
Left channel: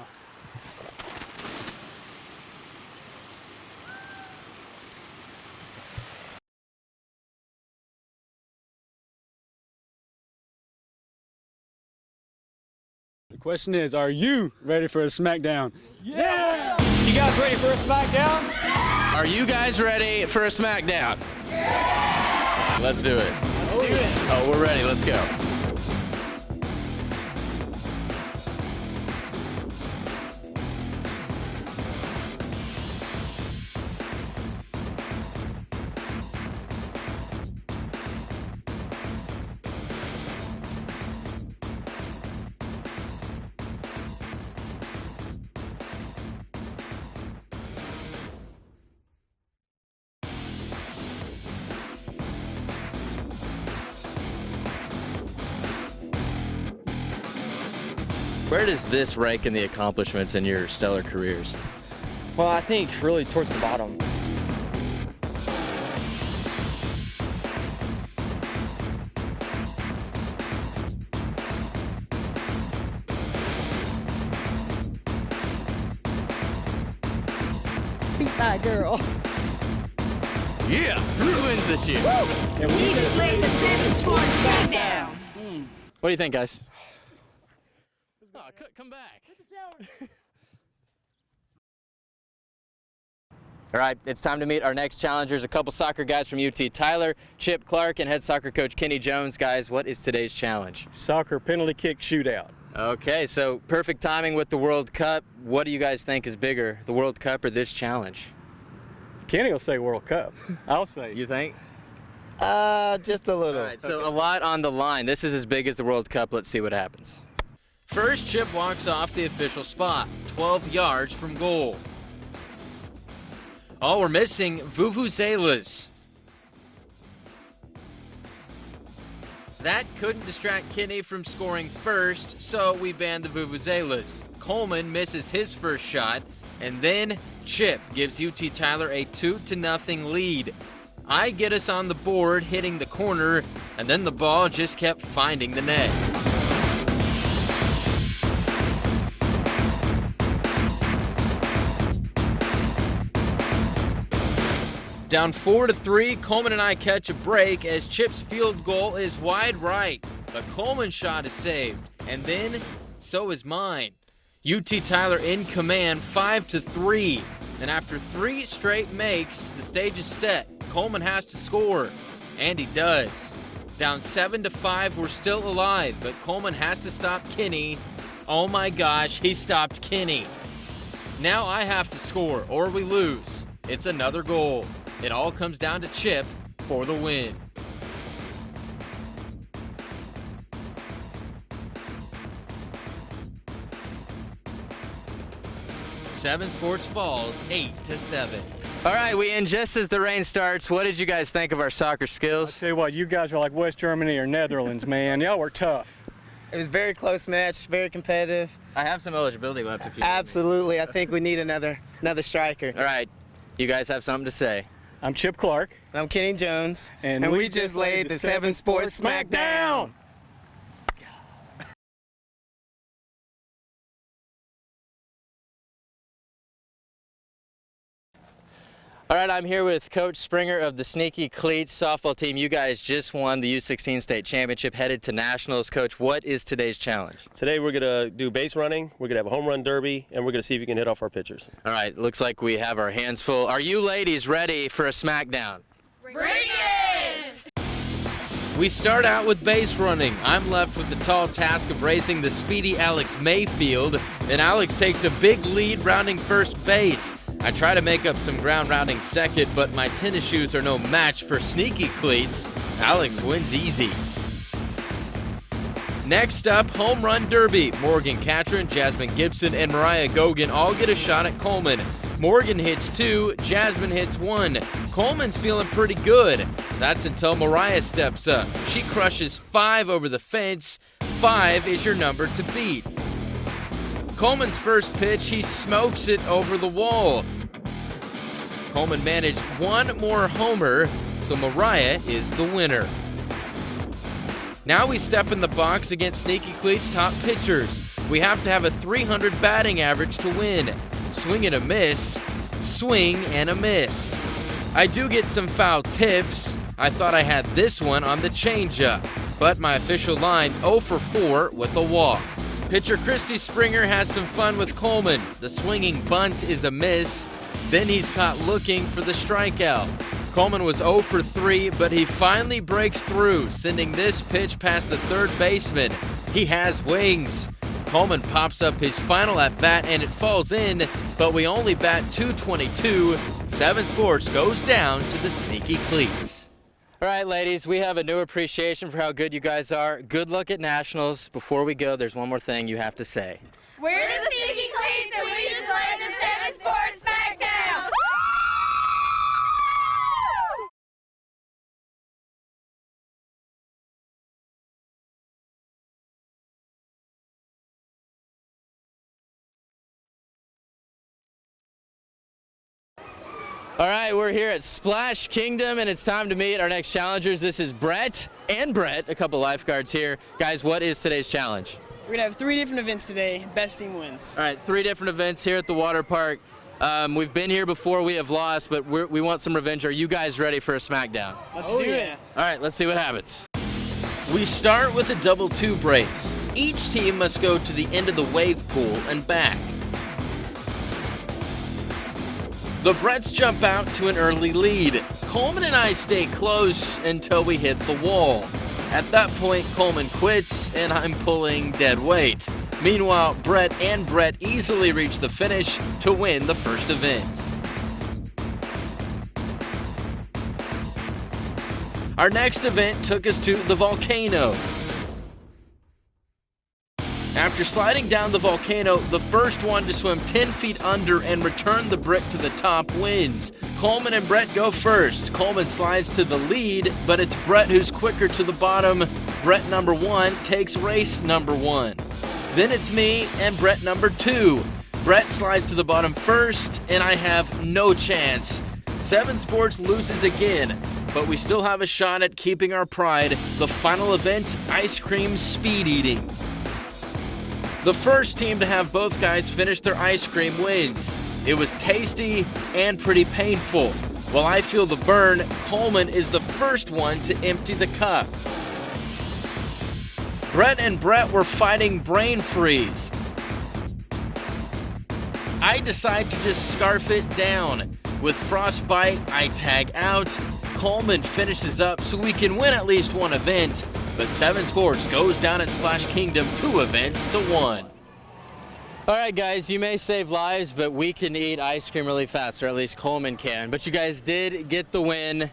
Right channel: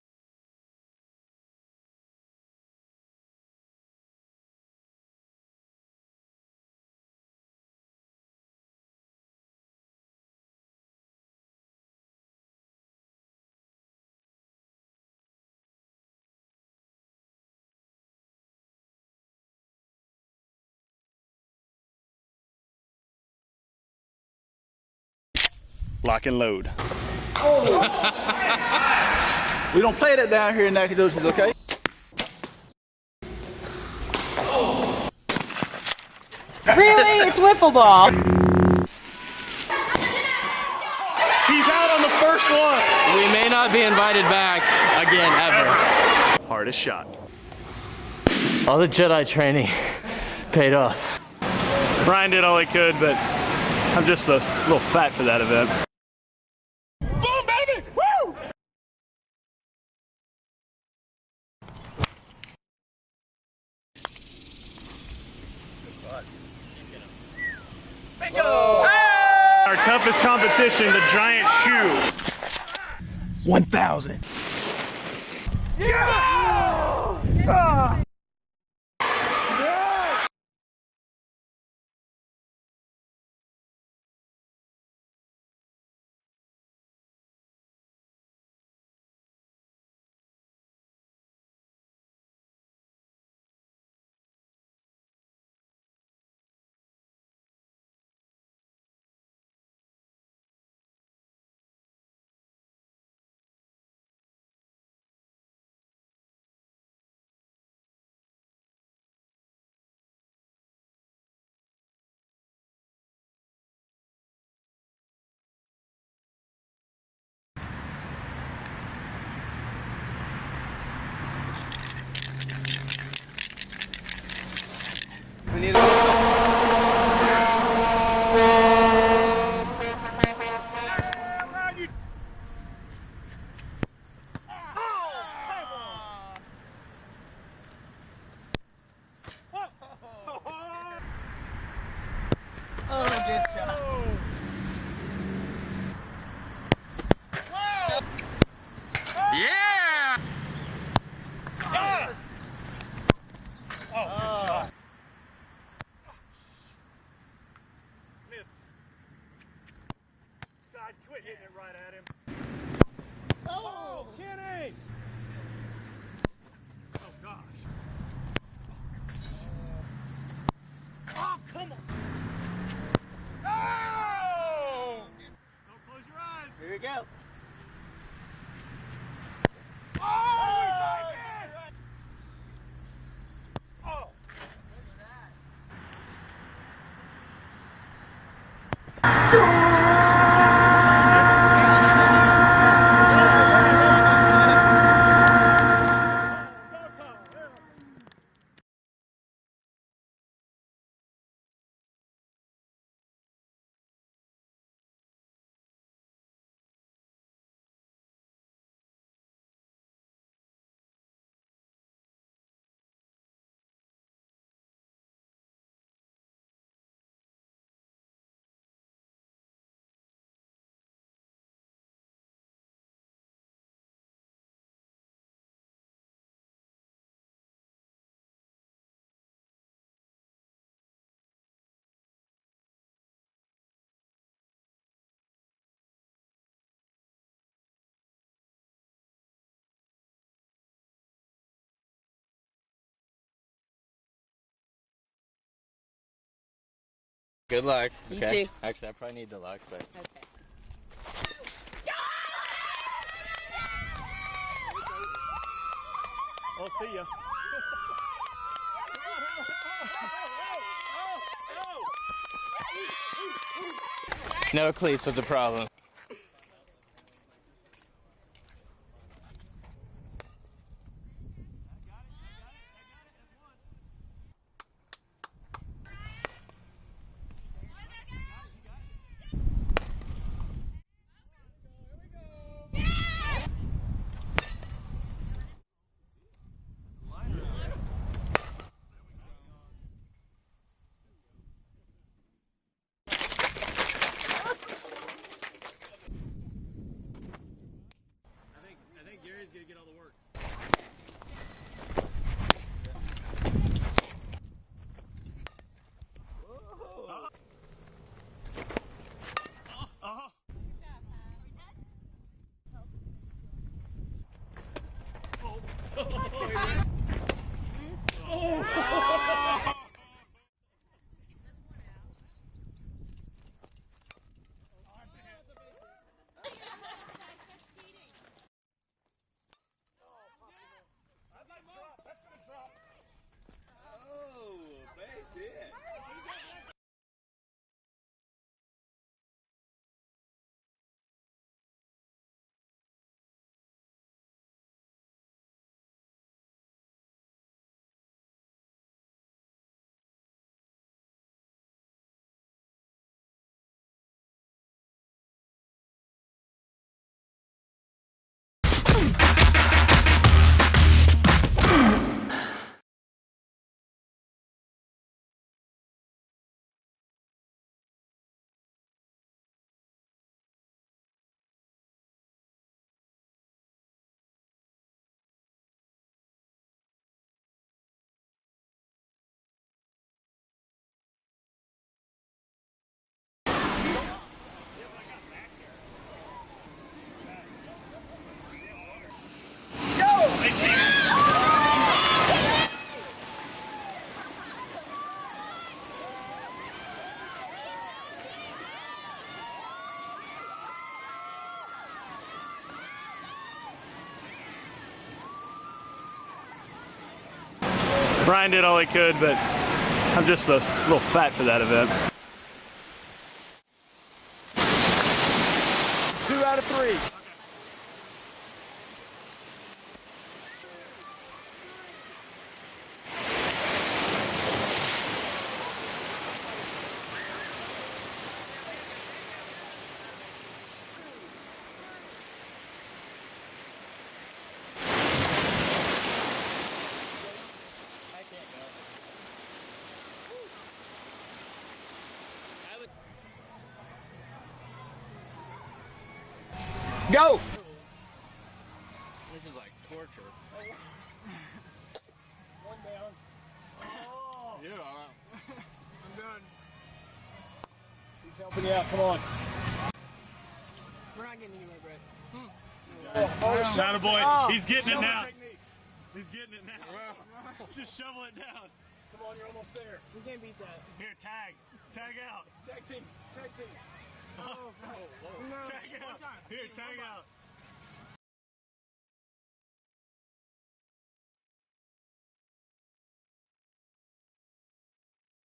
The question is, are you ready for a Smackdown? Yeah! You guys ready for a Smackdown? Are you guys ready for a Smackdown? Yeah! Let's do it. Let's do it. Oh, we're ready. Let's go. Lock and load. We don't play that down here in Nacogdoches, okay? Really? It's Whiffleball. He's out on the first one. We may not be invited back again, ever. Hardest shot. All the Jedi training paid off. Ryan did all he could, but I'm just a little fat for that event. Boom, baby! Woo! Where does this rank in the accomplishments in your stellar careers? Well, I think really towards the bottom. Our toughest competition, the giant shoe. 1,000. Beat my girl. Yeah, 3 wins this year. And we just laid the 7 Sports Smackdown. What do you think, guys? Oh, come back. All right, it's time to meet our next challengers, a couple soccer guys from UT. Tyler, Chip Clark, and head soccer coach Kenny Jones. Guys, what is today's challenge? Soccer penalty kick shootout. Okay, so perfect timing with the World Cup. What do you guys think is bigger, the World Cup or this challenge? Kenny will say World Cup. I'll say. You think? Just a little. All right, so a lot on the line. This is as big as the World Cup. Let's see what happens. First, Chip walks off the official spot, 12 yards from goal. Oh, we're missing vuvuzelas. That could distract Kenny from scoring first, so we banned the vuvuzelas. Coleman misses his first shot, and then Chip gives UT Tyler a 2-0 lead. I get us on the board, hitting the corner, and then the ball just kept finding the net. Down 4-3, Coleman and I catch a break as Chip's field goal is wide right. The Coleman shot is saved, and then so is mine. UT Tyler in command, 5-3. And after 3 straight makes, the stage is set. Coleman has to score, and he does. Down 7-5, we're still alive, but Coleman has to stop Kenny. Oh my gosh, he stopped Kenny. Now I have to score, or we lose. It's another goal. It all comes down to Chip for the win. 7 Sports falls 8-7. All right, we end just as the rain starts. What did you guys think of our soccer skills? I'll tell you what, you guys are like West Germany or Netherlands, man. Y'all were tough. It was a very close match, very competitive. I have some eligibility left if you Absolutely. I think we need another striker. All right, you guys have something to say. I'm Chip Clark. And I'm Kenny Jones. And we just laid the 7 Sports Smackdown. All right, I'm here with Coach Springer of the Sneaky Cleats softball team. You guys just won the U16 state championship, headed to nationals. Coach, what is today's challenge? Today we're going to do base running, we're going to have a home run derby, and we're going to see if we can hit off our pitchers. All right, looks like we have our hands full. Are you ladies ready for a Smackdown? Bring it! Good luck. Okay. We start out with base running. I'm left with the tall task of racing the speedy Alex Mayfield, and Alex takes a big lead rounding first base. I try to make up some ground rounding second, but my tennis shoes are no match for Sneaky Cleats. Alex wins easy. No cleats was a problem. Next up, home run derby. Morgan Catron, Jasmine Gibson, and Mariah Gogan all get a shot at Coleman. Morgan hits 2, Jasmine hits 1. Coleman's feeling pretty good. That's until Mariah steps up. She crushes 5 over the fence. 5 is your number to beat. Coleman's first pitch, he smokes it over the wall. Coleman managed 1 more homer, so Mariah is the winner. Now we step in the box against Sneaky Cleat's top pitchers. We have to have a 300 batting average to win. Swing and a miss, swing and a miss. I do get some foul tips. I thought I had this one on the changeup, but my official line 0 for 4 with a walk. Pitcher Christy Springer has some fun with Coleman. The swinging bunt is a miss. Then he's caught looking for the strikeout. Coleman was 0 for 3, but he finally breaks through, sending this pitch past the third baseman. He has wings. Coleman pops up his final at bat and it falls in, but we only bat .222. 7 Sports goes down to the Sneaky Cleats. All right, ladies, we have a new appreciation for how good you guys are. Good luck at Nationals. Before we go, there's one more thing you have to say. We're the Sneaky Cleats and we just led the 7 Sports Smackdown! All right, we're here at Splash Kingdom, and it's time to meet our next challengers. This is Brett and Brett, a couple lifeguards here. Guys, what is today's challenge? We're going to have 3 different events today. Best team wins. All right, 3 different events here at the water park. We've been here before, we have lost, but we want some revenge. Are you guys ready for a Smackdown? Let's do it. All right, let's see what happens. We start with a double 2 brace. Each team must go to the end of the wave pool and back. Go! The Bretts jump out to an early lead. Coleman and I stay close until we hit the wall. At that point, Coleman quits, and I'm pulling dead weight. Meanwhile, Brett and Brett easily reach the finish to win the first event. Brian did all he could, but I'm just a little fat for that event. Our next event took us to the volcano. 2 out of 3. After sliding down the volcano, the first one to swim 10 feet under and return the brick to the top wins. Coleman and Brett go first. Coleman slides to the lead, but it's Brett who's quicker to the bottom. Brett number 1 takes race number 1. Then it's me and Brett number 2. Brett slides to the bottom first, and I have no chance. 7 Sports loses again, but we still have a shot at keeping our pride. The final event, ice cream speed eating. Go! The first team to have both guys finish their ice cream wins. It was tasty and pretty painful. While I feel the burn, Coleman is the first one to empty the cup. Yeah, come on. Brett and Brett were fighting brain freeze. Boy, he's getting it now. I decide to just scarf it down. With frostbite, I tag out. Coleman finishes up so we can win at least one event, but 7 Sports goes down at Splash Kingdom 2 events to 1. All right, guys, you may save lives, but we can eat ice cream really fast, or at least Coleman can. But you guys did get the win.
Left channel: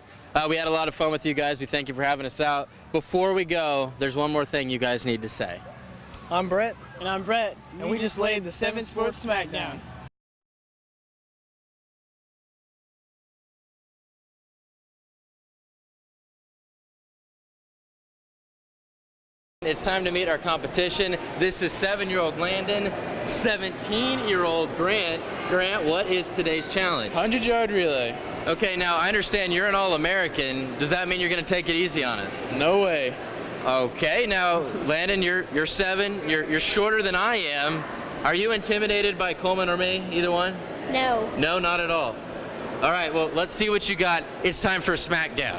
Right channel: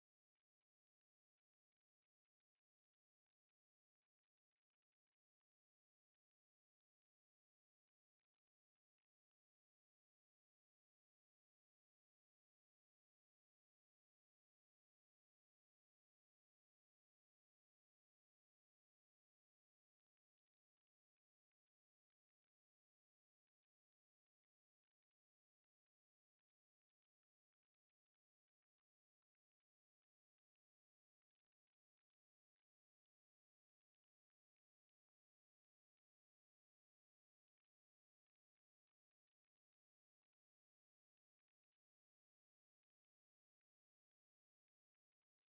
We had a lot of fun with you guys. We thank you for having us out. Before we go, there's one more thing you guys need to say. I'm Brett. And I'm Brett. And we just laid the 7 Sports Smackdown. It's time to meet our competition. This is 7-year-old Landon, 17-year-old Grant. Grant, what is today's challenge? 100-yard relay. Okay, now I understand you're an All-American. Does that mean you're going to take it easy on us? No way. Okay, now Landon, you're 7. You're shorter than I am. Are you intimidated by Coleman or me? Either one? No. No, not at all. All right, well, let's see what you got. It's time for Smackdown.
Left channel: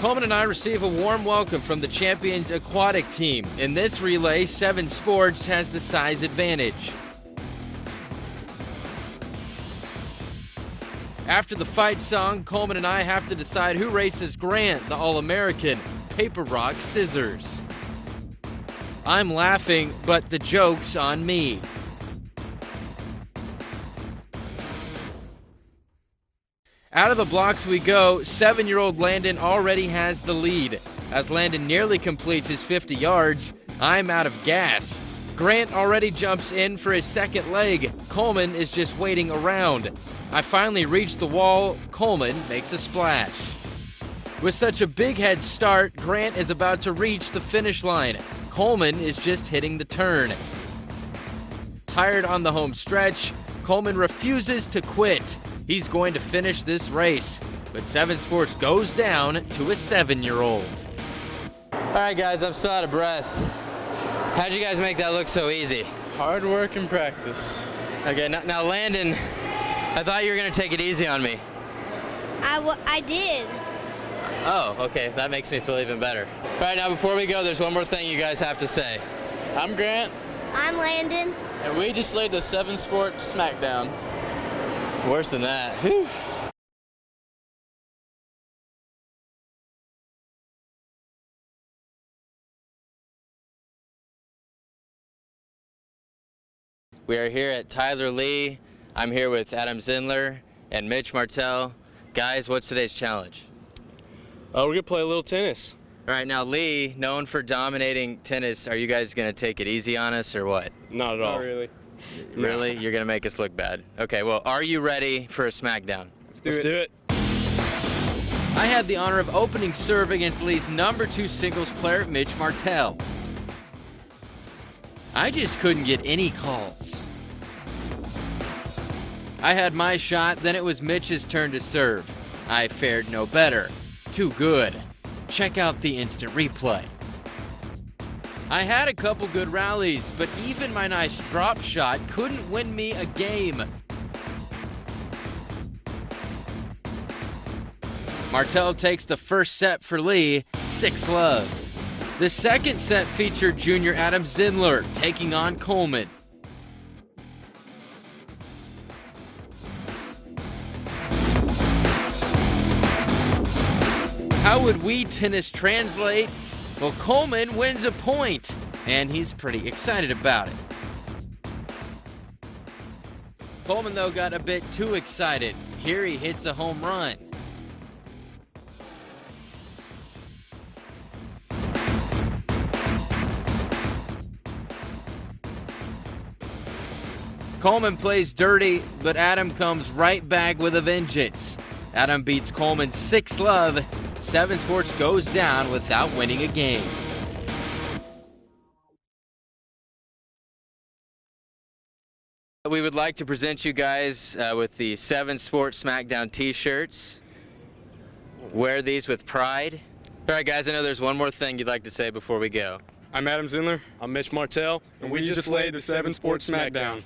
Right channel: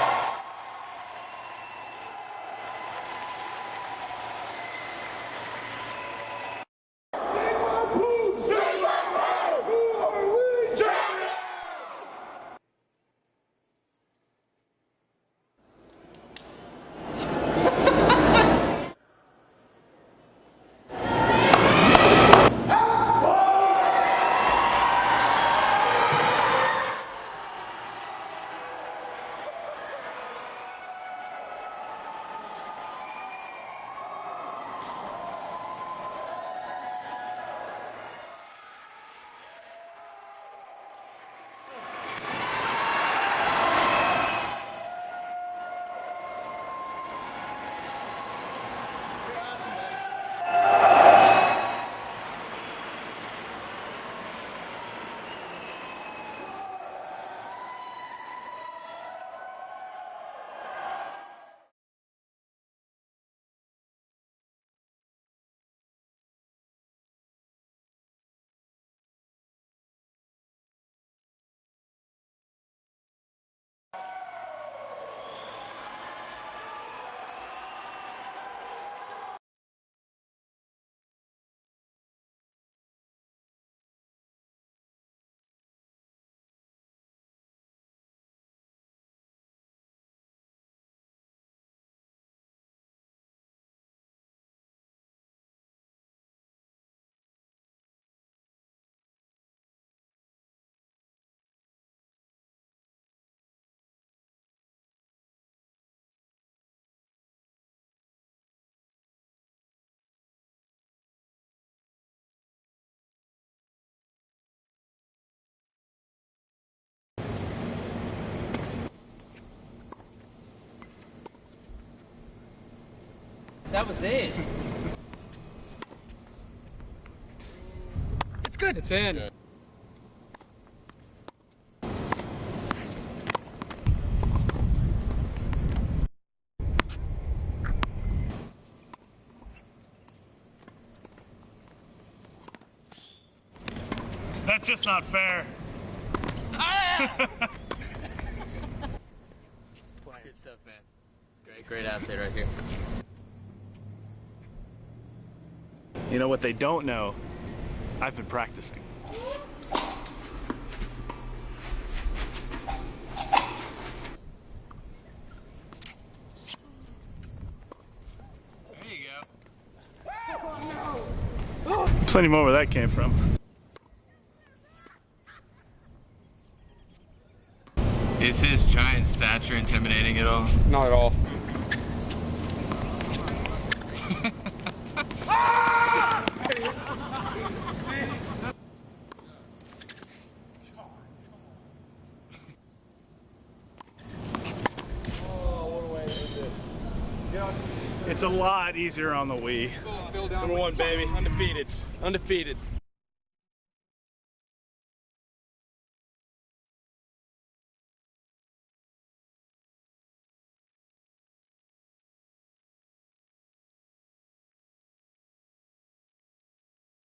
Coleman and I receive a warm welcome from the Champions Aquatic team. In this relay, 7 Sports has the size advantage. After the fight song, Coleman and I have to decide who races Grant, the All-American. Paper, rock, scissors. I'm laughing, but the joke's on me. Out of the blocks we go. 7-year-old Landon already has the lead. As Landon nearly completes his 50 yards, I'm out of gas. Grant already jumps in for his second leg. Coleman is just waiting around. I finally reach the wall. Coleman makes a splash. With such a big head start, Grant is about to reach the finish line. Coleman is just hitting the turn. Tired on the home stretch, Coleman refuses to quit. He's going to finish this race, but Seven Sports goes down to a 7-year-old. All right, guys, I'm still out of breath. How'd you guys make that look so easy? Hard work and practice. Okay, now Landon, I thought you were gonna take it easy on me. I did. Oh, okay, that makes me feel even better. All right, now before we go, there's one more thing you guys have to say. I'm Grant. I'm Landon. And we just laid the 7 Sport Smackdown. Worse than that. Whew. We are here at Tyler Lee. I'm here with Adam Zindler and Mitch Martell. Guys, what's today's challenge? We're gonna play a little tennis. All right, now Lee, known for dominating tennis, are you guys gonna take it easy on us or what? Not at all. Not really. Really? You're gonna make us look bad. Okay, well, are you ready for a Smackdown? Let's do it. I had the honor of opening serve against Lee's #2 singles player, Mitch Martell. That was it. I just couldn't get any calls. Good. I had my shot, then it was Mitch's turn to serve. I fared no better. Too good. Check out the instant replay. I had a couple good rallies, but even my nice drop shot couldn't win me a game. That's just not fair. Martell takes the first set for Lee, 6-love. The second set featured junior Adam Zindler taking on Coleman. You know what they don't know? I've been practicing. How would we tennis translate? Well, Coleman wins a point, and he's pretty excited about it. Plenty more where that came from. Coleman, though, got a bit too excited. Here he hits a home run. Is his giant stature intimidating at all? Not at all. Coleman plays dirty, but Adam comes right back with a vengeance. Adam beats Coleman 6-love. 7 Sports goes down without winning a game. It's a lot easier on the Wii. #1, baby. Undefeated. Undefeated. We would like to present you guys with the 7 Sports Smackdown t-shirts. Wear these with pride. All right, guys, I know there's one more thing you'd like to say before we go. I'm Adam Zindler. I'm Mitch Martell. And we just laid the 7 Sports Smackdown.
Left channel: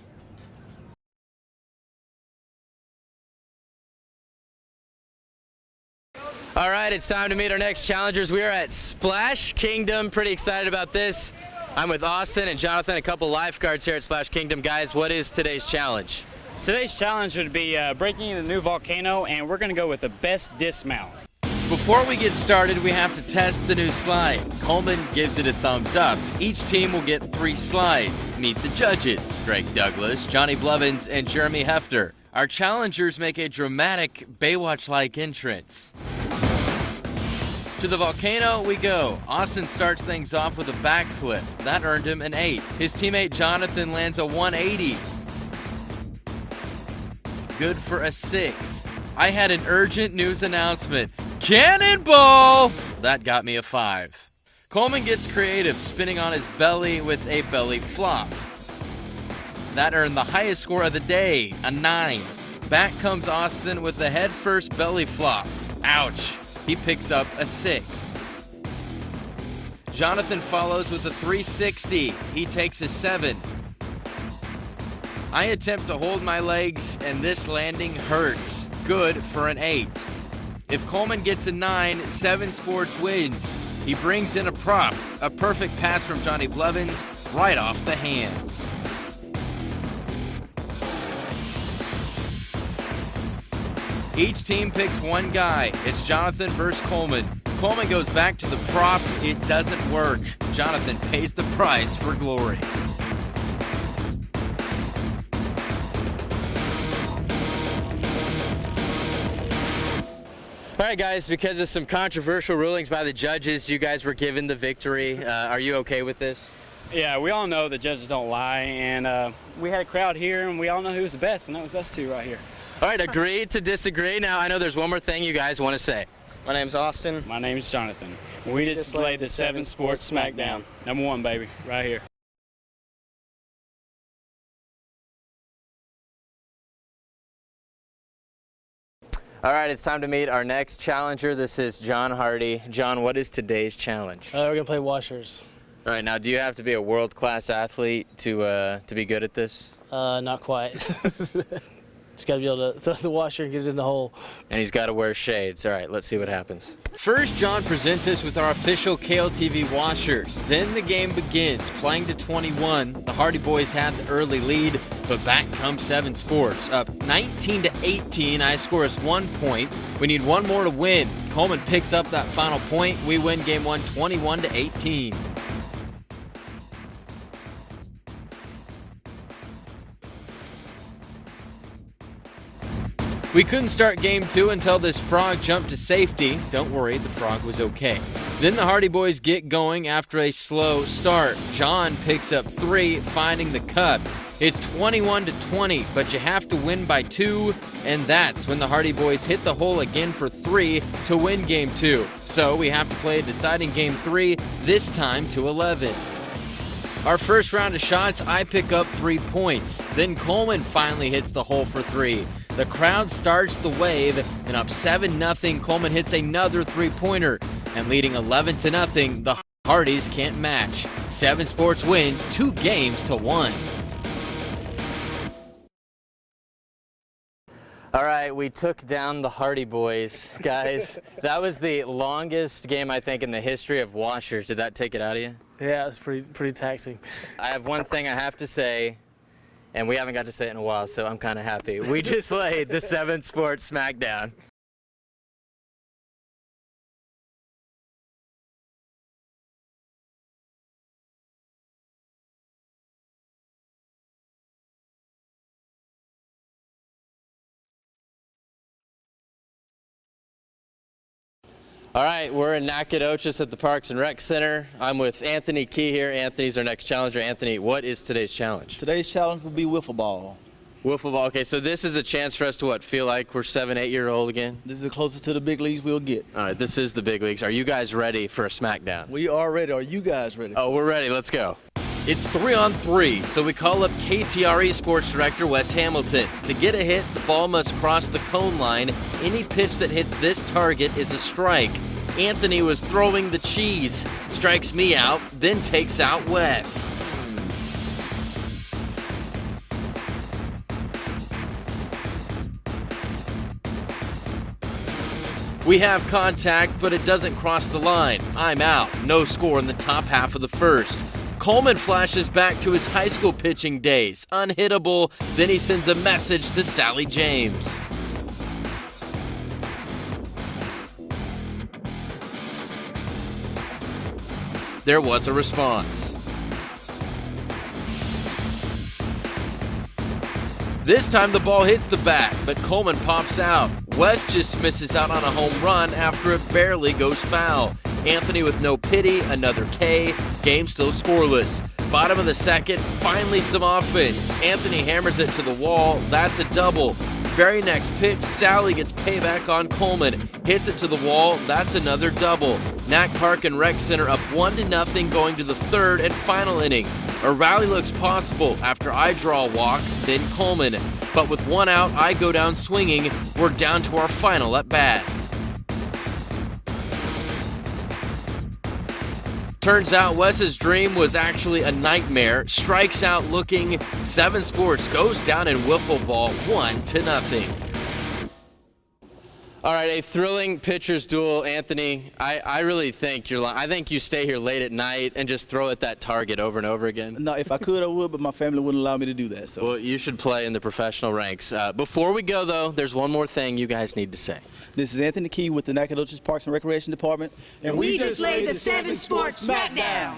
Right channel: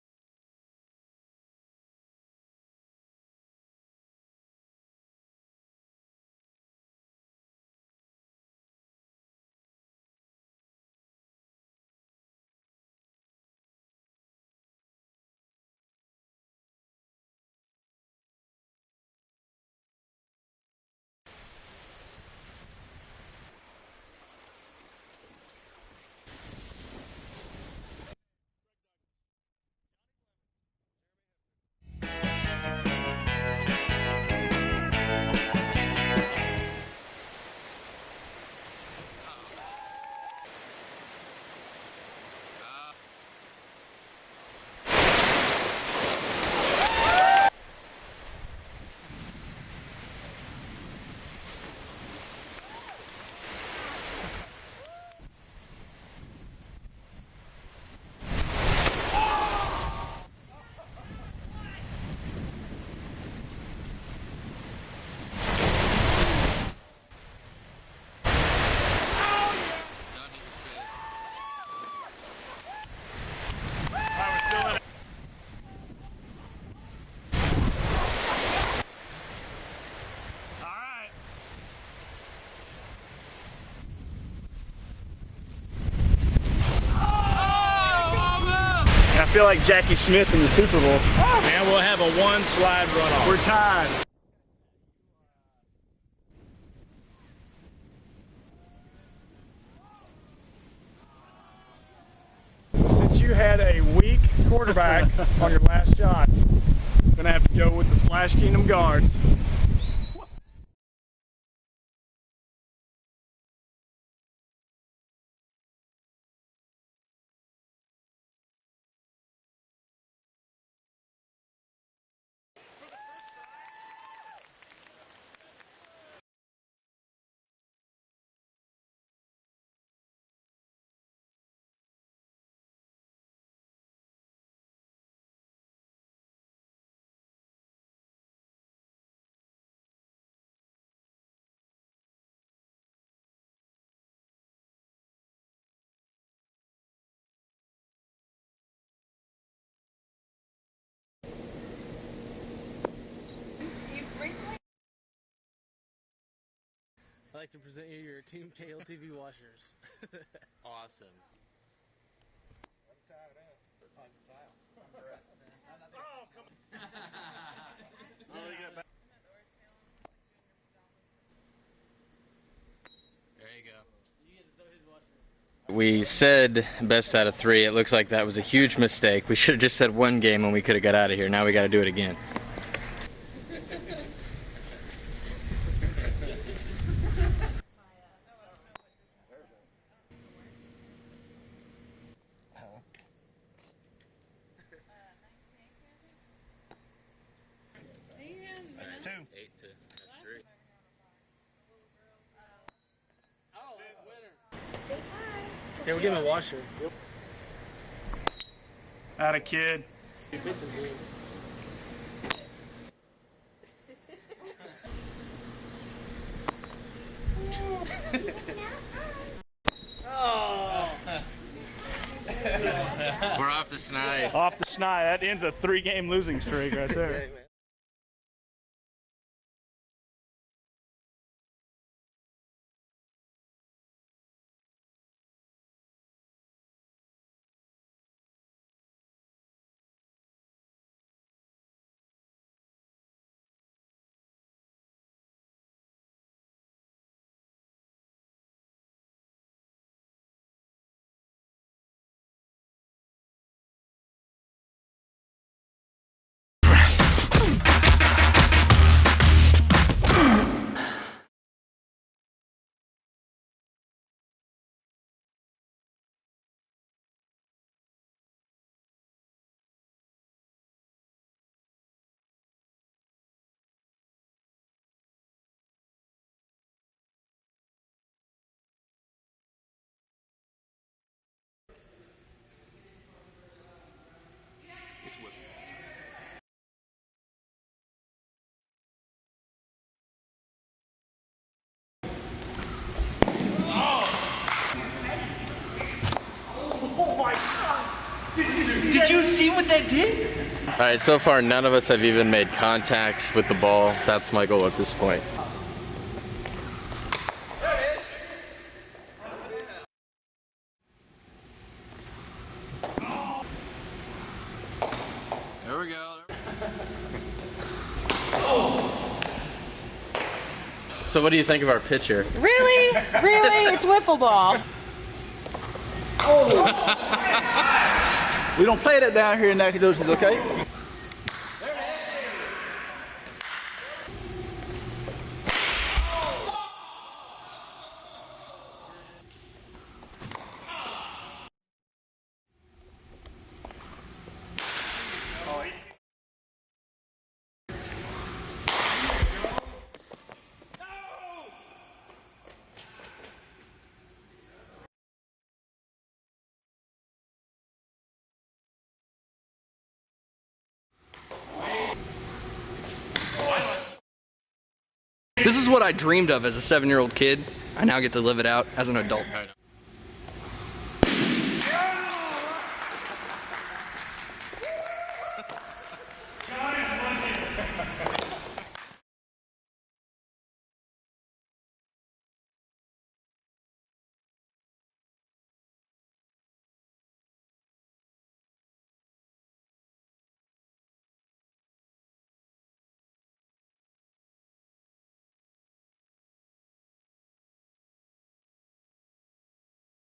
All right, it's time to meet our next challengers. We are at Splash Kingdom. Pretty excited about this. I'm with Austin and Jonathan, a couple lifeguards here at Splash Kingdom. Guys, what is today's challenge? Today's challenge would be breaking the new volcano, and we're going to go with the best dismount. Before we get started, we have to test the new slide. Coleman gives it a thumbs up. Each team will get 3 slides. Meet the judges, Greg Douglas, Johnny Blevins, and Jeremy Hefter. Our challengers make a dramatic Baywatch-like entrance. To the volcano we go. Austin starts things off with a backflip. That earned him an 8. His teammate Jonathan lands a 180. Good for a 6. I had an urgent news announcement. Cannonball! That got me a 5. Coleman gets creative, spinning on his belly with a belly flop. That earned the highest score of the day, a 9. Back comes Austin with the head first belly flop. Ouch. He picks up a 6. Jonathan follows with a 360. He takes a 7. I attempt to hold my legs, and this landing hurts. Good for an 8. If Coleman gets a 9, 7 Sports wins. He brings in a prop, a perfect pass from Johnny Blevins, right off the hand. I feel like Jackie Smith in the Super Bowl. Man, we'll have a 1 slide runoff. We're tied. Each team picks one guy. It's Jonathan versus Coleman. Coleman goes back to the prop. It doesn't work. Jonathan pays the price for glory. Since you had a weak quarterback on your last shot, I'm gonna have to go with the Splash Kingdom guard. All right, guys, because of some controversial rulings by the judges, you guys were given the victory. Are you okay with this? Yeah, we all know the judges don't lie, and we had a crowd here, and we all know who was the best, and that was us two right here. All right, agree to disagree. Now, I know there's one more thing you guys want to say. My name's Austin. My name's Jonathan. We just laid the 7 Sports Smackdown. Number 1, baby, right here. All right, it's time to meet our next challenger. This is John Hardy. John, what is today's challenge? We're going to play washers. All right, now, do you have to be a world-class athlete to be good at this? Not quite. Just got to be able to throw the washer and get it in the hole. And he's got to wear shades. All right, let's see what happens. First, John presents us with our official KLTV washers. Then the game begins. Playing to 21, the Hardy boys had the early lead, but back comes 7 Sports. Up 19 to 18, I score us 1 point. We need 1 more to win. Coleman picks up that final point. We win game 1, 21 to 18. We said best out of 3. It looks like that was a huge mistake. We should have just said 1 game and we could have got out of here. Now we got to do it again. We couldn't start game 2 until this frog jumped to safety. Don't worry, the frog was okay. Then the Hardy boys get going after a slow start. John picks up 3, finding the cup. It's 21 to 20, but you have to win by 2, and that's when the Hardy boys hit the hole again for 3 to win game 2. So we have to play a deciding game 3, this time to 11. Our first round of shots, I pick up 3 points. Then Coleman finally hits the hole for 3. The crowd starts the wave, and up 7-0, Coleman hits another 3-pointer. And leading 11 to 0, the Hardys can't match. 7 Sports wins 2 games to 1. Off the schneid. That ends a 3-game losing streak right there. All right, we took down the Hardy boys. Guys, that was the longest game, I think, in the history of washers. Did that take it out of you? Yeah, it's pretty taxing. I have one thing I have to say, and we haven't got to say it in a while, so I'm kind of happy. We just laid the 7 Sports Smackdown. All right, we're in Nacogdoches at the Parks and Rec Center. I'm with Anthony Key here. Anthony's our next challenger. Anthony, what is today's challenge? Today's challenge will be Whiffleball. Whiffleball. Okay, so this is a chance for us to what, feel like we're 7, 8-year-old again? This is the closest to the big leagues we'll get. All right, this is the big leagues. Are you guys ready for a Smackdown? We are ready. Are you guys ready? Oh, we're ready. Let's go. It's 3-on-3, so we call up KTRE Sports Director Wes Hamilton. To get a hit, the ball must cross the cone line. Any pitch that hits this target is a strike. Anthony was throwing the cheese, strikes me out, then takes out Wes. Did you see what they did? All right, so far none of us have even made contact with the ball. That's my goal at this point. We have contact, but it doesn't cross the line. I'm out. No score in the top half of the first. Coleman flashes back to his high school pitching days. Unhittable. Then he sends a message to Sally James. So what do you think of our pitcher? Really? Really? It's Whiffleball. There was a response. We don't play that down here in Nacogdoches, okay? This time the ball hits the bat, but Coleman pops out. Wes just misses out on a home run after it barely goes foul. Anthony with no pity, another K. Game still scoreless. Bottom of the second, finally some offense. Anthony hammers it to the wall. That's a double. Very next pitch, Sally gets payback on Coleman. Hits it to the wall. That's another double. Nac Park and Rec Center up 1-0 going to the third and final inning. A rally looks possible after I draw a walk, then Coleman. But with 1 out, I go down swinging. We're down to our final at bat. This is what I dreamed of as a 7-year-old kid. I now get to live it out as an adult. Turns out Wes's dream was actually a nightmare. Strikes out looking. 7 Sports goes down in Whiffleball 1-0. All right, a thrilling pitcher's duel, Anthony. I really think I think you stay here late at night and just throw at that target over and over again. No, if I could, I would, but my family wouldn't allow me to do that. So. Well, you should play in the professional ranks. Before we go, though, there's one more thing you guys need to say. This is Anthony Key with the Nacogdoches Parks and Recreation Department. And we just laid the 7 Sports Smackdown.